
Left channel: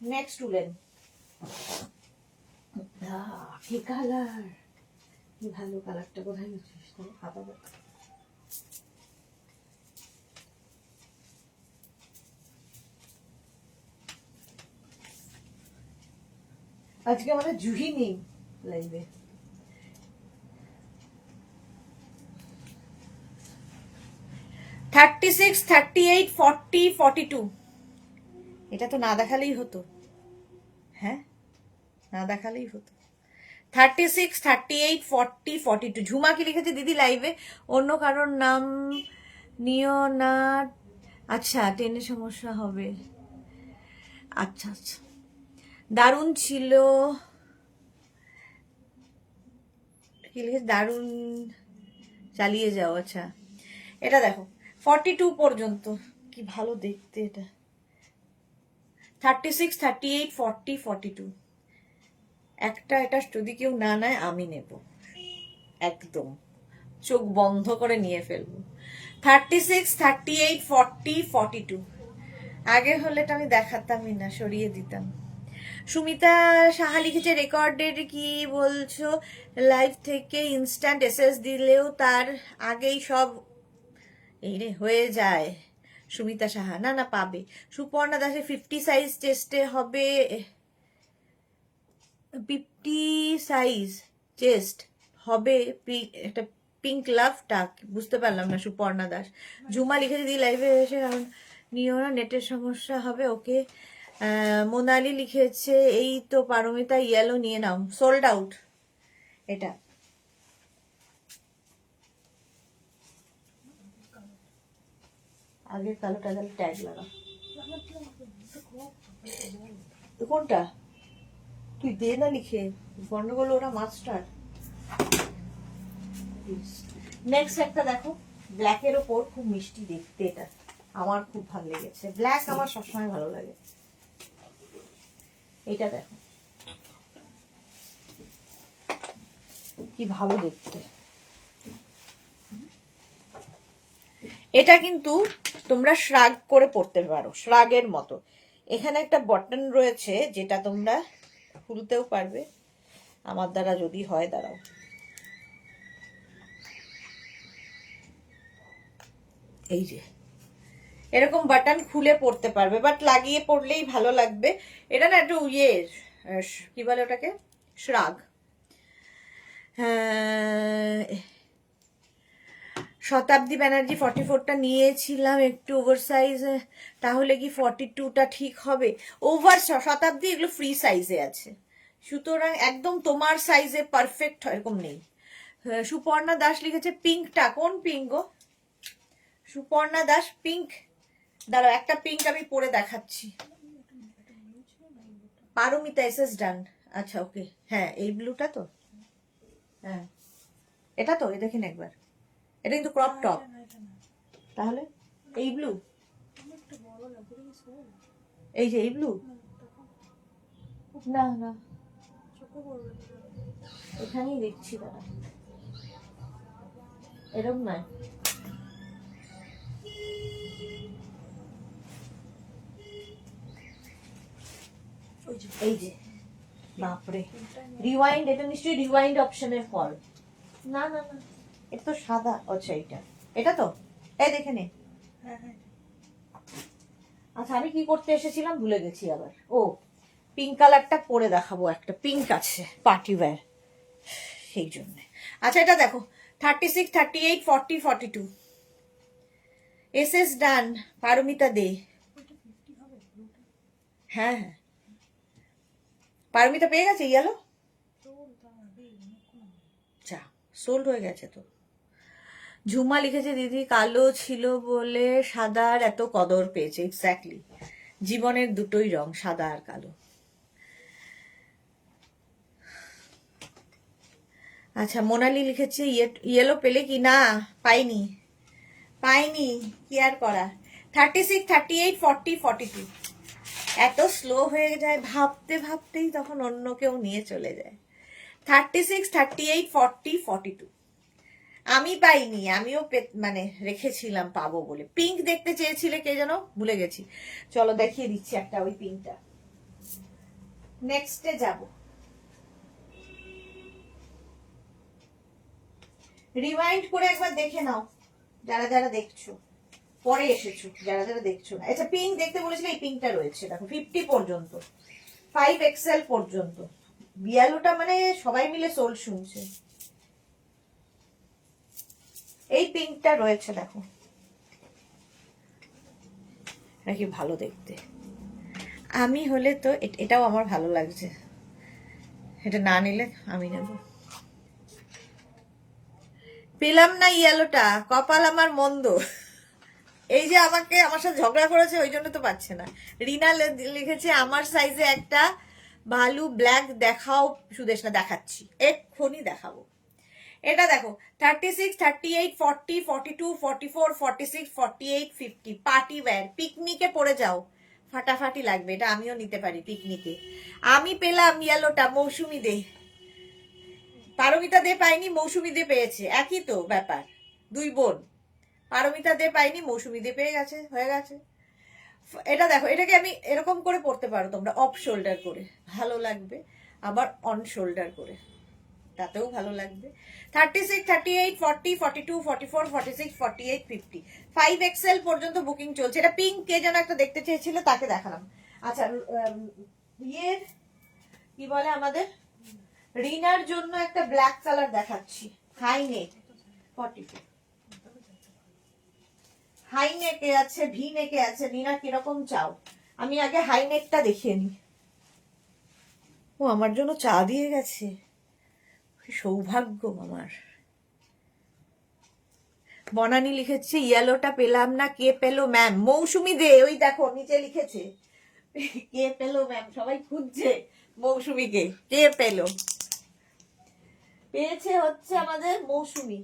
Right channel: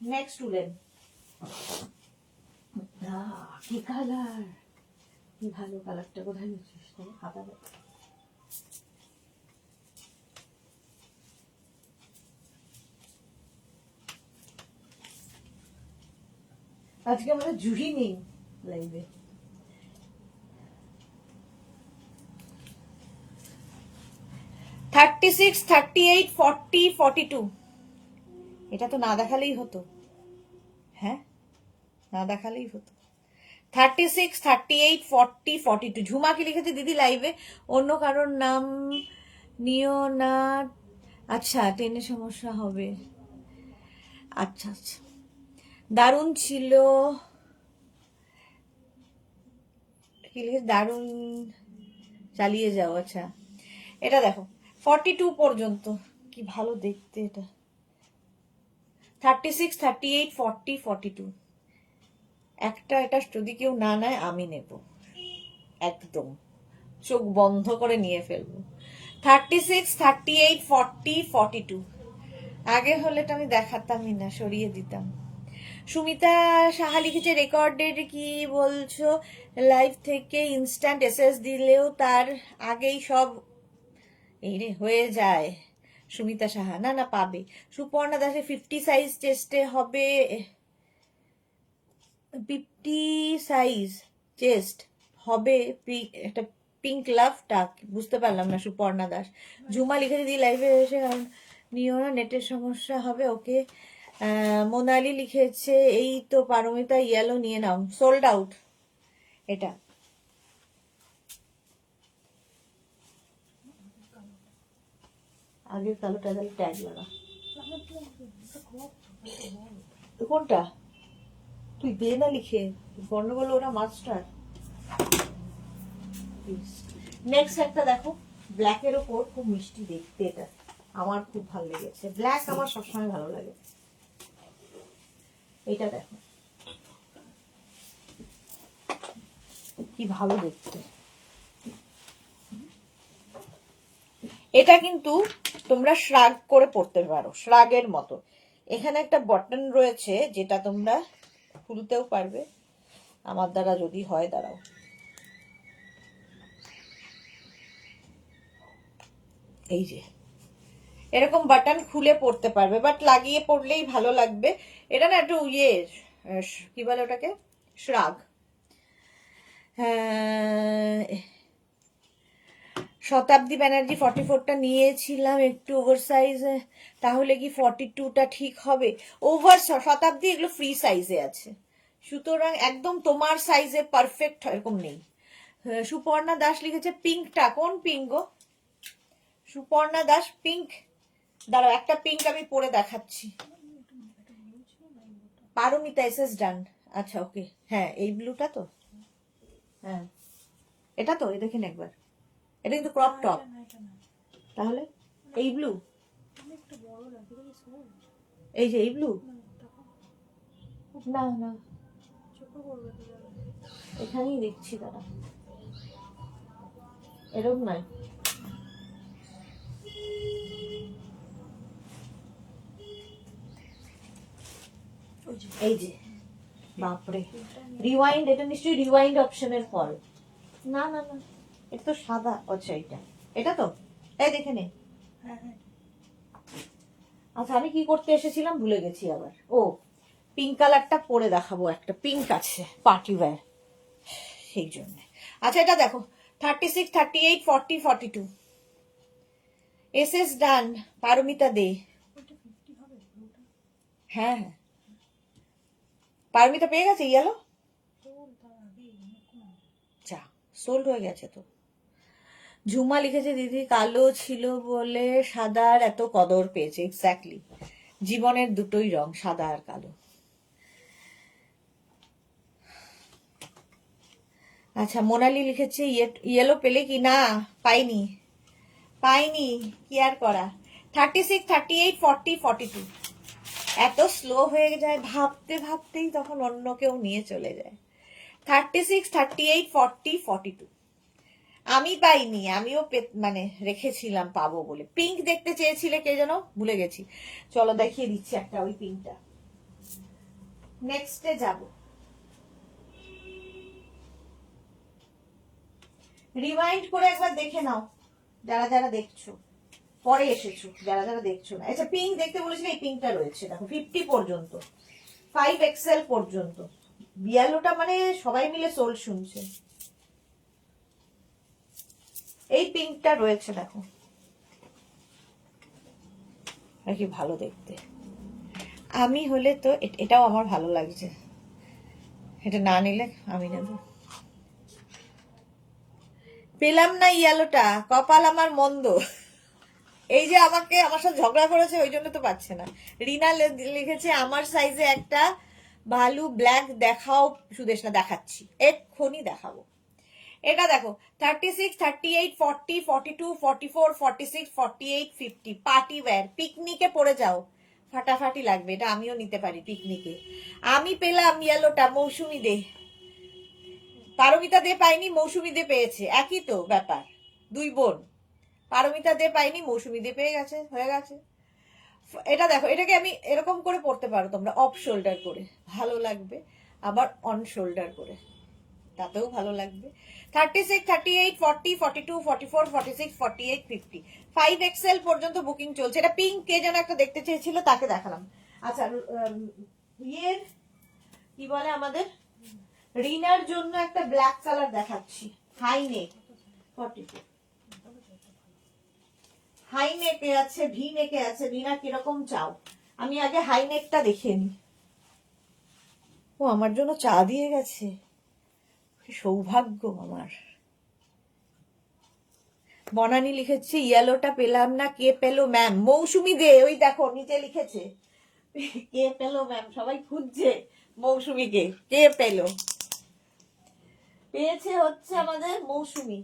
নেক্সট উলেন, কি কালার, কি ভালো কালারটা। কোথায় গেছিস? খাতা আজকে আমাদের জুহি নেই লাইভে। Thirty six, 38, 40, 42। এটা তো না দেখালেই হতো। হ্যাঁ, না দেখালেই হতো। 36, 38, 40, 42। ঝুমা কি লিখেছে দিদি লাইভে? অন্য কারোর নাম নিও না। আচ্ছা, টেনে সমস্যা হবে। আচ্ছা আচ্ছা, দারুণ ছিল। কি লিখেছে? দারুণ, চালিয়ে যাও। আচ্ছা, এটা দেখো 42 পর্যন্ত, কি ভালো দেখতে এটা। 36, 38, 40, 42। একটা এটা যদি কেউ না নেয় আমি নেব, একদম চোখ বন্ধ করে নিয়ে ফেলবো। 36, 38, 40, 42। আগে হলে তো আমি দেখাতামই না, সরিয়ে দিতাম। সুমিতা সাহা লিখেছে রেকর্ডেড কি বলছো? লাইভ থেকে ইনস্ট্যান্ট এসএস দিলেও তার আগেই সব এই রে হয়ে যায়। সুমিতা সাহা, না না পাবে। সুপর্ণা দাসের 50 সাইজ চেস্টে হবে, 50 সাইজ চেস্ট হবে। একটা পিঙ্ক লাভটা বুঝতে পারলাম না। সুপর্ণা দাস। ঝুমা লিখে দিদি লাইভে এসে, কারণ নিও না, নেটের সমস্যা হবে। ওকে। মোনালি লিখেছে এই তো পারমিতা, ইয়েলো নিয়ে নাও, সোল্ড আউট। এটা আগের কালোটা, তাহলে ট্যাগ লাগা। কোনটা? তুই দে না লিখে, গন্ডগোল ওরা মাস্টার। নেক্সট একটা দেখো, ব্ল্যাকের ওপর, খুব মিষ্টি দেখতে এটা, আমার খুব ভালো লেগেছে। ব্ল্যাক আমার সবসময় ভালো লাগে। এইটা দেখো কি ভালো দেখতে। এটা কিন্তু তোমরা শ্রাগ করে পড়তে পারো, শ্রাগের মতো। এখানে একটা বটন রয়েছে যেটা তোমরা খুলতেও পারবে, আমার দ্বারা যদি হয়। দাঁড়াও, এই যে এরকম বাটন খুলে পড়তে পারবে, বাট লাগিয়ে পড়লেই ভালো লাগবে। এটা না একটু ইয়ে, কি বলে ওটাকে, শ্রাগ। শতাব্দী ব্যানার্জি 44টা নিয়েছিলাম, একটু ওভার সাইজ, তাহলে কি 42টা ঠিক হবে? ওভার শতাব্দী এগুলো ফ্রি সাইজে আছে, সুতরাং একদম তোমার সাইজে পারফেক্ট এরকম নেই। সুপর্ণা দাস লিখেছে পিঙ্কটা, কোন পিঙ্ক গো? সুপর্ণা দাস পিঙ্ক, দাঁড়াও একটা পিঙ্ক আমি পরে দেখাচ্ছি। পারমিতা এসএস ডান। আচ্ছা ওকে, হ্যাঁ এই ব্লুটা তো, হ্যাঁ এটা তো, এই দেখেন একবার, এটা কিন্তু ক্রপ টপ। তাহলে এই ব্লু, এই যে এই ব্লু, না না এখানেই দেখছি, দাঁড়া এরকম নয়। এই যে বাপরে, রিওয়াইন্ড, এটা নিশ্চয়ই রিওয়াইন্ড অপশনের ফল। না না না, এটা তো সাদা। আচ্ছা এইটা, এটা তো, এই দেখে নে। আচ্ছা আমি কি করতে এসেছিলাম ভুলে গেছি আবার। ও, পিঙ্ক কালারটা পরে দেখাবো, একটা পিঙ্ক আছে পার্টি ওয়্যার, সেই জন্য। আচ্ছা এটা দেখো, 36, 38, 40, 42। এসএস ডান, পারমিতা দে। হ্যাঁ হ্যাঁ, পারমিতা পেয়ে গেছে ইয়েলো। যা, সোল্ড হয়ে গেছে তো। ঝুমা লিখেছে দিদি কালো ছিল বলে সাদার এত কদর পেয়েছে। এক্স্যাক্টলি, জীবনের দুটোই রং, সাদা আর কালো। আচ্ছা, মোনালি লিখেছে ইয়েলো পেলে কি না, পাইনি পাইনি, কি আর করা। 36, 38, 40, 42 এত স্লো হয়ে যায়, ভাবতে ভাবতেই তখন অন্য কেউ নিয়ে চলে যায়। 36, 38, 40, 42 আমি পাইনি, আমিও মানে রেখেছিলাম পাবো বলে। পিঙ্ক দেখতে চেয়েছিলে কে যেন, ভুলে গেছি। চলো দেখিয়ে দিচ্ছি একটা ওই পিঙ্কটা। নেক্সটে যাব। রিমাইন্ড করে একবার দেখে নাও যারা যারা দেখছো, পরে এসেছো যারা যারা দেখছো না। আচ্ছা, পিঙ্ক দেখতে বলেছিলে, এই পিঙ্কটা রয়েছে দেখো 50 পর্যন্ত, 5XL পর্যন্ত। বিয়ালোটা মানে সবাই মিলে সোল শুনছে। এই পিঙ্কটা রয়েছে দেখো, নাকি ভালো দেখতে। আমি হলে তো এটাও আমার ভালো লাগছে, এটা না নিলে আমি নেব। পেলাম না ইয়েলোটা, কপাল আমার মন্দ। এই যে আমাকে আমার সাথে ঝগড়া করেছে ওই জন্য তো পাচ্ছে না। রিনা লিখেছে আমার সাইজে একটা ভালু ব্ল্যাক দেখাও সুদেশ, না দেখাচ্ছি, এক্ষুনি দেখাবো। এটা দেখো 36, 38, 40, 42, 44, 46, 48, 50 পার্টি ওয়্যার, পিকনিকে পরে যাও, ফাটাফাটি লাগবে। এটা আমিও নিতে পারি পিকনিকে। আমি পেলাম ইয়েলোটা, মৌসুমি দে। পারমিতা দে পাইনি, মৌসুমি দে পেয়েছে, একই তো ব্যাপার, দুই বোন। পারমিতা দে পাইনি, মৌসুমি দে পেয়ে গেছে, হয়ে গেছে। এটা দেখো, এটাকে আমি এরকম করে পড়তে পারো তোমরা, অফ শোল্ডার করে, ভালো লাগবে। আবার অন শোল্ডার করে, তাতেও ভালো লাগবে। 36, 38, 40, 42, 44, 46, 48, 50 5XL পর্যন্ত বুকিং চলছে। এটা পিঙ্ক, কে যেন একটা দেখতে চেয়েছিল, তাকে দেখালাম। আচ্ছা, ইয়ের কি বলে আমাদের রিনার জন্য একটা ব্ল্যাক কালার দেখাচ্ছি, হাই নেক 42, হাই নেকে আছে, ভি নেকে আছে। রিনা কিরকম চাও, আমি আগে হাই নেকটা দেখিয়ে নি। ও আমার জন্য চা দিয়ে গেছে, সৌভাগ্য আমার। বনানি লিখেছে ইয়েলোটা পেলাম না, কে পেলো ম্যাম? মৌসুমি দে, ওই দেখো নিচে লিখেছে কে পেলো ম্যাম, সবাই খুঁজছে মৌসুমিকে, কে পেলো। পেয়েছে হচ্ছে আমাদের মৌসুমি।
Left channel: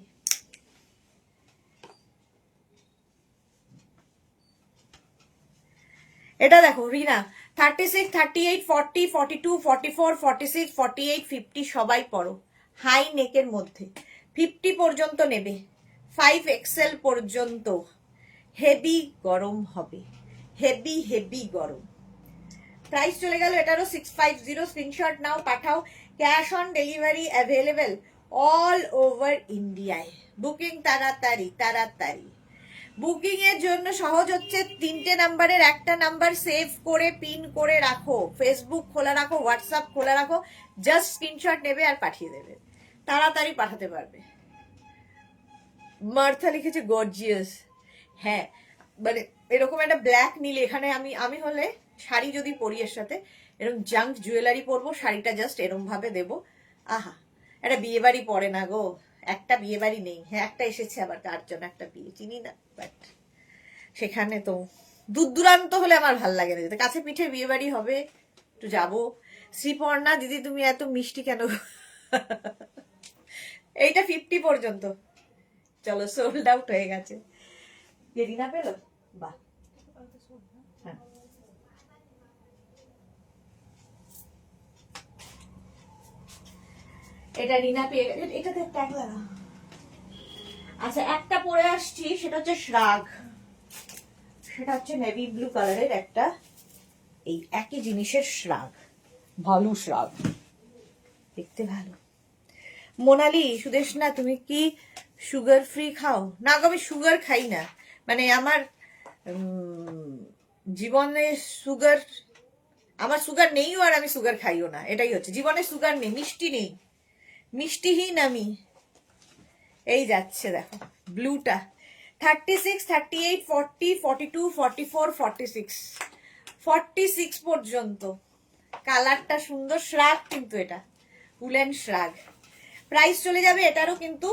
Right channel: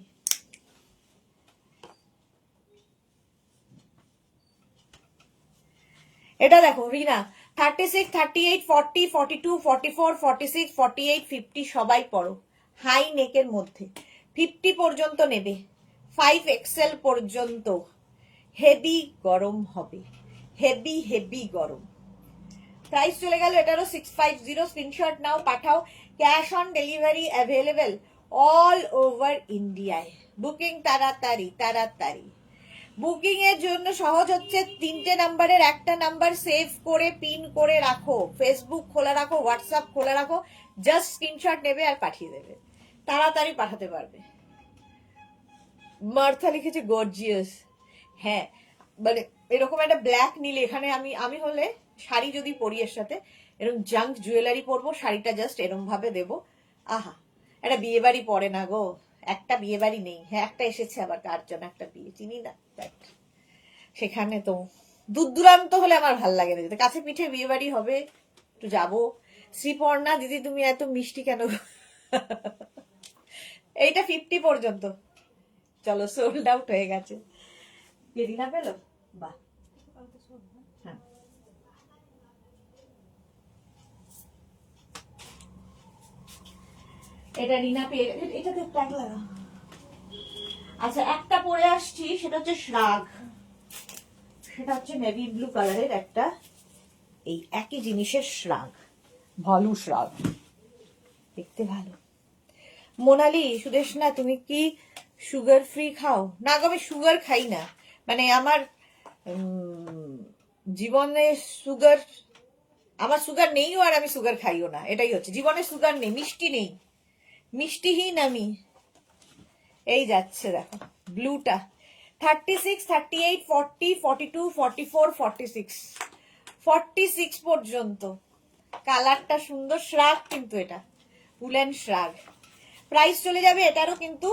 এটা দেখো রিনা 36, 38, 40, 42, 44, 46, 48, 50 সবাই পড়ো, হাই নেকের মধ্যে। 50 পর্যন্ত নেবে, 5XL পর্যন্ত। হেভি গরম হবে, হেভি হেভি গরম। প্রাইস চলে গেল এটারও 650। স্ক্রিনশট নাও, পাঠাও। Cash on delivery available all over ইন্ডিয়ায়। বুকিং তাড়াতাড়ি তাড়াতাড়ি। বুকিং এর জন্য সহজ হচ্ছে, 3টে নাম্বারের একটা নাম্বার সেভ করে পিন করে রাখো, ফেসবুক খোলা রাখো, হোয়াটসঅ্যাপ খোলা রাখো, জাস্ট স্ক্রিনশট নেবে আর পাঠিয়ে দেবে, তাড়াতাড়ি পাঠাতে পারবে। মার্থা লিখেছে গর্জিয়াস। হ্যাঁ, মানে এরকম একটা ব্ল্যাক নীল, এখানে আমি হলে শাড়ি যদি পরি এর সাথে এরকম জাঙ্ক জুয়েলারি পরবো, শাড়িটা জাস্ট এরম ভাবে দেবো। আহা, একটা বিয়ে বাড়ি পড়ে না গো, একটা বিয়ে বাড়ি নেই। হ্যাঁ, একটা এসেছে আবার, তার জন্য একটা বিয়ে, চিনি না, বাট সেখানে তো দূর দূরান্ত হলে আমার ভাল লাগে না যেতে। কাছে পিঠে বিয়ে বাড়ি হবে, একটু যাবো। শ্রীপর্ণা দিদি তুমি এত মিষ্টি কেন? এইটা 50 পর্যন্ত। চলো, সোল্ড আউট হয়ে গেছে। রিনা পেলো, বাহ। হ্যাঁ, এটা রিনা পেয়ে, এটাতে ট্যাগ লাগা। আচ্ছা, একটা পরে আসছি, সেটা হচ্ছে শ্রাগ, সেটা হচ্ছে নেভি ব্লু কালারের একটা, এই একই জিনিসের শ্রাগ, ভালু শ্রাগ, দেখতে ভালো। মোনালি সুদেশ না, তুমি কি সুগার ফ্রি খাও? না গো, আমি সুগার খাই না, মানে আমার জীবনে সুগার, আমার সুগার নেইও আর আমি সুগার খাইও না, এটাই হচ্ছে জীবনে সুগার নেই, মিষ্টি নেই, মিষ্টিহীন আমি। এই যাচ্ছে দেখো ব্লুটা 36, 38, 40, 42, 44, 46 46 পর্যন্ত। কালারটা সুন্দর, শ্রাগ কিন্তু এটা উলেন শ্রাগ। প্রাইস চলে যাবে এটারও কিন্তু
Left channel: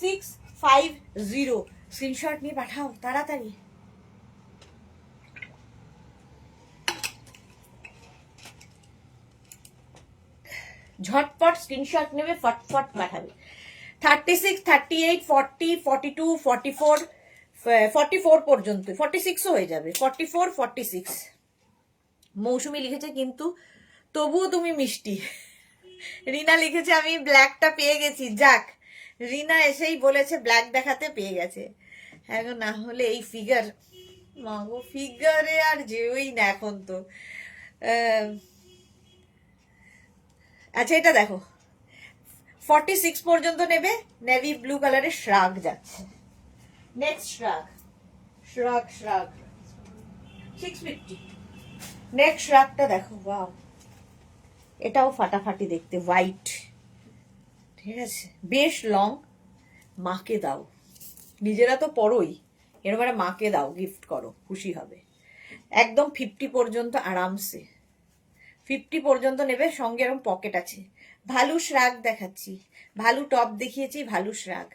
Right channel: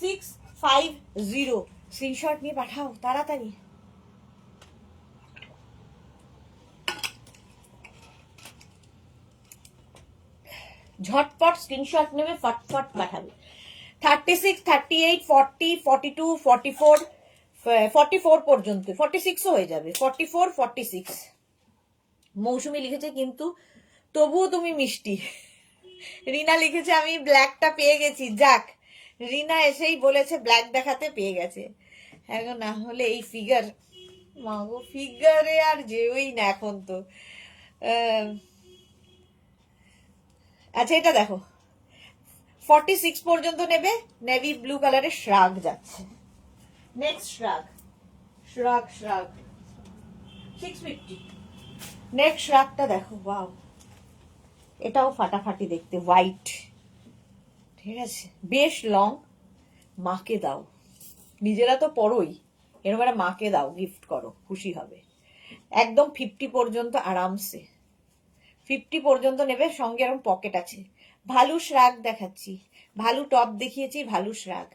650। স্ক্রিনশট নিয়ে পাঠাও তাড়াতাড়ি। ঝটপট স্ক্রিনশট নেবে, ফটফট পাঠাবে। 36, 38, 40, 42, 44, 44 পর্যন্ত, 46ও হয়ে যাবে, 44, 46। মৌসুমি লিখেছে কিন্তু তবুও তুমি মিষ্টি। রিনা লিখেছে আমি ব্ল্যাকটা পেয়ে গেছি, যাক রিনা এসেই বলেছে ব্ল্যাক দেখাতে পেয়ে গেছে। এখন না হলে এই ফিগার, মাগো ফিগারে আর যেওই না এখন তো। আচ্ছা এটা দেখো, 46 পর্যন্ত নেবে, নেভি ব্লু কালারের শ্রাগ যাচ্ছে। নেক্সট শ্রাগ, শ্রাগ শ্রাগ 650। নেক্সট শ্রাগটা দেখো, ওয়াও, এটাও ফাটাফাটি দেখতে, হোয়াইট, ঠিক আছে, বেশ লং। মাকে দাও, নিজেরা তো পরোই, এর মানে মাকে দাও, গিফট করো, খুশি হবে। একদম 50 পর্যন্ত আরামসে, 50 পর্যন্ত নেবে, সঙ্গে এরকম পকেট আছে। ভালু শ্রাগ দেখাচ্ছি, ভালু টপ দেখিয়েছি, ভালু শ্রাগ।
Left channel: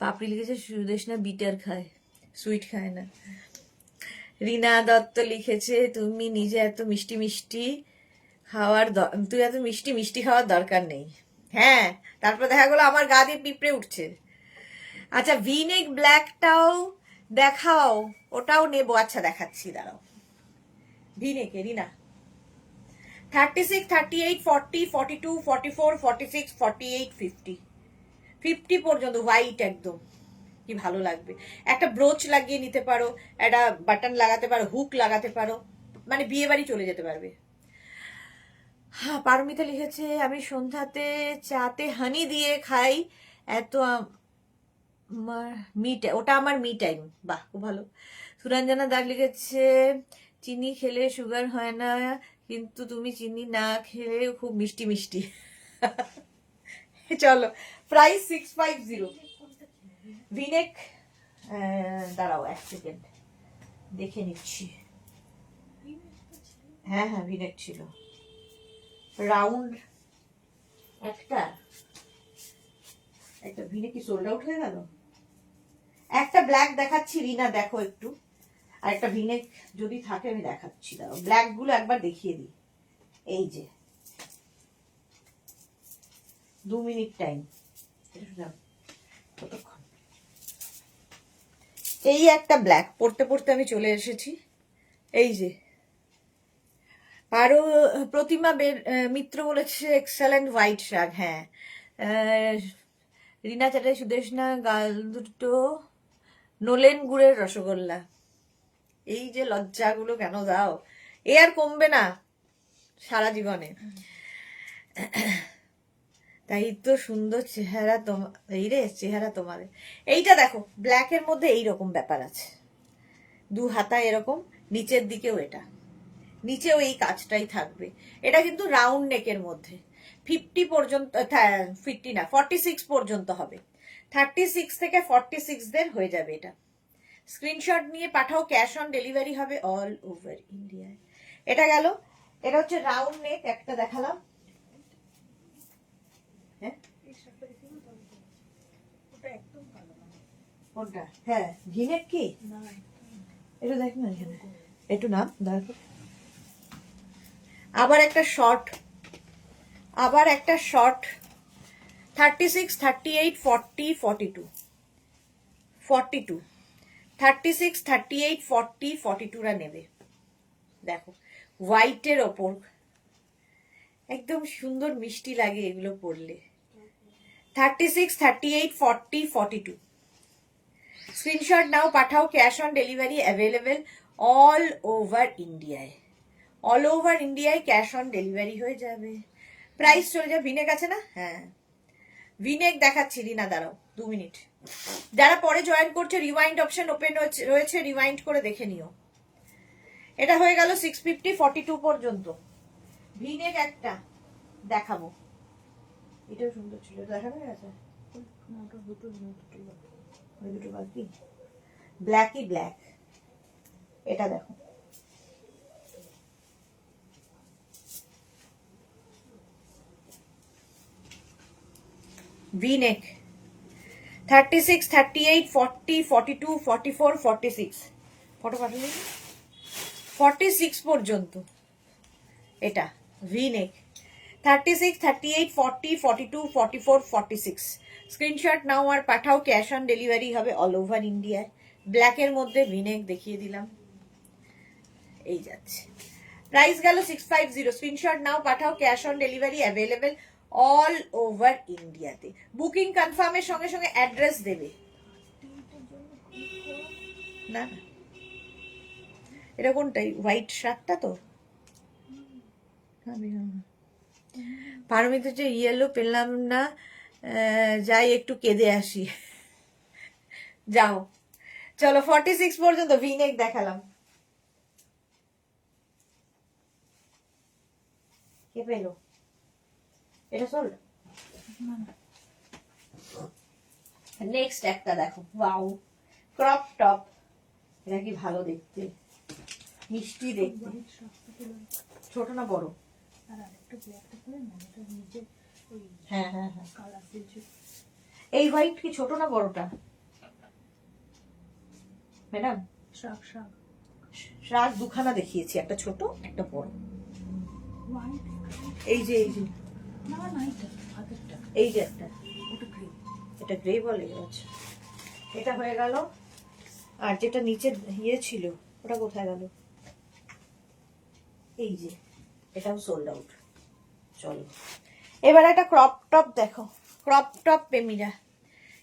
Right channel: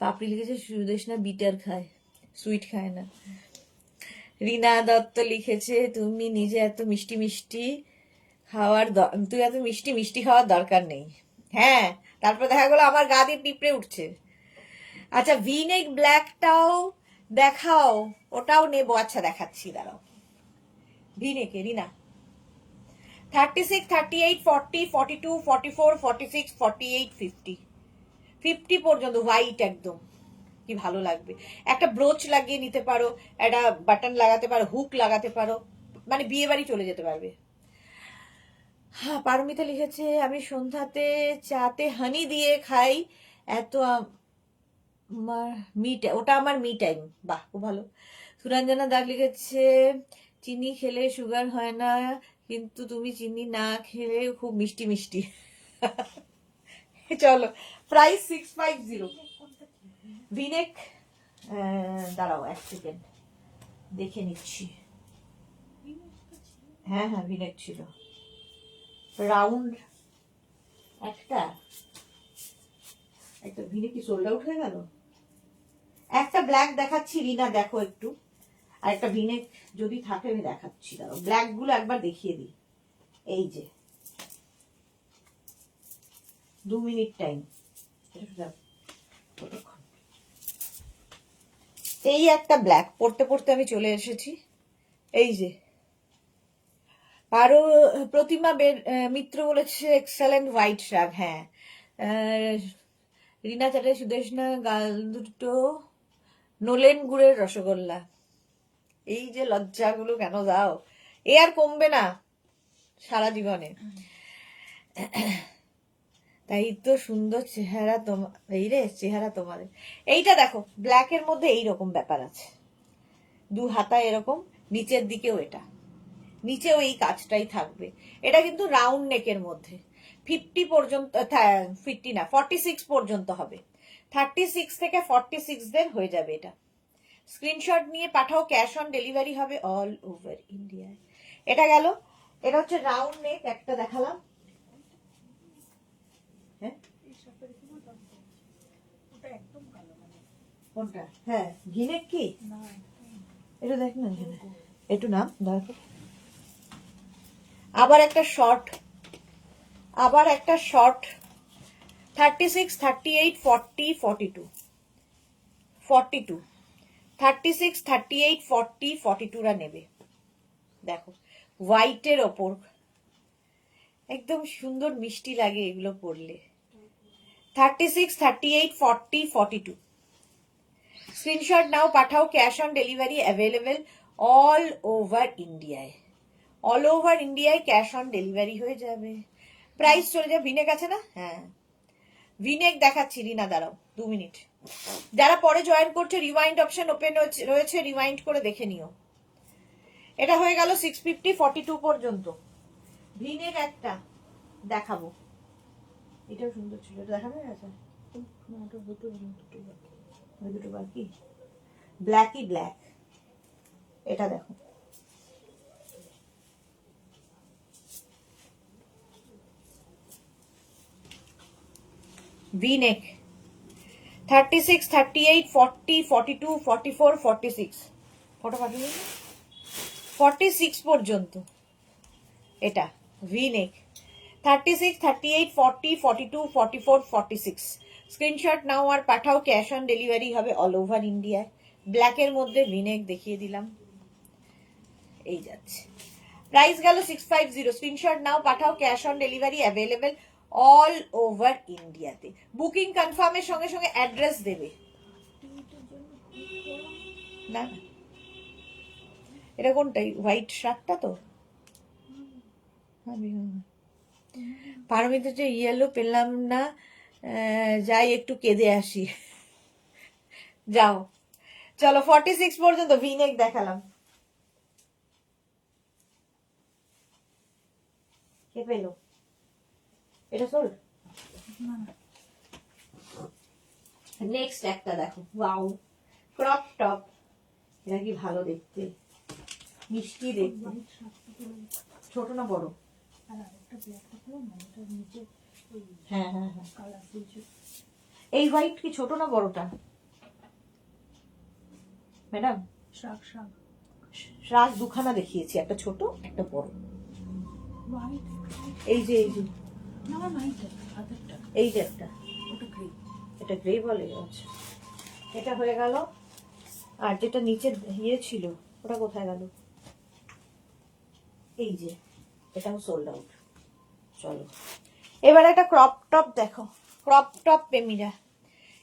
পাপড়ি লিখেছে সুদেশনা বিটার খায়, সুইট খায় না। রিনা দত্ত লিখেছে তুমি নিজে এত মিষ্টি মিষ্টি খাওয়ার, তুই এত মিষ্টি মিষ্টি খাওয়ার দরকার নেই। হ্যাঁ, তারপর দেখা গেলো আমার গা দিয়ে পিঁপড়ে উঠছে। আচ্ছা ভিনেক ব্ল্যাকটাও দেখাও, ওটাও নেবো। আচ্ছা দেখাচ্ছি, দাঁড়াও। ভিনেকে রিনা 36, 38, 40, 42, 44, 46, 48, 50, 50 পর্যন্ত হোয়াইট একদম, কি ভালো লাগবে। একটা ব্রোচ লাগিয়ে নিতে পারো, একটা বাটন লাগাতে পারো, হুক লাগাতে পারো, মানে বিয়ে বাড়ি চলে যেতে পারবে। হ্যাঁ, পারমিতা লিখেছে আমি সন্ধ্যাতে চাতে হানি দিয়ে খাই, এত আমার ওটা আমার মি টাইম। বাহ, খুব ভালো। সুরঞ্জনা দাগ লিখেছে চিনি খেলে সুগার হয় না, কিন্তু তুমি চিনি না খেলে খুব মিষ্টি মিষ্টি। চলো, প্রাইস 650। ভিনেক, দাঁড়াও এক সেকেন্ড দেখে নিচ্ছি। হ্যাঁ হ্যাঁ, ভিনেক ছিল রাউন্ড একটা, একটা ভিনেক কি সোল্ড আউট হয়ে গেল। একটা ব্ল্যাক দেখাচ্ছি রিনা, দেখো একটু, আর একটা ভিনেক যদি থাকে আমি দেখাচ্ছি, দাঁড়াও ব্ল্যাক গুলো একবার দেখিয়ে দিই। এই যে 2 মিনিট টাইম, এই একটা ব্ল্যাক পড়তে পড়তে আমি চলে এসেছি। এই যে আরো প্রতিমা মিত্র বলেছে এক্সেলেন্ট হোয়াইট শাক। হ্যাঁ, রিনা চ্যাটার্জি সুদেশনা গাল দুটো নোলেন গুড়ের রসগোল্লা। এই যে লজ্জাগুলো কেন দাও, এ আর কমবে না সারা জীবনে। তাই তো সুন্দর চেহারা তোমার, এই রে চেহারা তোমাদের। এইটা দেখো, ব্ল্যাকের মধ্যে এইরকম ব্যাপার আছে, 2 হাতা এরকম, নিচের দিকেও এটা, নিচেও এই কাজটাই থাকবে। এটা কিন্তু রাউন্ড নেকের মধ্যে, 50 পর্যন্ত, 50 না 46 পর্যন্ত হবে, 36 থেকে 46 দের হয়ে যাবে এটা। স্ক্রিনশট নিয়ে পাঠাও, ক্যাশ অন ডেলিভারি হবে অল ওভার ইন্ডিয়ায়। এটা গেল, এটা হচ্ছে রাউন্ড নেক, একটা দেখালাম। হ্যাঁ কোনটা? হ্যাঁ ভিনেক কি, এটা দেখ না এখানে, একটু নাম দেখো। আবার একটা শর্ট, আবার একটা শর্ট, 36, 38, 40, 42, 42, 36, 38, 40, 42 রা নেবে। দেখো হোয়াইটের ওপর একদম সুন্দর মিষ্টি লাগে এগুলো পরলে। 36, 38, 40, 42 স্ক্রিনশট নাও, পাঠাও, cash on delivery available all over ইন্ডিয়ায়। অল ওভার ইন্ডিয়ায় ক্যাশ অন ডেলিভারি হয়ে যাবে। প্রাইস চলে যাবে। ভিনেক আছে না? হ্যাঁ ভিনেক দেখাচ্ছি রিনা, দাঁড়াও 2 মিনিট। যারা পরে জয়েন করছে রিওয়াইন্ড অপশন ওপেন রয়েছে, রিওয়াইন্ড করে দেখে নিও। এটা হয়ে গেল 650, 42 পর্যন্ত। ভিনেক একটা দেখাবো, এটাও সুন্দর ছিল, দেখানো গেছে দুটো বাকি, ব্ল্যাকই ব্ল্যাক। এটা দেখো, V-neck 36, 38, 40, 42, 44, 46 ফটো পাঠিয়ে 46 পর্যন্ত এটা। ভি নেক 36, 38, 40, 42, 44, 46 স্ক্রিনশট নাও আর পাঠাও। ক্যাশ অন ডেলিভারি হবে অল ওভার ইন্ডিয়ায়। ব্ল্যাকের মধ্যে ভি নেক দেখিয়ে দিলাম, এই যাচ্ছে। প্রাইস গেল 650। স্ক্রিনশট নাও পাঠাও, cash on delivery available all over ইন্ডিয়াতে। বুকিং কনফার্মের সঙ্গে সঙ্গে অ্যাড্রেস দেবে। না না, এটা কোনটাই হোয়াইট শার্টটা তো পারমিত যে ইয়েলো পেলাম না, যাই একটু কেঁদে আসি। যাও চলো 46 পর্যন্ত ভিনেক দেখালাম। কে পেলো এটা? সোল্ড। নেক্সট একটা দেখো, ওয়াও ক্রপ টপ। এটা কি ভালো দেখতে, মিষ্টি দেখতে। ছোট না বড়? হ্যাঁ হ্যাঁ হ্যাঁ, এই হোয়াইট কি ছোট না বড়টা ম্যাডাম? শাক দুখানা দেখিয়েছি, একটা ছোট একটা বড়। এই যে এই যে এই যে একটা, এটা গ্রে বলে গেছে। এটা হয়ে গেল। আর যেটা নিচে ইয়ে ছিল ওটা কোথায় গেল? এই যে এটাও সোল্ড আউট। চলো এবার একটা ক্রপ টপ দেখো, ক্রপ টপ প্রেমীরা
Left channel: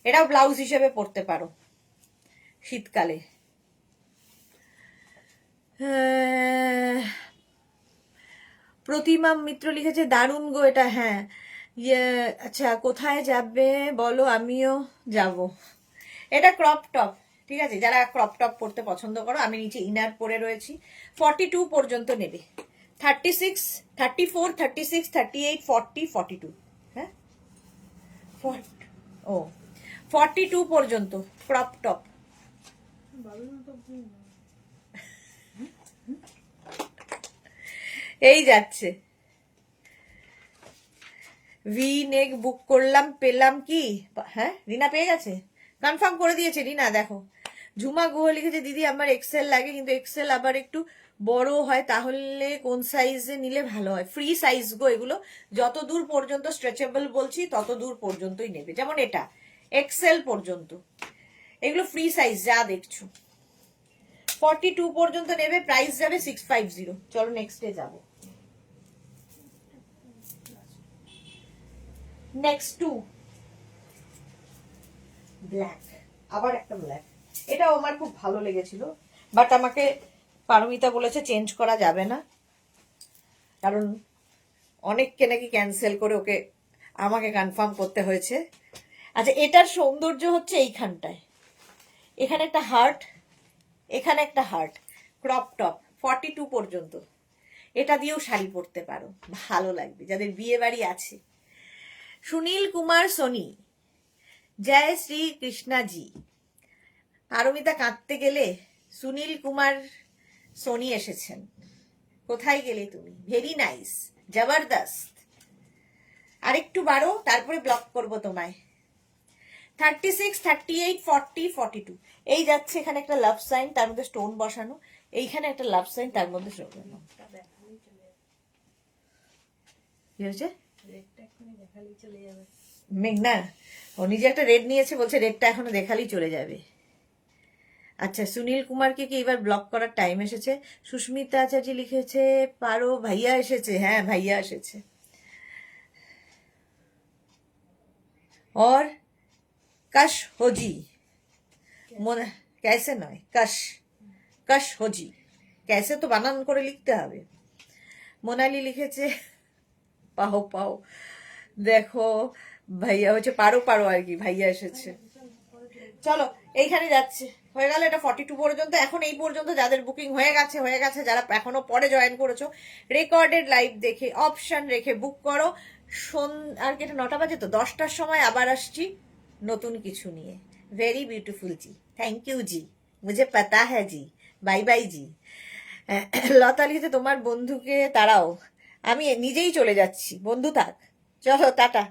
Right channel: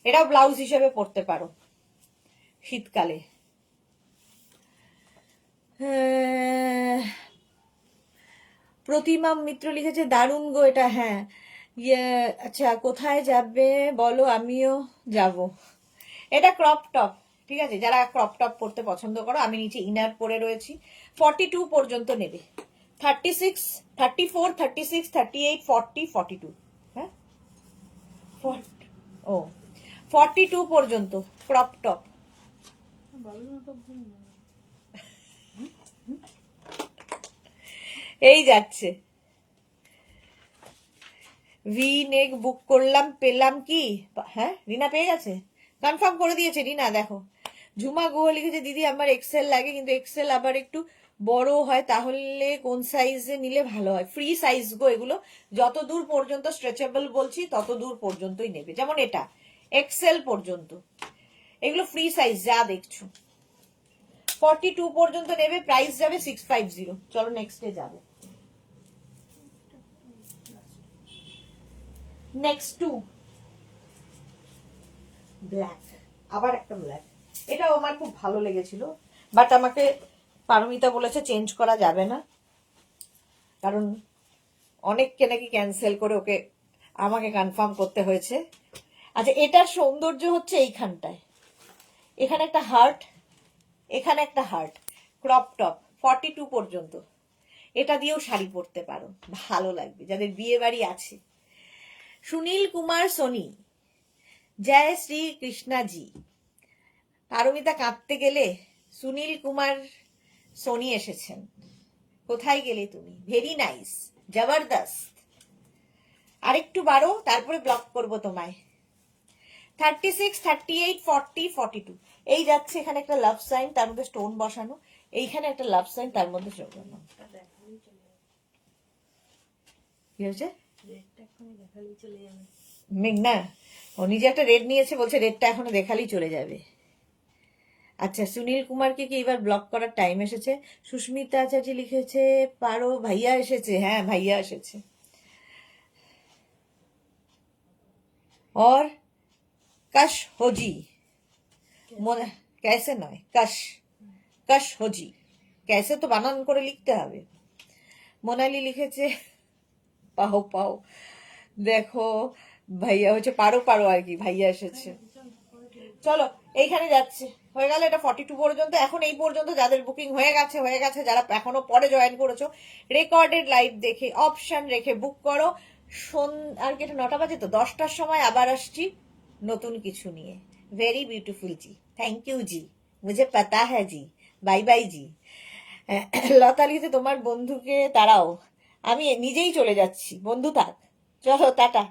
এটাও ব্লাউজ হিসেবে পরতে পারো শীতকালে। প্রতিমা মিত্র লিখেছে দারুণ গো এটা। হ্যাঁ আচ্ছা, কোথায় যাবে বলো, আমিও যাব। এটা ক্রপ টপ, ঠিক আছে? যারা ক্রপ টপ পরতে পছন্দ করো, আমি নিচে ইনার পরে রয়েছি। 42 পর্যন্ত নেবে। 36, 34, 36, 38, 40, 42। হ্যাঁ ও 42 পর্যন্ত ক্রপ টপ। এই যাচ্ছে। ভি নেক বুক করলাম, পেলাম কি? হ্যাঁ রিনা পেয়ে গেছে, কনফার্ম করে দিয়েছে রিনা। দেখো ঝুমা গুহ লিখেছে দিদি আমার এক্সেল লাগে, কিন্তু এক্সেল আবার একটু বড় হয়, তাহলে কোন সাইজে নিলে ভালো হয়? ফ্রি সাইজ গো এগুলো, যত দূর পর্যন্ত স্ট্রেচেবল বলছি তত দূর পর্যন্তই নেবে। যেমন এটা এক্সেল পর্যন্ত, এগুলো ফ্রি সাইজ যা দেখছো। 42 পর্যন্ত নেবে, প্রাইস যাবে 650। চলো নেক্সটে যাবো। নেক্সট টু ব্ল্যাক, আবার একটা ব্ল্যাক। এটাও আমার খুব ভালো লেগেছিল, বাট আমাকে পারমিতা বলেছে চেঞ্জ করা যাবে না, কারণ অনেককে নাকি ক্যান্সেল করে ওকে আমাকে কনফার্ম করতে হয়েছে। আচ্ছা এটার সৌন্দর্য হচ্ছে এইখানটায়, এখানে একটা হার্ট, এখানে একটা হার্ট। ক্রপ টপ 42 পর্যন্ত, এটা দিয়েও শাড়ি পরতে পারো, ভালো লাগবে যাদের বিয়ে বাড়ি আছে। সুনীল কুমার সোনি, জয় শ্রী কৃষ্ণা জি। পারমিতা কাঁদতে গেলে সুনীল কুমার সোনি এসেছেন। কোথায় গেলে তুমি? ভেরি নাইস, জবরদস্ত। আরেকটু বাড়ো, তারপরে ব্লক করবো তোমায়। 36, 38, 40, 42 এই যাচ্ছে। এখানে একটা লাভ সাইন, তার মধ্যে স্টোন বসানো। এইখানে একটা লাভ সাইন, তার মধ্যে স্টোন। কি হয়েছে? মেঘনা ও নিজে একটা রেড নিয়েছে, বলছে রেডটা এখনো দেখালেই চলে যাবে। আচ্ছা সুনীল কুমারকে কি এবার ব্লক করার টাইম এসেছে? সুস্মিতা আচার্য লিখেছে পারো, ভাইয়া এসেছে। হ্যাঁ ভাইয়া এসেছে। और कश होजी মনে कैसे নয়, कश कश होजी, कैसे তো বানান করে লিখতে হবে। মোনালি লিখেছে পাও পাও। দেখো ভাইয়া হচ্ছে পারো পারো আর কি, ভাইয়া এসেছে। চলো এইখানে যাচ্ছে, হয়ে গেল এটা 42 পর্যন্ত। এখন এই পর্যন্ত যাদের বুকিং হয়ে গেছে, যারা এখনো পরে জয়েন করেছো, রেকর্ডেড লাইভ দেখে অপশন রেখে বুক করো। আর কি, এটা 9টা বাজে তো, 10টার সময় আবার আসছি নতুন কিছু নিয়ে। Very beautiful G, thank you জি, মুঝে পাতা হ্যাঁ জি, বাই বাই জি। লতা লিখেছে তোমার বন্ধুকে তাড়াও, আমি নিজেই চলে যাচ্ছি, বন্ধু থাক। চলো টাটা।